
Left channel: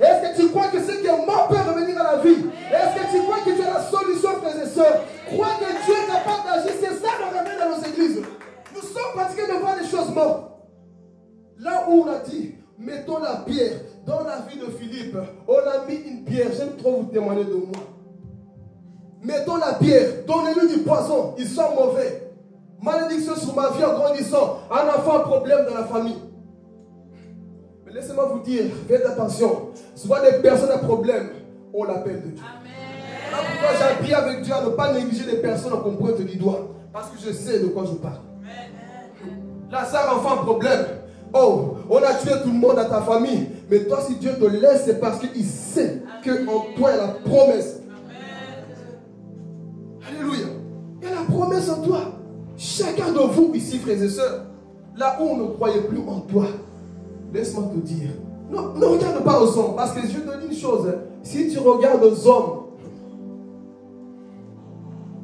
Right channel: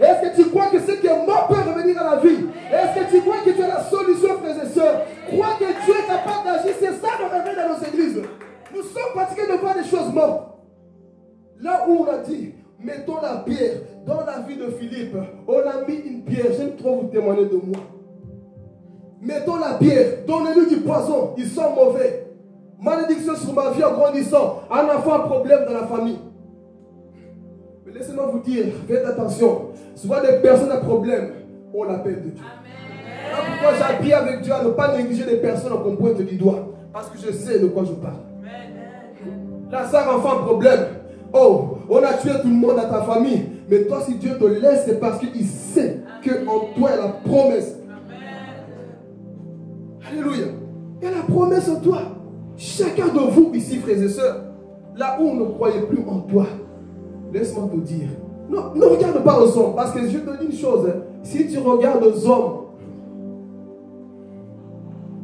Est-ce que tu crois que ce qui est mort peut revenir à la vie? Est-ce que tu crois que tu as la solution, frères et sœurs? Crois que Dieu est capable d'agir. C'est ça le réveil dans nos églises. Nous sommes fatigués de voir des choses mortes. Là où on a dit, mettons la pierre dans la vie de Philippe, on a mis une pierre. J'aime trop vous témoigner de moi. Mettons la pierre, donnez-lui du poison, ils sont mauvais. Malédiction sur ma vie en grandissant. Un enfant a problème dans la famille. Mais laissez-moi vous dire, faites attention. Souvent des personnes à problème, on l'appelle de Dieu. Voilà pourquoi j'ai appris avec Dieu à ne pas négliger les personnes qu'on pointe du doigt. Parce que je sais de quoi je parle. Lazare, enfant, problème. Oh, on a tué tout le monde dans ta famille. Mais toi, si Dieu te laisse, c'est parce qu'il sait qu'en toi, il y a la promesse. Alléluia. Il y a la promesse en toi. Chacun de vous ici, frères et sœurs, là où on ne croyait plus en toi, laisse-moi te dire, non, ne regarde pas aux hommes, parce que je te dis une chose, hein, si tu regardes aux hommes,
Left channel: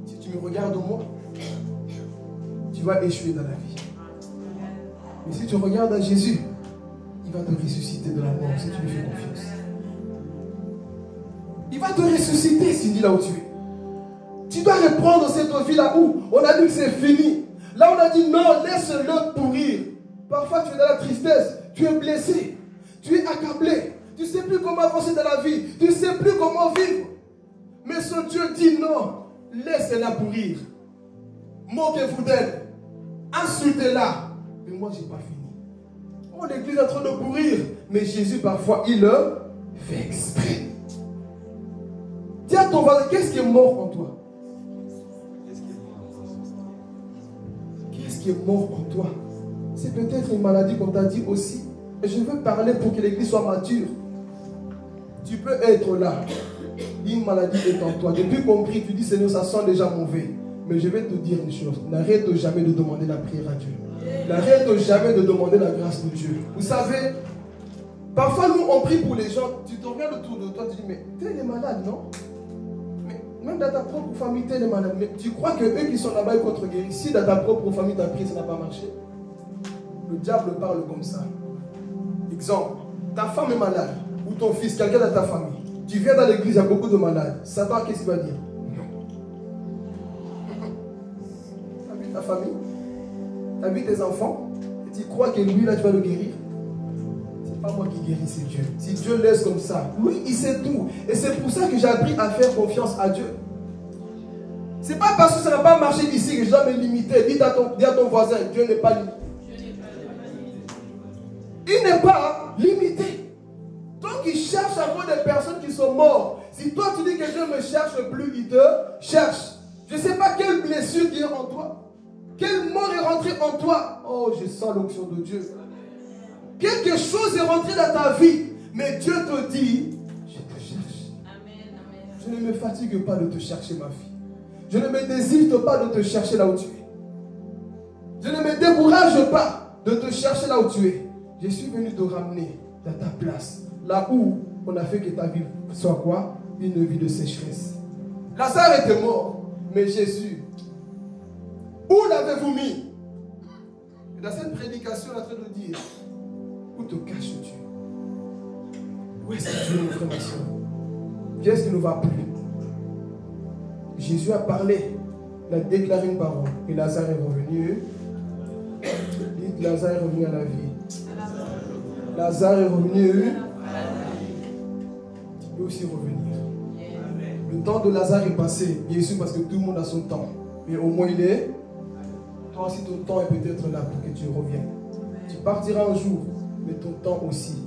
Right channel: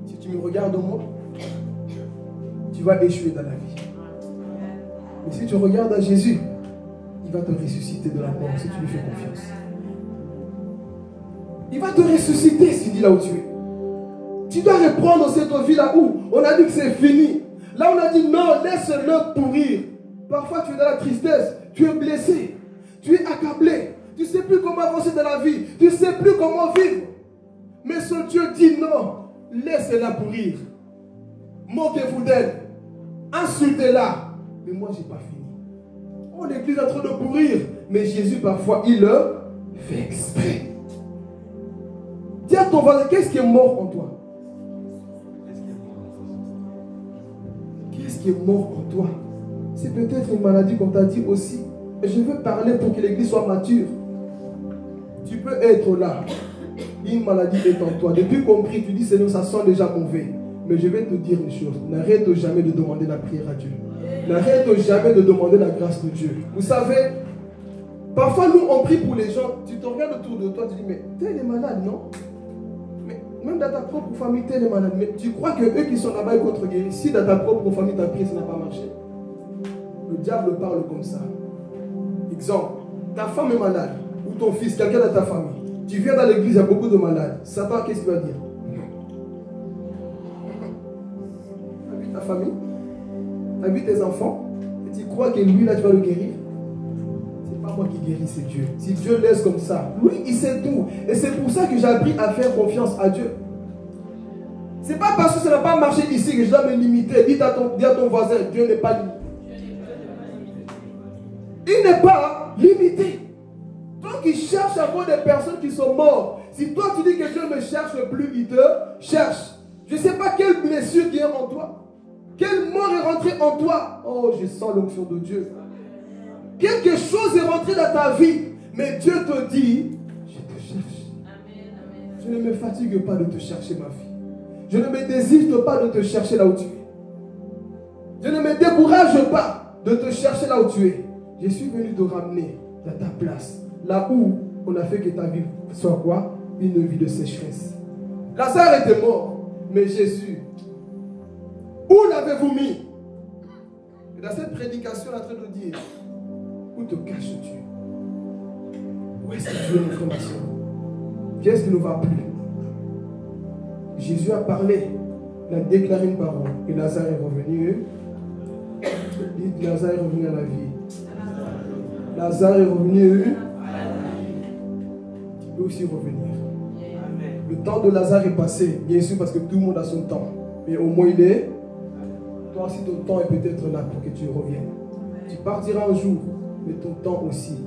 si tu me regardes moi, tu vas échouer dans la vie. Mais si tu regardes à Jésus, il va te ressusciter de la mort si tu lui fais confiance. Il va te ressusciter si tu dis là où tu es. Tu dois reprendre cette vie là où on a dit que c'est fini. Là on a dit non, laisse-le pourrir. Parfois tu es dans la tristesse, tu es blessé, tu es accablé. Tu ne sais plus comment avancer dans la vie, tu ne sais plus comment vivre. Mais ce Dieu dit non, laisse-la pourrir. Moquez-vous d'elle, insultez-la. Mais moi je n'ai pas fini. Oh, l'église est en train de pourrir. Mais Jésus parfois il le fait exprès. Dis à ton voisin, qu'est-ce qui est mort en toi? Qu'est-ce qui est mort en toi? C'est peut-être une maladie qu'on t'a dit aussi. Et je veux parler pour que l'église soit mature. Tu peux être là. Une maladie est en toi. Depuis qu'on prie, tu dis Seigneur, ça sent déjà mauvais. Mais je vais te dire une chose. N'arrête jamais de demander la prière à Dieu. N'arrête jamais de demander la grâce de Dieu. Vous savez, parfois nous on prie pour les gens. Tu te regardes autour de toi, tu dis mais tel est malade, non? Même dans ta propre famille, tel est malade. Mais tu crois que eux qui sont là-bas, ils vont te guérir. Si dans ta propre famille, ta prière, ça n'a pas marché. Le diable parle comme ça. Exemple, ta femme est malade. Ou ton fils, quelqu'un dans ta famille. Tu viens dans l'église, il y a beaucoup de malades. Satan, qu'est-ce qu'il va dire? Tu as vu ta famille? Tu as vu tes enfants? Et tu crois que lui, là, tu vas le guérir? C'est pas moi qui guéris, c'est Dieu. Si Dieu laisse comme ça, lui, il sait tout. Et c'est pour ça que j'ai appris à faire confiance à Dieu. C'est pas parce que ça n'a pas marché ici que je dois me limiter. Dis à ton voisin, Dieu n'est pas limité. Il n'est pas limité. Donc il cherche à voir des personnes qui sont mortes. Si toi tu dis que Dieu ne me cherche plus, il te cherche. Je ne sais pas quelle blessure qui est en toi. Quelle mort est rentrée en toi. Oh, je sens l'onction de Dieu. Quelque chose est rentré dans ta vie. Mais Dieu te dit, je te cherche. Je ne me fatigue pas de te chercher, ma fille. Je ne me désiste pas de te chercher là où tu es. Je ne me décourage pas de te chercher là où tu es. Je suis venu te ramener dans ta place. Là où on a fait que ta vie soit quoi? Une vie de sécheresse. Lazare était mort. Mais Jésus, où l'avez-vous mis? Et dans cette prédication, on est en train de dire, où te caches-tu? Où est-ce que tu es, mon frère, ma soeur? Qu'est-ce qui ne va plus? Jésus a parlé, il a déclaré une parole. Et Lazare est revenu. Dites, Lazare est revenu à la vie. Lazare est revenu. Tu peux aussi revenir. Le temps de Lazare est passé, bien sûr, parce que tout le monde a son temps. Mais au moins il est. Toi aussi, ton temps est peut-être là pour que tu reviennes. Tu partiras un jour, mais ton temps aussi,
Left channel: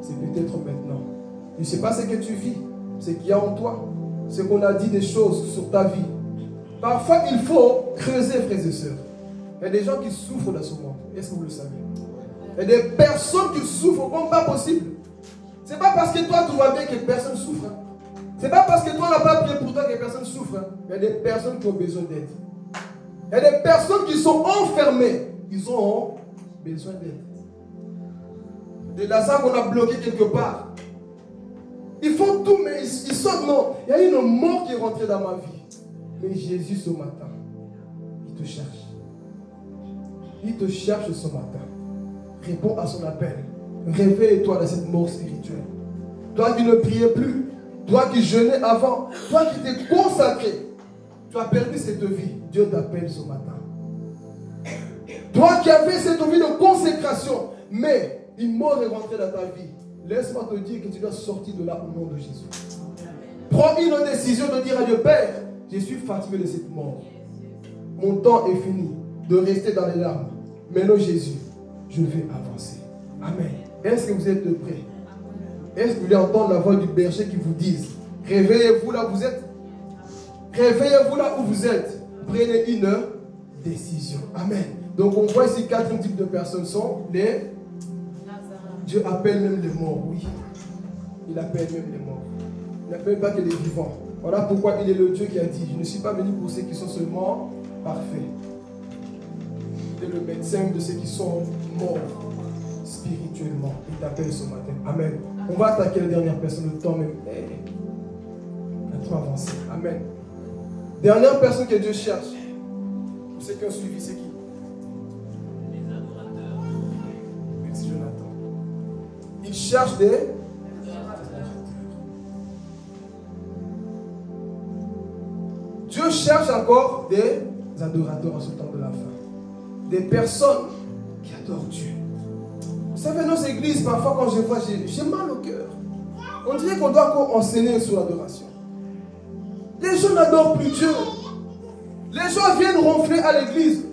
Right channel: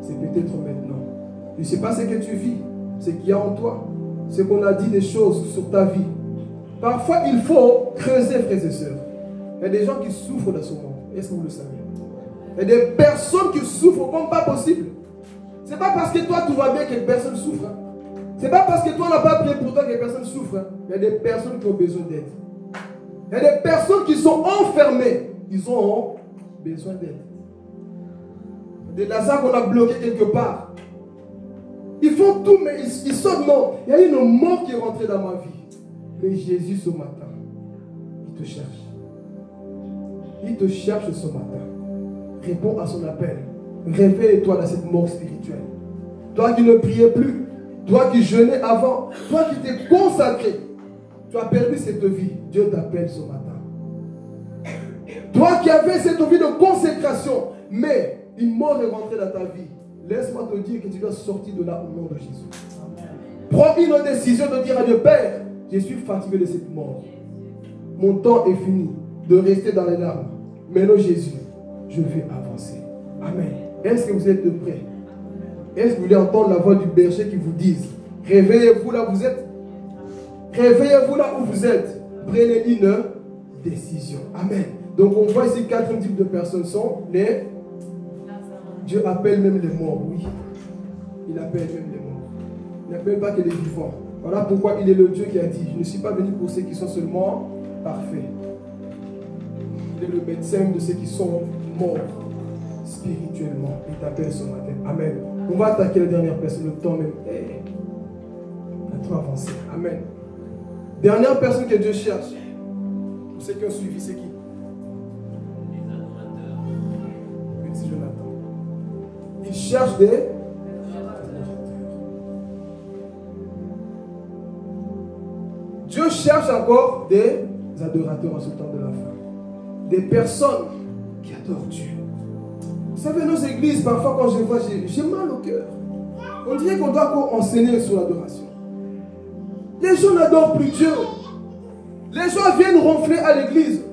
c'est peut-être maintenant. Je ne sais pas ce que tu vis, ce qu'il y a en toi, ce qu'on a dit des choses sur ta vie. Parfois, il faut creuser, frères et sœurs. Il y a des gens qui souffrent dans ce monde. Est-ce que vous le savez? Il y a des personnes qui souffrent comme pas possible. Ce n'est pas parce que toi, tout va bien que personne souffre. Ce n'est pas parce que toi, on n'a pas prié pour toi que personne souffre. Il y a des personnes qui ont besoin d'aide. Il y a des personnes qui sont enfermées. Ils ont besoin d'aide. Des Lazare qu'on a bloqué quelque part. Ils font tout, mais ils sortent. Non, il y a une mort qui est rentrée dans ma vie. Mais Jésus, ce matin, il te cherche. Il te cherche ce matin. Réponds à son appel. Réveille-toi dans cette mort spirituelle. toi qui ne priais plus, toi qui jeûnais avant, toi qui t'es consacré, tu as perdu cette vie. Dieu t'appelle ce matin. Toi qui avais cette vie de consécration, mais une mort est rentrée dans ta vie. Laisse-moi te dire que tu dois sortir de là au nom de Jésus. Prends une décision de dire à Dieu, Père, je suis fatigué de cette mort. Mon temps est fini de rester dans les larmes. Maintenant Jésus, je vais avancer. Amen. Est-ce que vous êtes prêts? Est-ce que vous voulez entendre la voix du berger qui vous dise, réveillez-vous là où vous êtes? Réveillez-vous là où vous êtes. Prenez une décision. Amen. Donc on voit ici 4 types de personnes sont les... Dieu appelle même les morts, oui. Il appelle même les morts. Il n'appelle pas que les vivants. Voilà pourquoi il est le Dieu qui a dit, je ne suis pas venu pour ceux qui sont seulement parfaits. Il est le médecin de ceux qui sont morts spirituellement. Il t'appelle ce matin. Amen. On va attaquer la dernière personne, le temps même. À trop avancer. Amen. Dernière personne que Dieu cherche. Pour ceux qui ont suivi, c'est qui? Petit Jonathan. Il cherche des... Dieu cherche encore des adorateurs en ce temps de la fin. Des personnes qui adorent Dieu. Vous savez, nos églises, parfois quand je vois, j'ai mal au cœur. On dirait qu'on doit encore enseigner sur l'adoration. Les gens n'adorent plus Dieu. Les gens viennent ronfler à l'église.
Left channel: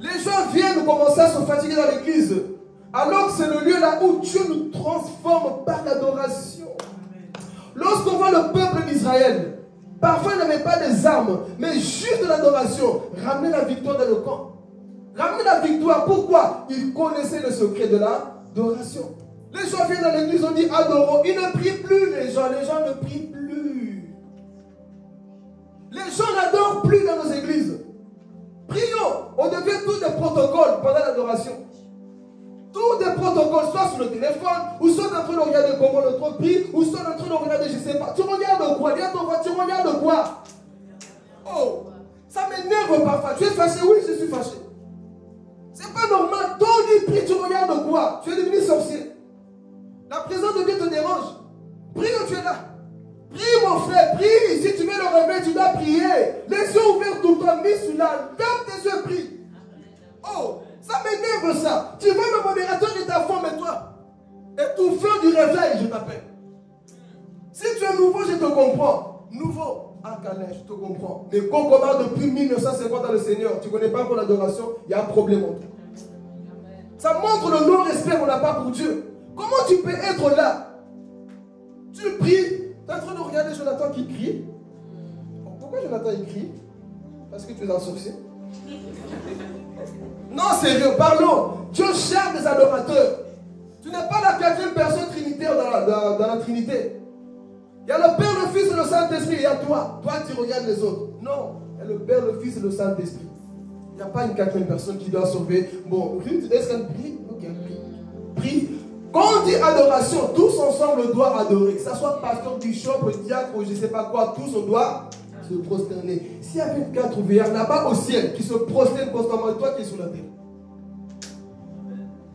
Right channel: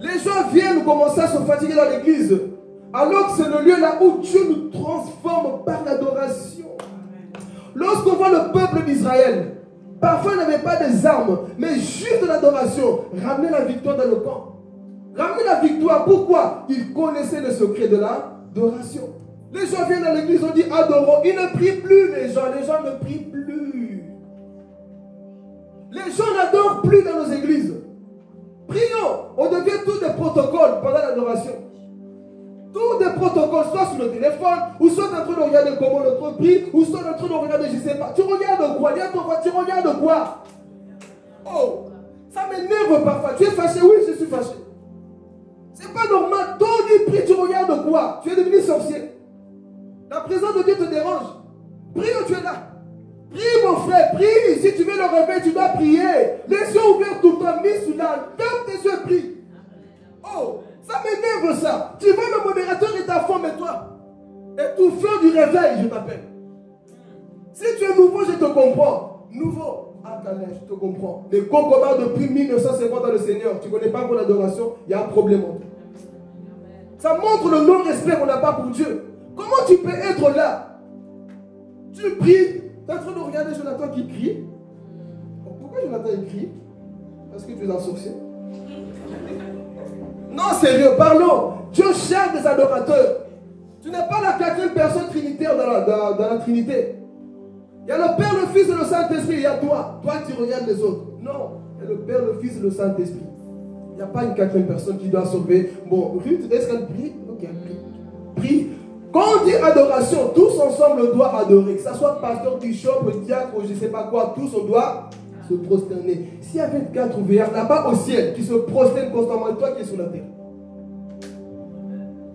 Les gens viennent commencer à se fatiguer dans l'église. Alors que c'est le lieu là où Dieu nous transforme par l'adoration. Lorsqu'on voit le peuple d'Israël, parfois ils n'avaient pas des armes, mais juste de l'adoration, ramener la victoire dans le camp. Ramener la victoire, pourquoi? Ils connaissaient le secret de l'adoration. Les gens viennent dans l'église, on dit adorons. Ils ne prient plus, les gens ne prient plus. Les gens n'adorent plus dans nos églises. Prions, on devient tous des protocoles pendant l'adoration. Tous des protocoles, soit sur le téléphone, ou soit en train de regarder comment l'autre prie, ou soit en train de regarder, je ne sais pas. Tu regardes quoi? Dis à ton frère, tu regardes quoi? Oh, ça m'énerve parfois. Tu es fâché? Oui, je suis fâché. C'est pas normal. Toi, tu pries, tu regardes quoi? Tu es devenu sorcier. La présence de Dieu te dérange. Prie où tu es là. Prie mon frère, prie. Si tu veux le réveil, tu dois prier. Les yeux ouverts tout le temps, mis sous l'âme. Ferme tes yeux, prie. Oh, ça m'énerve ça. Tu vois le modérateur de ta femme et toi. Étouffeur du réveil, je t'appelle. Si tu es nouveau, je te comprends. Nouveau, à Calais, je te comprends. Mais qu'on commence depuis 1950 dans le Seigneur, tu ne connais pas pour l'adoration, il y a un problème en toi. Ça montre le non-respect qu'on n'a pas pour Dieu. Comment tu peux être là? Tu pries. Tu es en train de regarder Jonathan qui crie. Pourquoi Jonathan il crie? Parce que tu es un sorcier. Non, sérieux, parlons. Dieu cherche des adorateurs. Tu n'es pas la 4e personne trinitaire dans la Trinité. Il y a le Père, le Fils et le Saint-Esprit. Il y a toi. Toi, tu regardes les autres. Non. Il y a le Père, le Fils et le Saint-Esprit. Il n'y a pas une 4e personne qui doit sauver. Bon, Ruth, est-ce qu'elle prie? Ok, elle prie. Prie. Quand on dit adoration, tous ensemble on doit adorer. Que ce soit pasteur, bishop, diacre ou je ne sais pas quoi, tous on doit se prosterner. S'il y avait 4 veilleurs là-bas au ciel qui se prosternent constamment, et toi qui es sur la terre.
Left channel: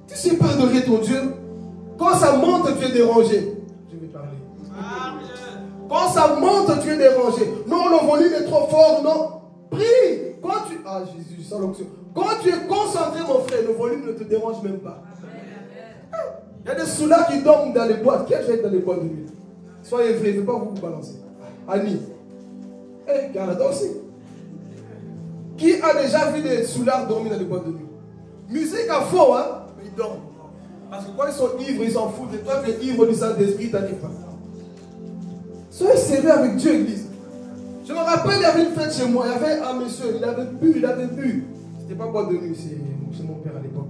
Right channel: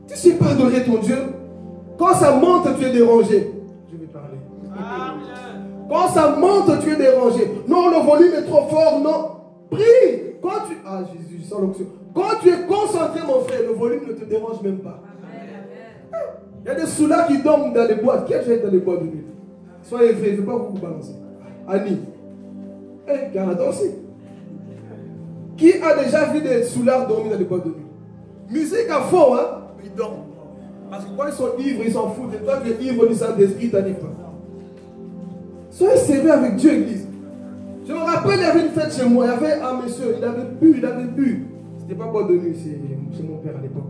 Tu ne sais pas adorer ton Dieu. Quand ça monte, tu es dérangé. Je vais parler. Quand ça monte, tu es dérangé. Non, le volume est trop fort, non. Prie. Quand tu... Ah, Jésus, sans l'onction. Quand tu es concentré, mon frère, le volume ne te dérange même pas. Il y a des soulards qui dorment dans les boîtes. Qui a déjà été dans les boîtes de nuit? Soyez vrais, je ne vais pas vous balancer. Annie. Canada aussi. Qui a déjà vu des soulards dormir dans les boîtes de nuit? Musique à fond, hein? Ils dorment. Parce que quand ils sont ivres, ils s'en foutent. Et toi, tu es ivre du Saint-Esprit, t'arrives pas. Soyez sérieux avec Dieu, Église. Je me rappelle, il y avait une fête chez moi. Il y avait un monsieur, il avait bu. C'était pas boîte de nuit, c'est mon père à l'époque.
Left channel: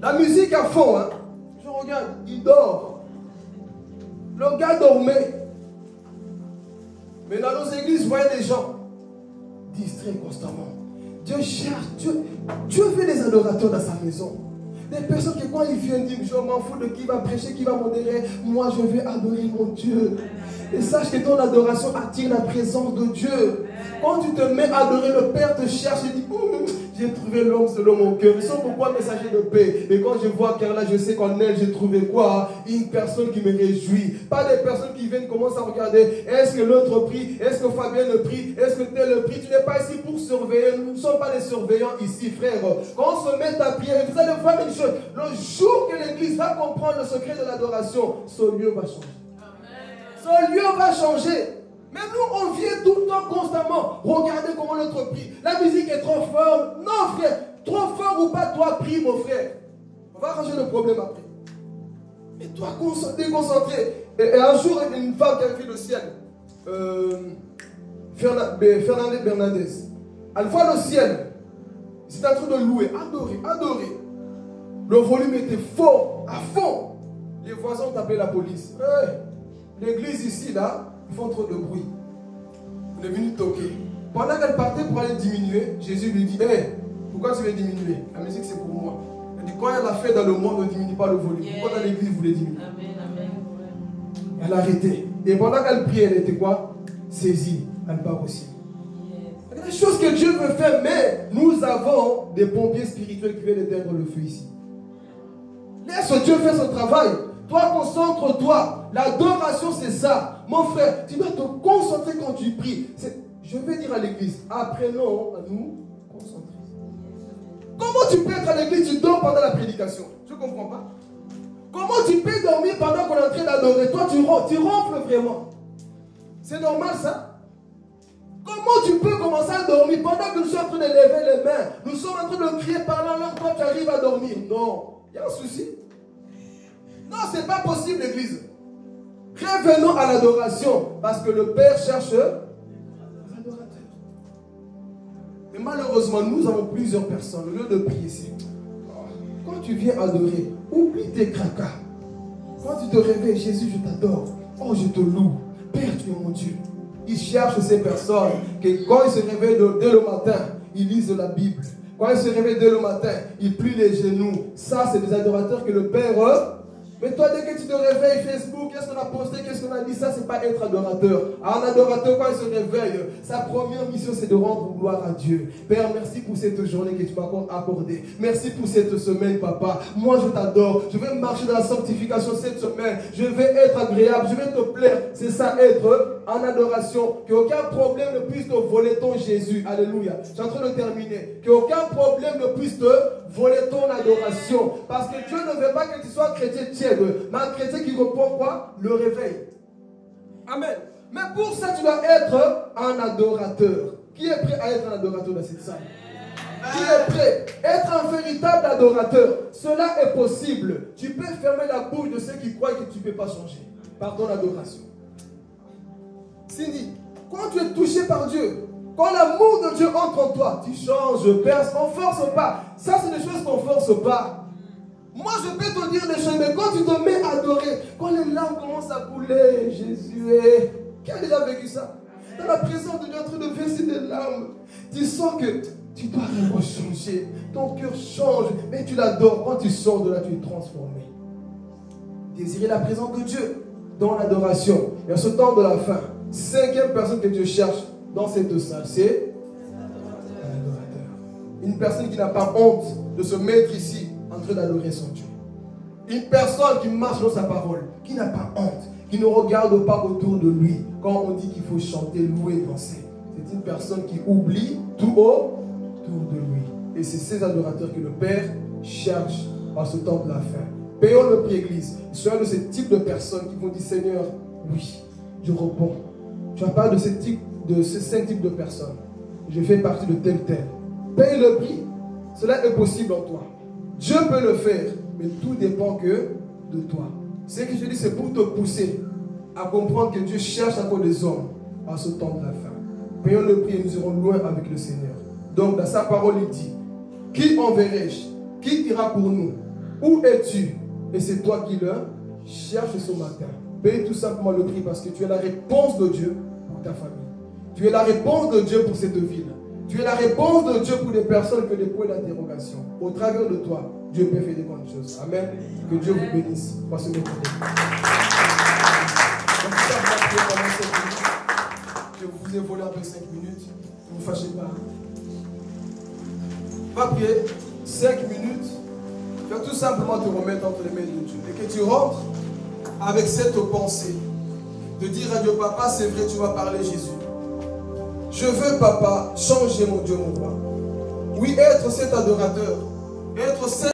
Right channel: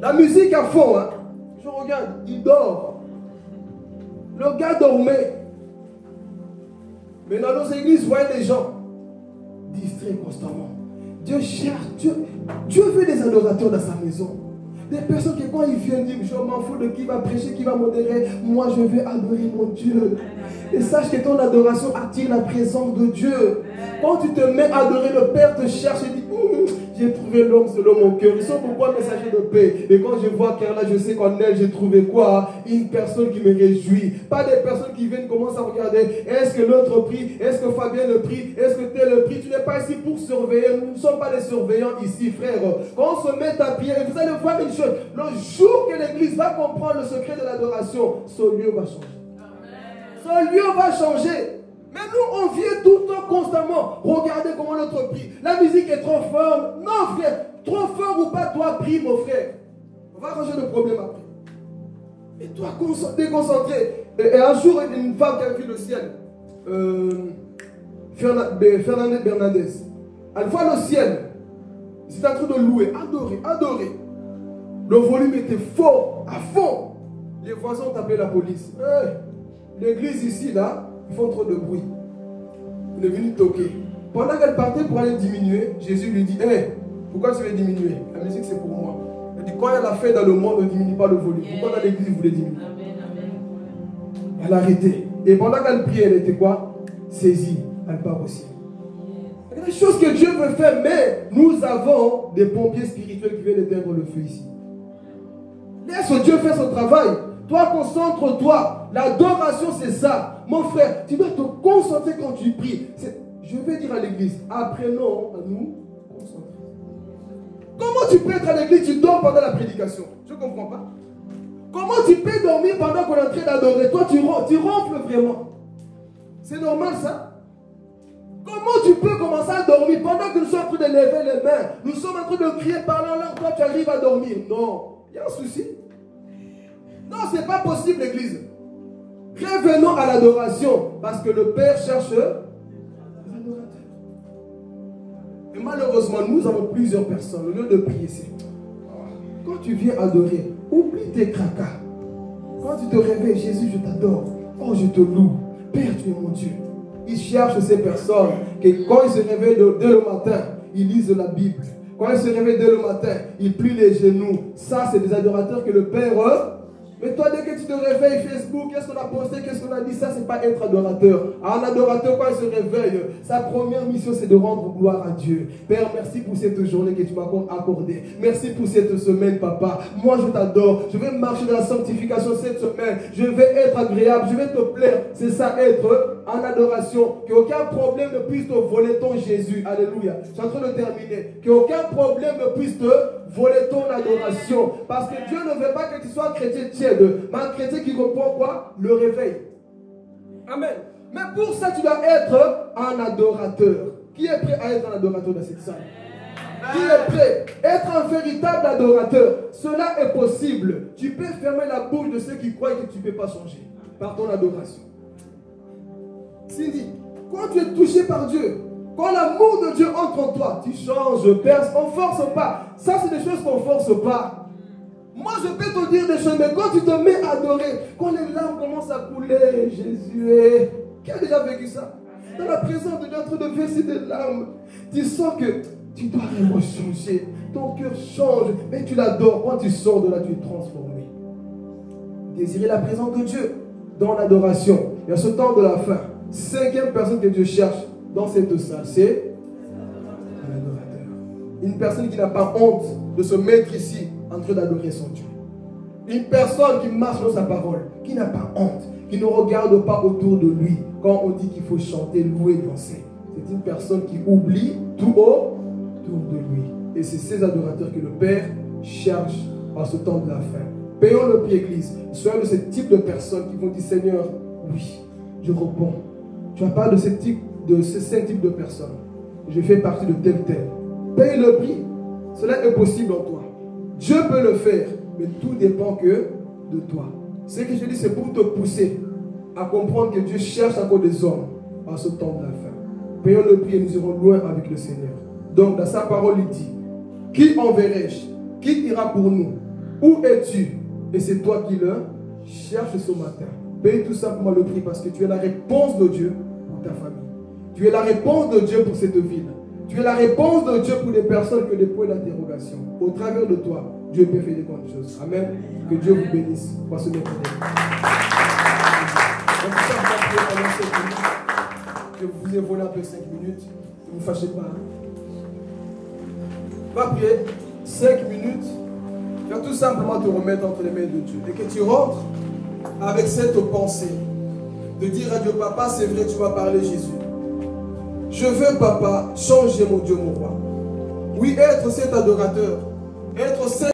La musique à fond, hein? Je regarde, il dort. Le gars dormait. Mais dans nos églises, vous voyez des gens distraits constamment. Dieu cherche, Dieu veut des adorateurs dans sa maison. Des personnes qui, quand ils viennent, disent, je m'en fous de qui va prêcher, qui va modérer. Moi, je vais adorer mon Dieu. Et sache que ton adoration attire la présence de Dieu. Quand tu te mets à adorer, le Père te cherche et dit, j'ai trouvé l'homme selon mon cœur. Ils sont pourquoi messager de paix. Et quand je vois Carla, je sais qu'en elle, j'ai trouvé quoi? Une personne qui me réjouit. Pas des personnes qui viennent commencer à regarder. Est-ce que l'autre prie? Est-ce que Fabien le prie? Est-ce que tel le prie? Tu n'es pas ici pour surveiller. Nous ne sommes pas des surveillants ici, frère. Quand on se met à prier, vous allez voir une chose. Le jour que l'église va comprendre le secret de l'adoration, ce lieu va changer. Ce lieu va changer. Mais nous, on vient tout le temps, constamment. Regardez comment l'autre prie. La musique est trop forte. Non, frère. Trop fort ou pas, toi, prie, mon frère. On va arranger le problème après. Et toi, déconcentré. Et un jour, il y a une femme qui avait vu le ciel. Fernandez Bernadez. Elle voit le ciel. C'est en train de louer, adorer. Le volume était fort, à fond. Les voisins ont appelé la police. Hey, l'église ici, là, ils font trop de bruit. On est venu toquer. Pendant qu'elle partait pour aller diminuer, Jésus lui dit, hey, pourquoi tu veux diminuer? La musique, c'est pour moi. Il dit, quand il y a la fête dans le monde, on ne diminue pas le volume. Pourquoi dans l'église, vous voulez diminuer? Elle a arrêté. Et pendant qu'elle priait, elle était quoi? Saisie. Elle part au ciel. Il y a des choses que Dieu veut faire, mais nous avons des pompiers spirituels qui viennent éteindre le feu ici. Laisse Dieu faire son travail. Toi, concentre-toi. L'adoration, c'est ça. Mon frère, tu dois te concentrer quand tu pries. Je vais dire à l'église, apprenons à nous concentrer. Comment tu peux être à l'église, tu dors pendant la prédication? Je ne comprends pas. Comment tu peux dormir pendant qu'on est en train d'adorer? Toi, tu ronfles vraiment. C'est normal ça? Comment tu peux commencer à dormir pendant que nous sommes en train de lever les mains? Nous sommes en train de crier parlant langue, toi tu arrives à dormir? Non. Il y a un souci. Non, ce n'est pas possible l'église. Revenons à l'adoration. Parce que le Père cherche les adorateurs. Mais malheureusement, nous avons plusieurs personnes. Au lieu de prier, c'est quand tu viens adorer, oublie tes cracas. Quand tu te réveilles, Jésus, je t'adore. Oh, je te loue. Père, tu es mon Dieu. Il cherche ces personnes que quand ils se réveillent dès le matin, ils lisent la Bible. Quand ils se réveillent dès le matin, ils plient les genoux. Ça, c'est des adorateurs que le Père... Mais toi, dès que tu te réveilles, Facebook, qu'est-ce qu'on a posté, qu'est-ce qu'on a dit? Ça, c'est pas être adorateur. Un adorateur, quand il se réveille, sa première mission, c'est de rendre gloire à Dieu. Père, merci pour cette journée que tu m'as accordée. Merci pour cette semaine, papa. Moi, je t'adore. Je vais marcher dans la sanctification cette semaine. Je vais être agréable. Je vais te plaire. C'est ça, être en adoration. Qu'aucun problème ne puisse te voler ton Jésus. Alléluia. Je suis en train de terminer. Qu'aucun problème ne puisse te voler ton adoration. Parce que Dieu ne veut pas que tu sois chrétien tiède. Mais un chrétien qui reprend quoi? Le réveil. Amen. Mais pour ça, tu dois être un adorateur. Qui est prêt à être un adorateur dans cette salle? Qui est prêt? Être un véritable adorateur. Cela est possible. Tu peux fermer la bouche de ceux qui croient que tu ne peux pas changer par ton adoration. Cindy, quand tu es touché par Dieu, quand l'amour de Dieu entre en toi, tu changes, perces, on ne force pas. Ça, c'est des choses qu'on ne force pas. Moi, je peux te dire des choses, mais quand tu te mets à adorer, quand les larmes commencent à couler, Jésus est... Qui a déjà vécu ça? Dans la présence de Dieu, en train de verser des larmes, tu sens que tu dois vraiment changer. Ton cœur change, mais tu l'adores. Quand tu sors de là, tu es transformé. Désirer la présence de Dieu dans l'adoration. Et à ce temps de la fin, 5e personne que Dieu cherche dans cette salle, c'est un adorateur. Une personne qui n'a pas honte de se mettre ici en train d'adorer son Dieu. Une personne qui marche dans sa parole, qui n'a pas honte, qui ne regarde pas autour de lui quand on dit qu'il faut chanter, louer, danser. C'est une personne qui oublie tout autour de lui. Et c'est ces adorateurs que le Père cherche en ce temps de la fin. Payons le prix, Église. Soyons de ce type de personnes qui vont dire, Seigneur, oui, je réponds. Tu n'as pas de ces 5 types de personnes. Je fais partie de tel. Paye le prix. Cela est possible en toi. Dieu peut le faire, mais tout dépend que de toi. Ce que je dis, c'est pour te pousser à comprendre que Dieu cherche encore des hommes à ce temps de la fin. Payons le prix et nous irons loin avec le Seigneur. Donc, dans sa parole, il dit, qui enverrai-je? Qui ira pour nous? Où es-tu? Et c'est toi qui le cherches ce matin. Paye tout simplement le prix parce que tu es la réponse de Dieu pour ta famille. Tu es la réponse de Dieu pour cette ville. Tu es la réponse de Dieu pour les personnes qui ont des points d'interrogation. Au travers de toi, Dieu peut faire des bonnes choses. Amen. Que Dieu vous bénisse. On va se mettre en donc, ça, on va prier pendant 5 minutes. Je vous ai volé un peu 5 minutes. Ne vous fâchez pas. On va prier 5 minutes. Tu vas tout simplement te remettre entre les mains de Dieu. Et que tu rentres avec cette pensée. De dire à Dieu, papa, c'est vrai, tu m'as parlé, Jésus. Je veux, papa, changer mon Dieu, mon roi. Oui, être cet adorateur. Être cet